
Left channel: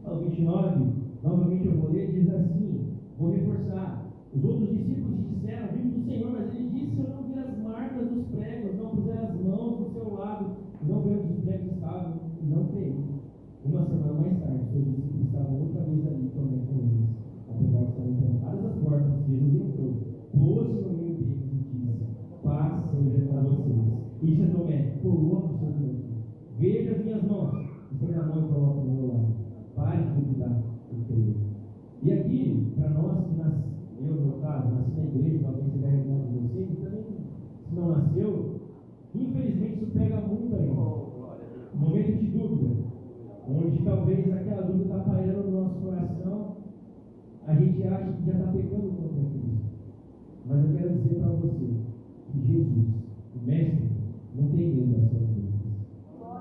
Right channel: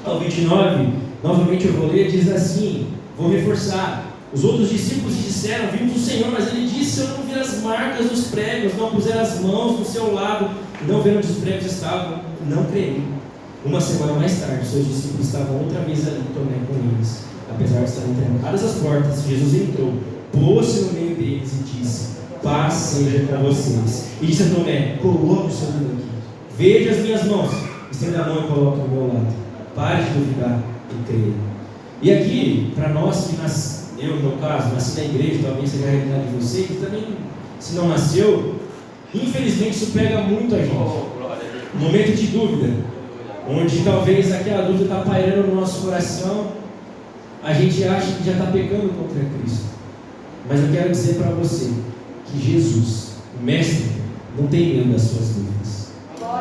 ao 29, novamente eu vou ler, diz assim, vou reforçar. Os outros discípulos disseram, vimos o Senhor, mas ele disse, se eu não vir as marcas dos pregos, não puser as mãos do seu lado, não ver onde os pregos estavam, não creio. Uma semana mais tarde, seus discípulos estavam outra vez ali, Tomé com eles. Apesar de estarem trancadas as portas, Jesus entrou, pôs-se no meio deles e disse, paz seja com vocês. E disse a Tomé, coloque o seu dedo aqui, veja as minhas mãos, estenda a mão e coloque do meu lado. Pare de duvidar e creia. E aqui, para nós que eu no meu caso, nasci na igreja, talvez seja a realidade de vocês, também, se não nasceu, infelizmente isso pega muito a gente. Um momento de dúvida, onde talvez aquela dúvida está pairando no nosso coração, a gente acha que já está pecando contra Cristo. Mas eu quero dizer para você que Jesus, o Mestre, não tem medo das suas dúvidas.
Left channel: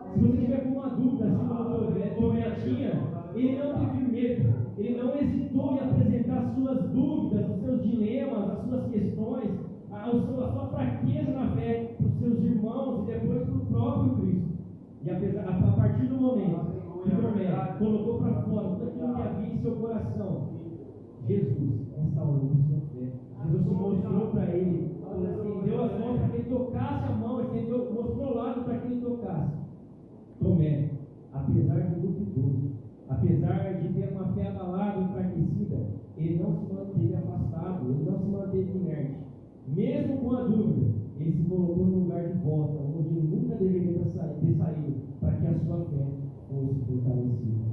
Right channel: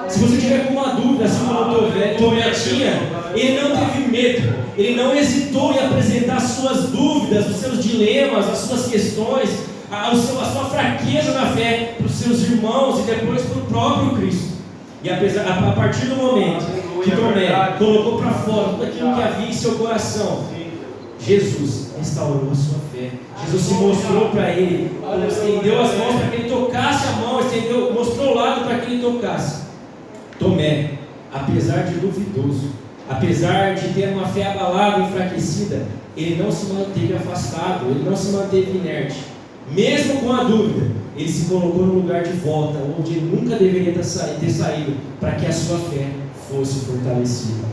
Se você tiver alguma dúvida, assim como o Tomé tinha, ele não teve medo, ele não hesitou em apresentar as suas dúvidas, os seus dilemas, as suas questões, a sua fraqueza na fé para os seus irmãos e depois para o próprio Cristo. E a partir do momento que Tomé colocou para fora tudo aquilo que havia em seu coração, Jesus restaurou a sua fé. Jesus se mostrou para ele, estendeu as mãos para que ele tocasse a mão, mostrou o lado para que ele tocasse. Tomé, apesar de duvidoso, apesar de ter uma fé abalada e enfraquecida, ele não se manteve afastado, ele não se manteve inerte. Mesmo com a dúvida, ele se colocou no lugar de volta, onde ele nunca deveria ter saído, para que a sua fé fosse fortalecida.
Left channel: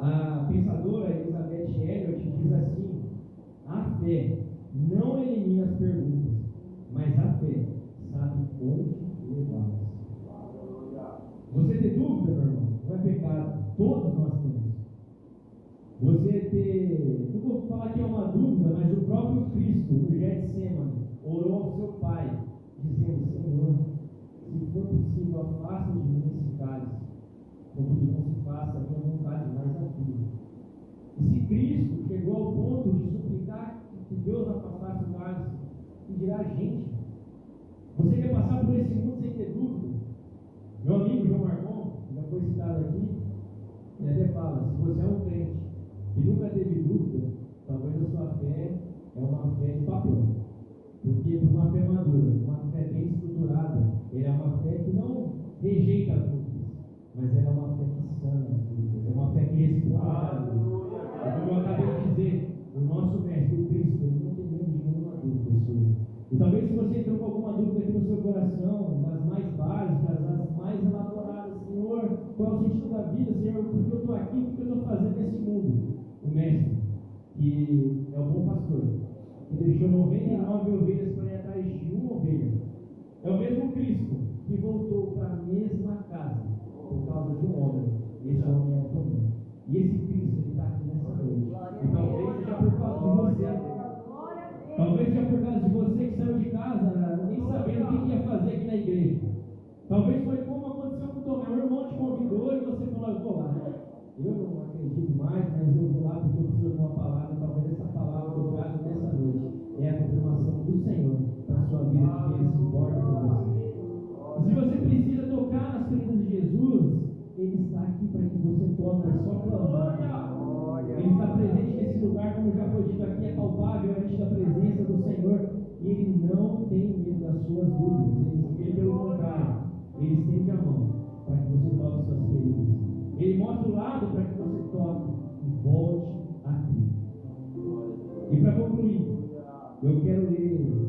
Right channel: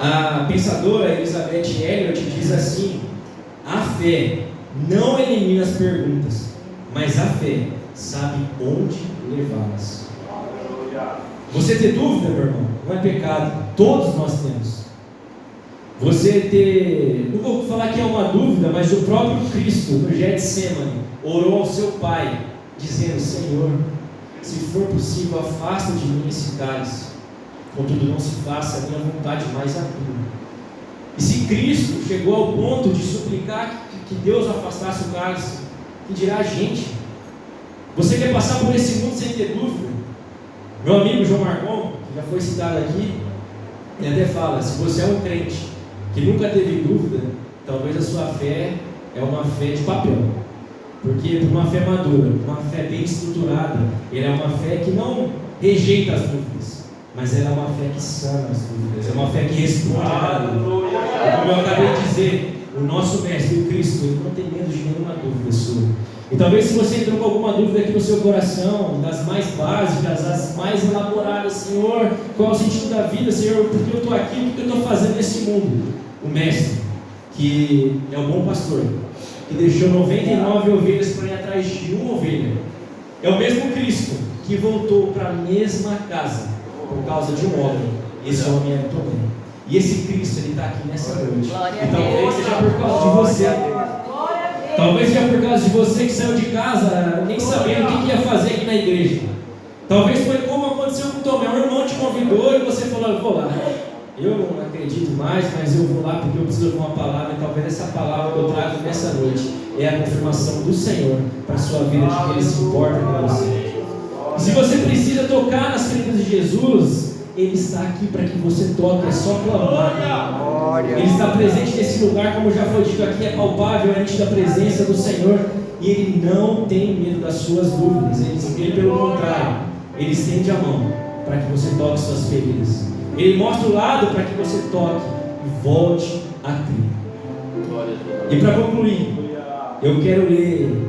A pensadora Elizabeth Elliot diz assim: a fé não elimina as perguntas, mas a fé sabe onde levá-las. Você ter dúvida, meu irmão, não é pecado, todos nós temos. Você ter, não vou falar que é uma dúvida, mas o próprio Cristo, no Getsemane, orou ao seu Pai, dizendo: Senhor, se for possível, afasta de mim esse cálice, contudo não se faça a minha vontade, mas a tua. E se Cristo chegou ao ponto de suplicar que Deus afastasse o cálice, que dirá a gente? Você quer passar por esse mundo sem ter dúvida? Meu amigo João Marcon, que já foi citado aqui, ele até fala: se você é um crente que nunca teve dúvida, talvez a sua fé é uma fé de papel. Porque por uma fé madura, uma fé bem estruturada, ela é uma fé que não rejeita as dúvidas, mas ela é uma fé que sana as dúvidas, é uma fé que responde a dúvida. Como eu acabei de dizer, o nosso Mestre, o Cristo, ele não tem medo de nenhuma dúvida sua. E talvez se você entrou com alguma dúvida aqui no seu coração, das mais básicas, das mais elaboradas: Senhor, qual é o sentido da vida? Senhor, por que eu estou aqui? O que eu estou fazendo nesse mundo? O Mestre, que é o bom pastor, que deixou 99 ovelhas para ir atrás de uma ovelha, é o mesmo Cristo que voltou para a mesma casa por causa de um homem. Esse homem é Tomé. E esse Cristo, ele está aqui nessa noite. E talvez seja por causa de você. Talvez seja por causa de você que saiu de casa nem sabendo o que ia fazer aqui na igreja. Talvez foi como aconteceu com Tomé: um irmão te convidou e você falou: eu vou lá. Eu não acredito mais, mas eu vou lá porque eu preciso de uma palavra. E talvez essa palavra que eu trago nessa noite é a confirmação do Senhor para a sua vida, de que Ele se importa com você. E se você precisa tocar nas feridas de Jesus, Ele está aqui para que você toque, é só clamar. Ele está presente nesse lugar, como já foi dito aqui, é palpável, é nítida a presença do Senhor. E Ele não tem medo das suas dúvidas. Ele pelo contrário, Ele estende a mão para que você toque suas feridas. Ele mostra o lado para que você toque e volte a crer. E para concluir, eu quero ler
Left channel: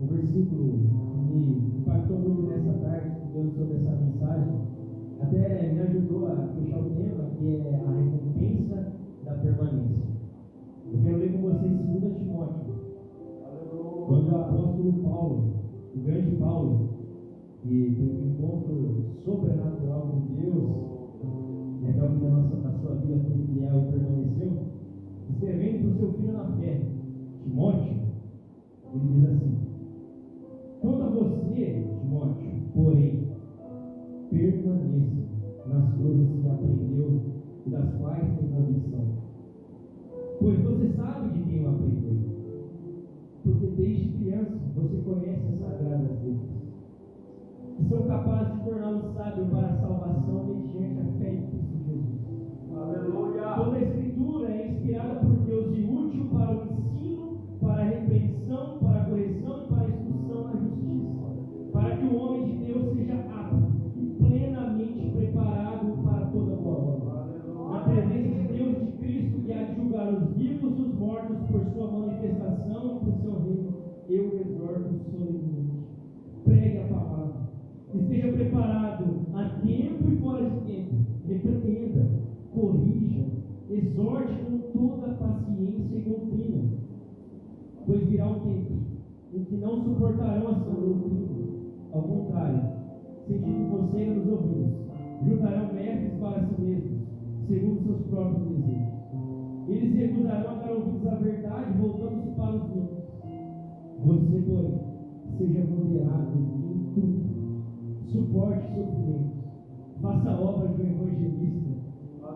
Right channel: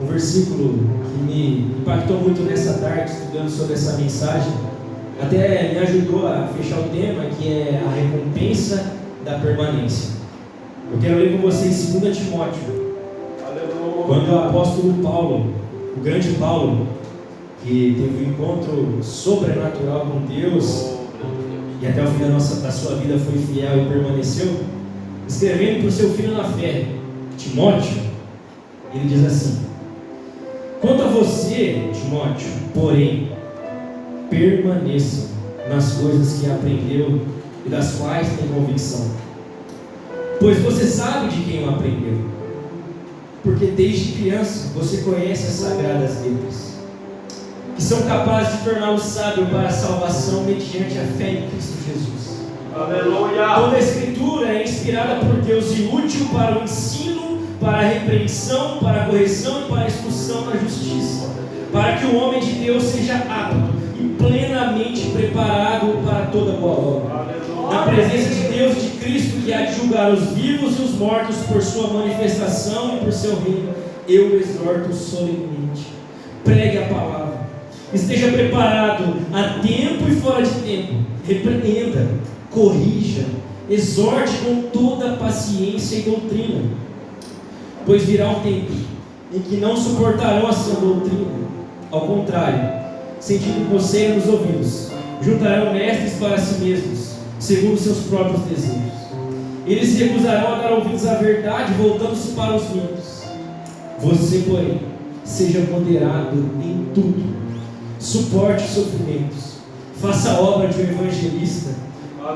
um versículo que me impactou muito nessa tarde, estudando sobre essa mensagem. Até me ajudou a fechar o tema, que é a recompensa da permanência. Eu quero ler com vocês 2 Timóteo, quando o apóstolo Paulo, o grande Paulo, que teve um encontro sobrenatural com Deus e até o fim da sua vida foi fiel e permaneceu, escrevendo para o seu filho na fé, Timóteo, ele diz assim: quanto a você, Timóteo, porém, permaneça nas coisas que aprendeu e das quais tem convicção, pois você sabe de quem o aprendeu, porque desde criança você conhece as sagradas letras, que são capazes de torná-lo sábio para a salvação mediante a fé em Cristo Jesus. Aleluia! Toda a Escritura é inspirada por Deus e útil para o ensino, para a repreensão, para a correção e para a instrução na justiça, para que o homem de Deus seja apto e plenamente preparado para toda boa obra. Na presença de Deus e de Cristo, que há de julgar os vivos e os mortos por sua manifestação e por seu reino, eu o exorto solenemente: pregue a palavra, esteja preparado a tempo e fora de tempo, repreenda, corrija, exorte com toda paciência e doutrina, pois virá um tempo em que não suportarão a sã doutrina. Ao contrário, sentindo coceira nos ouvidos, juntarão mestres para si mesmos, segundo seus próprios desejos, Eles se recusarão a dar ouvidos à verdade, voltando-se para os mitos. Você, porém, seja moderado em tudo, suporte sofrimentos, faça a obra de um evangelista,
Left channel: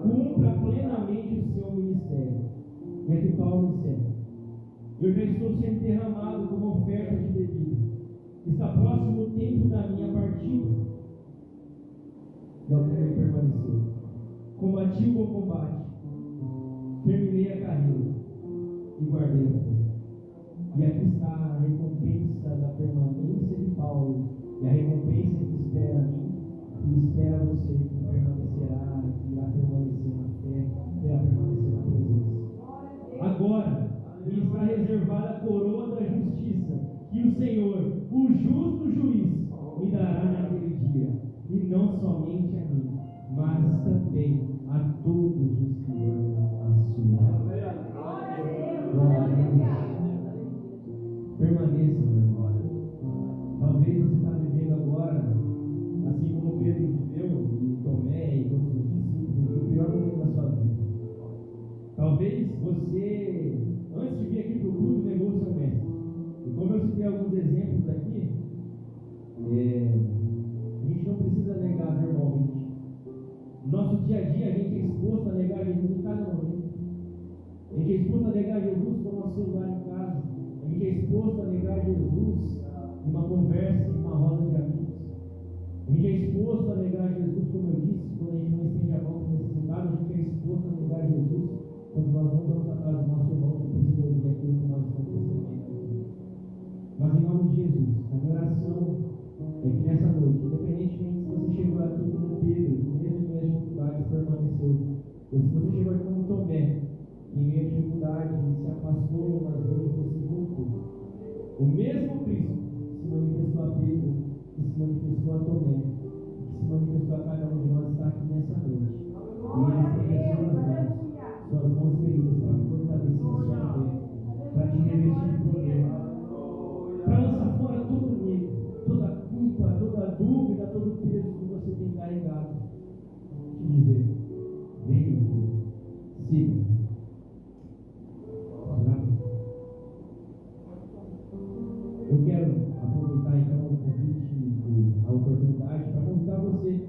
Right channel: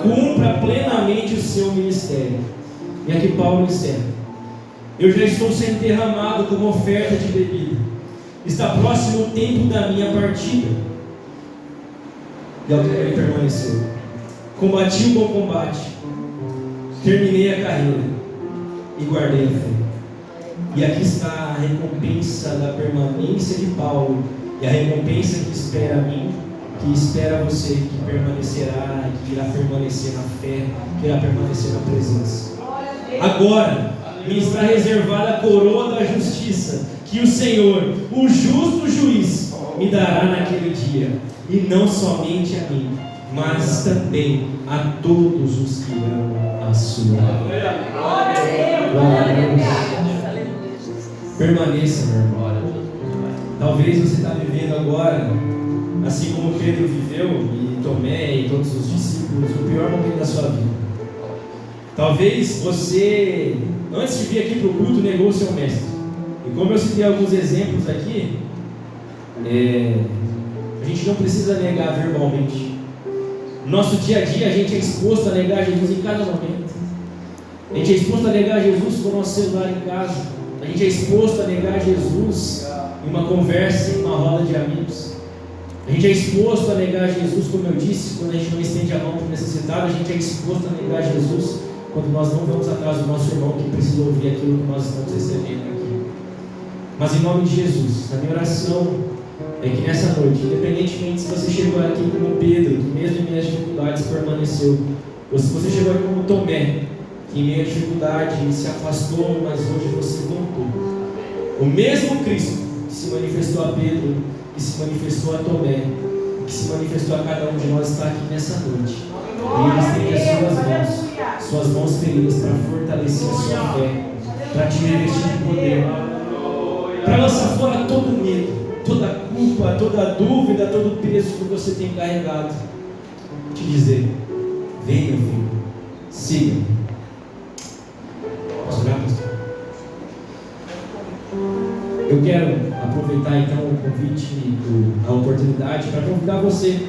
cumpra plenamente o seu ministério. E aqui Paulo encerra: eu já estou sendo derramado como oferta de bebida, está próximo o tempo da minha partida. E ele permaneceu. Combati o bom combate, terminei a carreira e guardei a fé. E aqui está a recompensa da permanência de Paulo, e a recompensa que espera a mim, que espera você, que permanecerá, que irá permanecer na fé, que irá permanecer na presença. Agora me está reservada a coroa da justiça, que o Senhor, o justo juiz, me dará naquele dia, e não somente a mim, mas também a todos os que amam a sua. Permaneça, meu irmão. Talvez você está vivendo agora, assim como Pedro viveu, e Tomé e todos os discípulos, o pior momento da sua vida. Talvez você, antes de vir aqui para o culto, negou o seu mestre. E como eu citei alguns exemplos aqui, a gente não precisa negar verbalmente. No nosso dia a dia, a gente é exposto a negar Jesus em cada momento. A gente é exposto a negar Jesus com o nosso celular em casa. A gente é exposto a negar Jesus em uma conversa, em uma roda de amigos. A gente é exposto a negar Jesus, como eu disse, quando a gente não estende a mão para o necessitado. A gente é exposto a negar Jesus quando nós não vamos atrás do nosso irmão que precisa ouvir aquilo que nós estamos recebendo aqui. Mas em nome de Jesus, a minha oração é que nessa noite, independentemente se você chegou aqui como Pedro, que mesmo em meias dificuldades permaneceu, ou se você chegou aqui como Tomé, que em meio à dificuldade se afastou, mas hoje você voltou. O mesmo Cristo que se manifestou a Pedro, que se manifestou a Tomé, que se manifestou a cada um de nós, está aqui nessa noite. E Ele estende as suas mãos feridas para fortalecer a sua fé, para te revestir de poder, para lançar fora todo medo, toda culpa, toda dúvida, todo peso que você tem carregado. Te dizer: vem, meu filho, siga. Posso orar, pastor? Eu quero aproveitar então o convite, a oportunidade para convidar você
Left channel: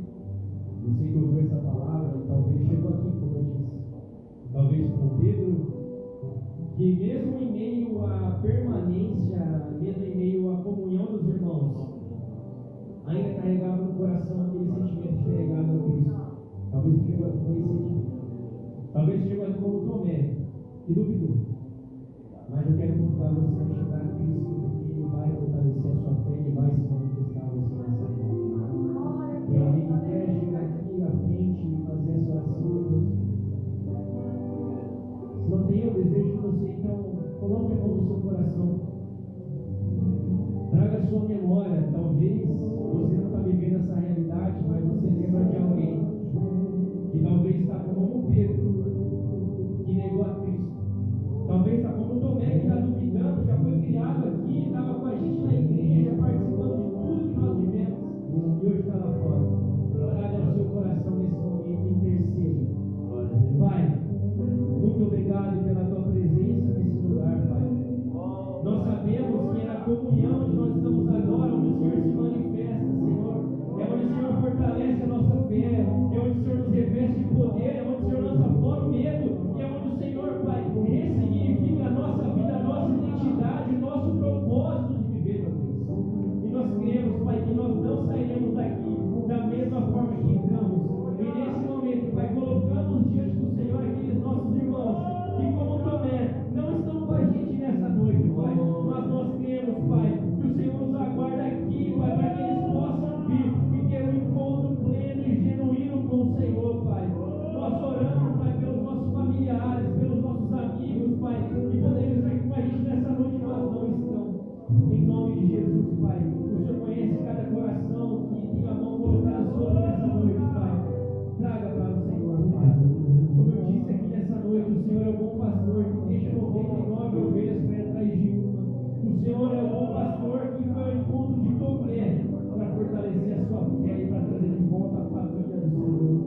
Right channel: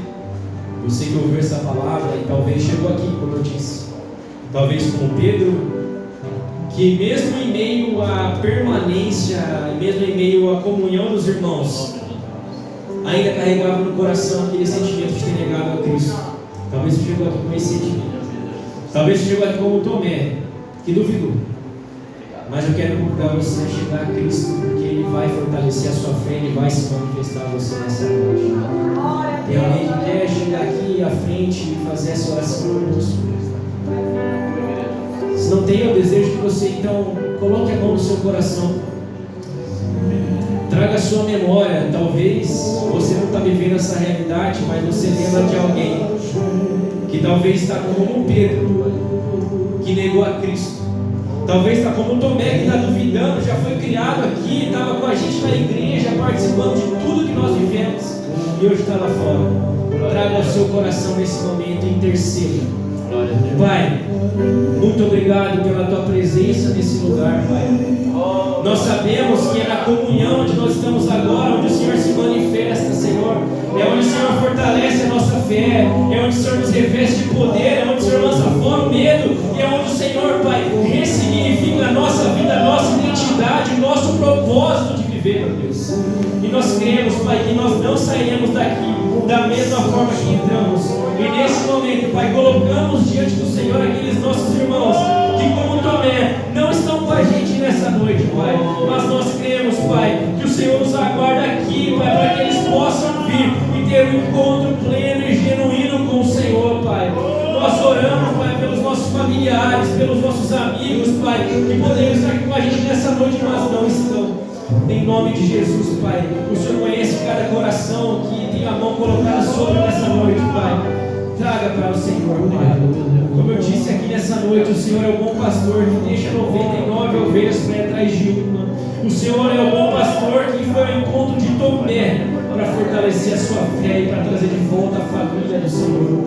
que ouviu essa palavra e talvez chegou aqui, como eu disse, talvez como Pedro, que mesmo em meio à permanência, mesmo em meio à comunhão dos irmãos, ainda carregava no coração aquele sentimento de ter negado a Cristo. Talvez você chegou aqui com esse sentimento. Talvez você chegou aqui como Tomé, que duvidou. Mas eu quero convidar você a chegar a Cristo, porque Ele vai fortalecer a sua fé, Ele vai se manifestar a você nessa noite. Tem alguém que quer chegar aqui à frente e fazer essa oração conosco? Se não tem, eu desejo que você então coloque a mão no seu coração. Traga a sua memória. Talvez você não está vivendo essa realidade, mas você lembra de alguém que talvez está como Pedro, que negou a Cristo. Talvez está como Tomé, que está duvidando, já foi criado aqui, estava com a gente na igreja, participando de tudo que nós vivemos, e hoje está lá fora. Traga ao seu coração nesse momento e interceda. Pai, muito obrigado pela tua presença nesse lugar, Pai. Nós sabemos que é na comunhão onde nós estamos agora, onde o Senhor se manifesta, Senhor. É onde o Senhor fortalece a nossa fé, é onde o Senhor nos reveste de poder, é onde o Senhor lança fora o medo, é onde o Senhor, Pai, ressignifica a nossa vida, a nossa identidade, o nosso propósito de viver, meu Deus. E nós cremos, Pai, que nós não sairemos daqui da mesma forma que entramos. E nesse momento, Pai, colocamos diante do Senhor aqueles nossos irmãos que, como Tomé, não estão com a gente nessa noite, Pai. Mas nós cremos, Pai, que o Senhor nos aguarda aqui, Pai, para que eles possam vir e ter um encontro pleno e genuíno com o Senhor, Pai. Nós oramos, Pai, pelos nossos familiares, pelos nossos amigos, Pai, que poderiam estar aqui com a gente nessa noite, mas não estão. Em nome de Jesus, Pai, o Senhor conhece cada coração que tem a mão colocada sobre nessa noite, Pai. Traga para o Senhor, Pai. Como eu disse aqui nessa noite, o Senhor é o bom pastor que deixa 99 ovelhas para ir atrás de uma. O Senhor é o bom pastor que foi ao encontro de Tomé para fortalecer a sua fé e para trazer de volta a família do Senhor.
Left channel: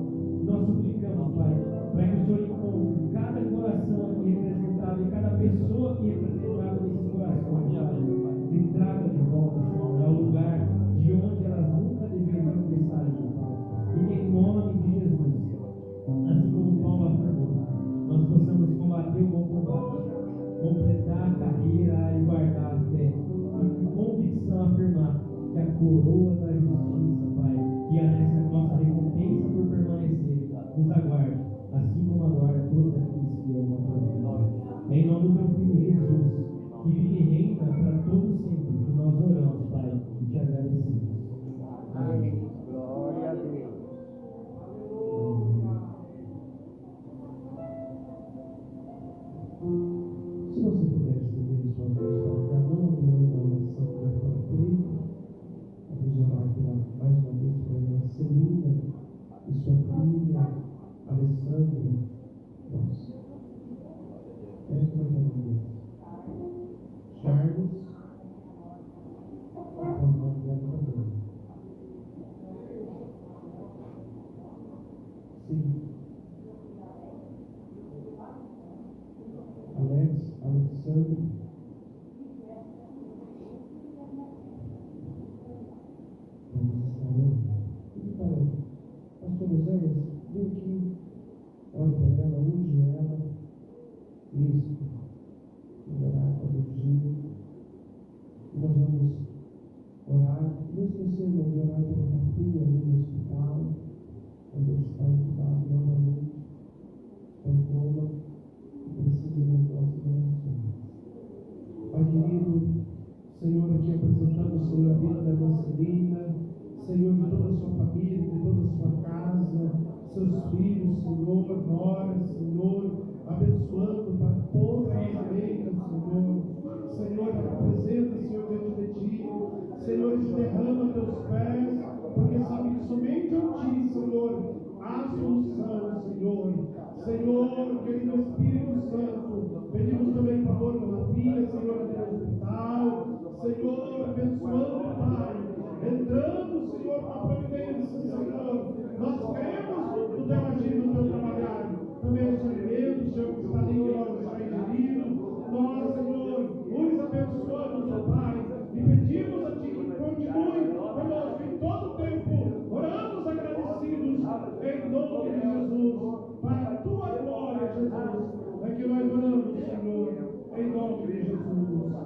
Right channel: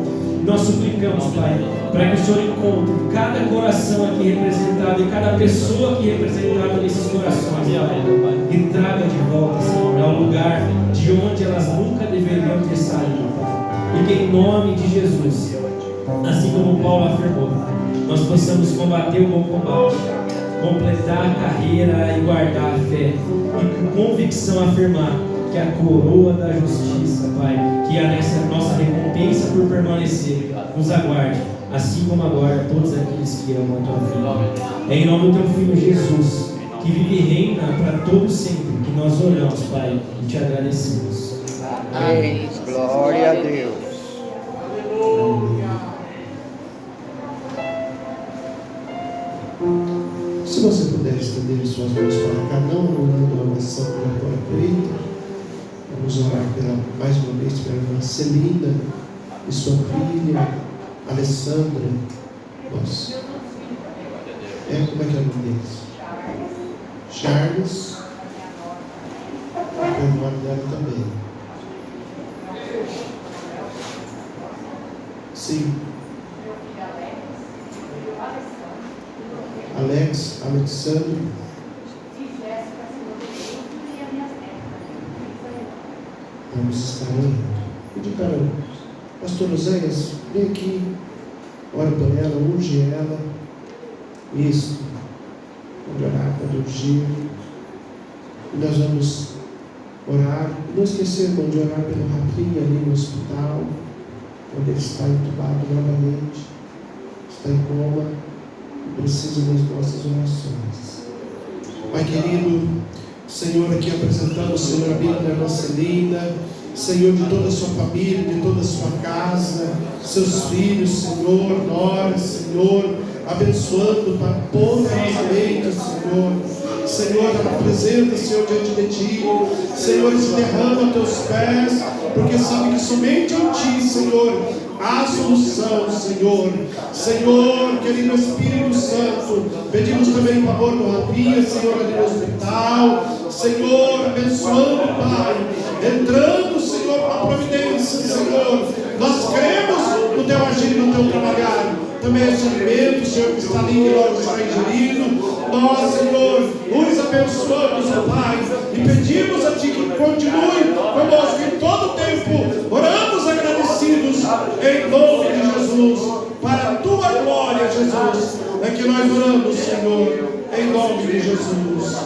nós suplicamos, Pai, para que o Senhor encontre cada coração aqui representado e cada pessoa aqui representada nesses corações, Pai, e traga de volta, Senhor, ao lugar de onde elas nunca deveriam ter saído, Pai. E que em nome de Jesus, assim como Paulo afirmou, nós possamos combater o bom combate, completar a carreira e guardar a fé, e com convicção afirmar que a coroa da justiça, Pai, que é a nossa recompensa por permanecer, nos aguarde, assim como agora todos aqueles que amam a Tua vida. É em nome do Teu Filho Jesus, que vive e reina para todos sempre, que nós oramos, Pai, e Te agradecemos. Amém. Glória a Deus. Se você puder estender suas mãos para cá, não anulando a oração pela tua feita, vamos orar mais uma vez pela irmã Celina e sua filha Alessandra. Nossa. Como é que é o nome deles? Charles. O nome dela também. Sim. Alexandre. Vamos estar orando. Pedir para o pastor Oséias, vem aqui, ora por ela, unge ela. Isso. Vamos orar para ungir. E nós vamos orar. Não esquecer, irmão, de orar pelo Rafinha ali no hospital, onde ele está entubado novamente, está em coma. Precisa das nossas orações. Pai querido, Senhor, aqui apresentamos, Senhor, a vida da irmã Celina, Senhor, de toda a sua família, de toda a sua casa, seus filhos, Senhor, nora, Senhor, abençoando poderosamente, Senhor. Senhor, ela apresenta, Senhor, diante de Ti, Senhor, se derrama a Teus pés, porque sabe que somente em Ti, Senhor, há solução, Senhor. Senhor, querido Espírito Santo, pedimos também em favor do Rafinha, Senhor, ali no hospital, Senhor, abençoando, Pai, entrando, Senhor, com a providência, Senhor. Nós cremos no Teu agir, no Teu trabalhar. Também esse alimento, Senhor, que está ali, que logo está ingerido. Nós, Senhor, nos abençoamos, ó Pai, e pedimos a Ti que continue conosco em todo o tempo. Oramos agradecidos em nome de Jesus, para a Tua glória, Jesus. É que nós oramos, Senhor, em nome de Jesus,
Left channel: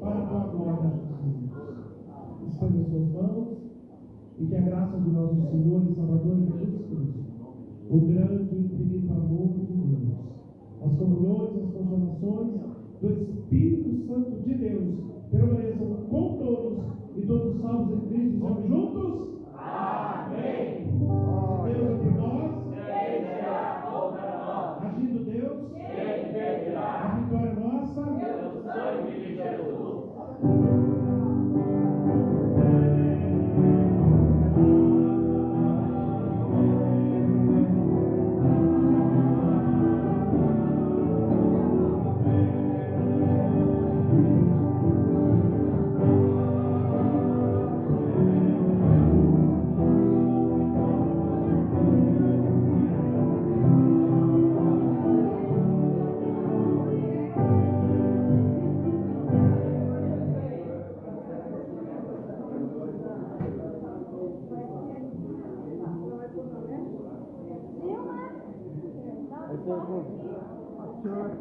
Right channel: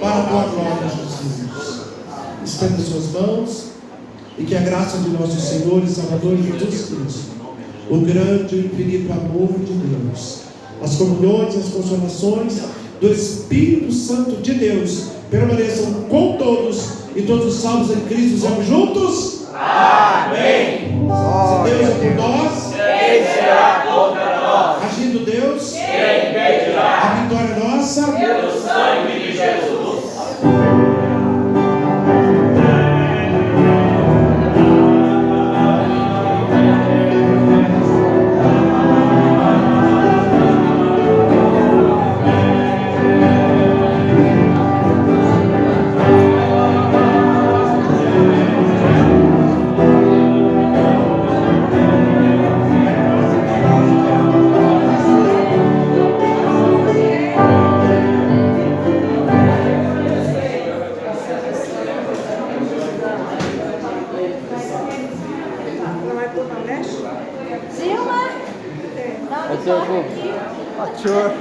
para a Tua glória, Jesus. Estenda suas mãos e que a graça de nosso Senhor e Salvador Jesus Cristo, o grande e infinito amor de Deus, as comunhões e as consolações do Espírito Santo de Deus permaneçam com todos, e todos os salvos em Cristo sejam juntos. Amém. Se Deus é por nós, quem será contra nós? Agindo Deus, quem impedirá? A vitória é nossa pelo sangue de Jesus. Silma! Sure.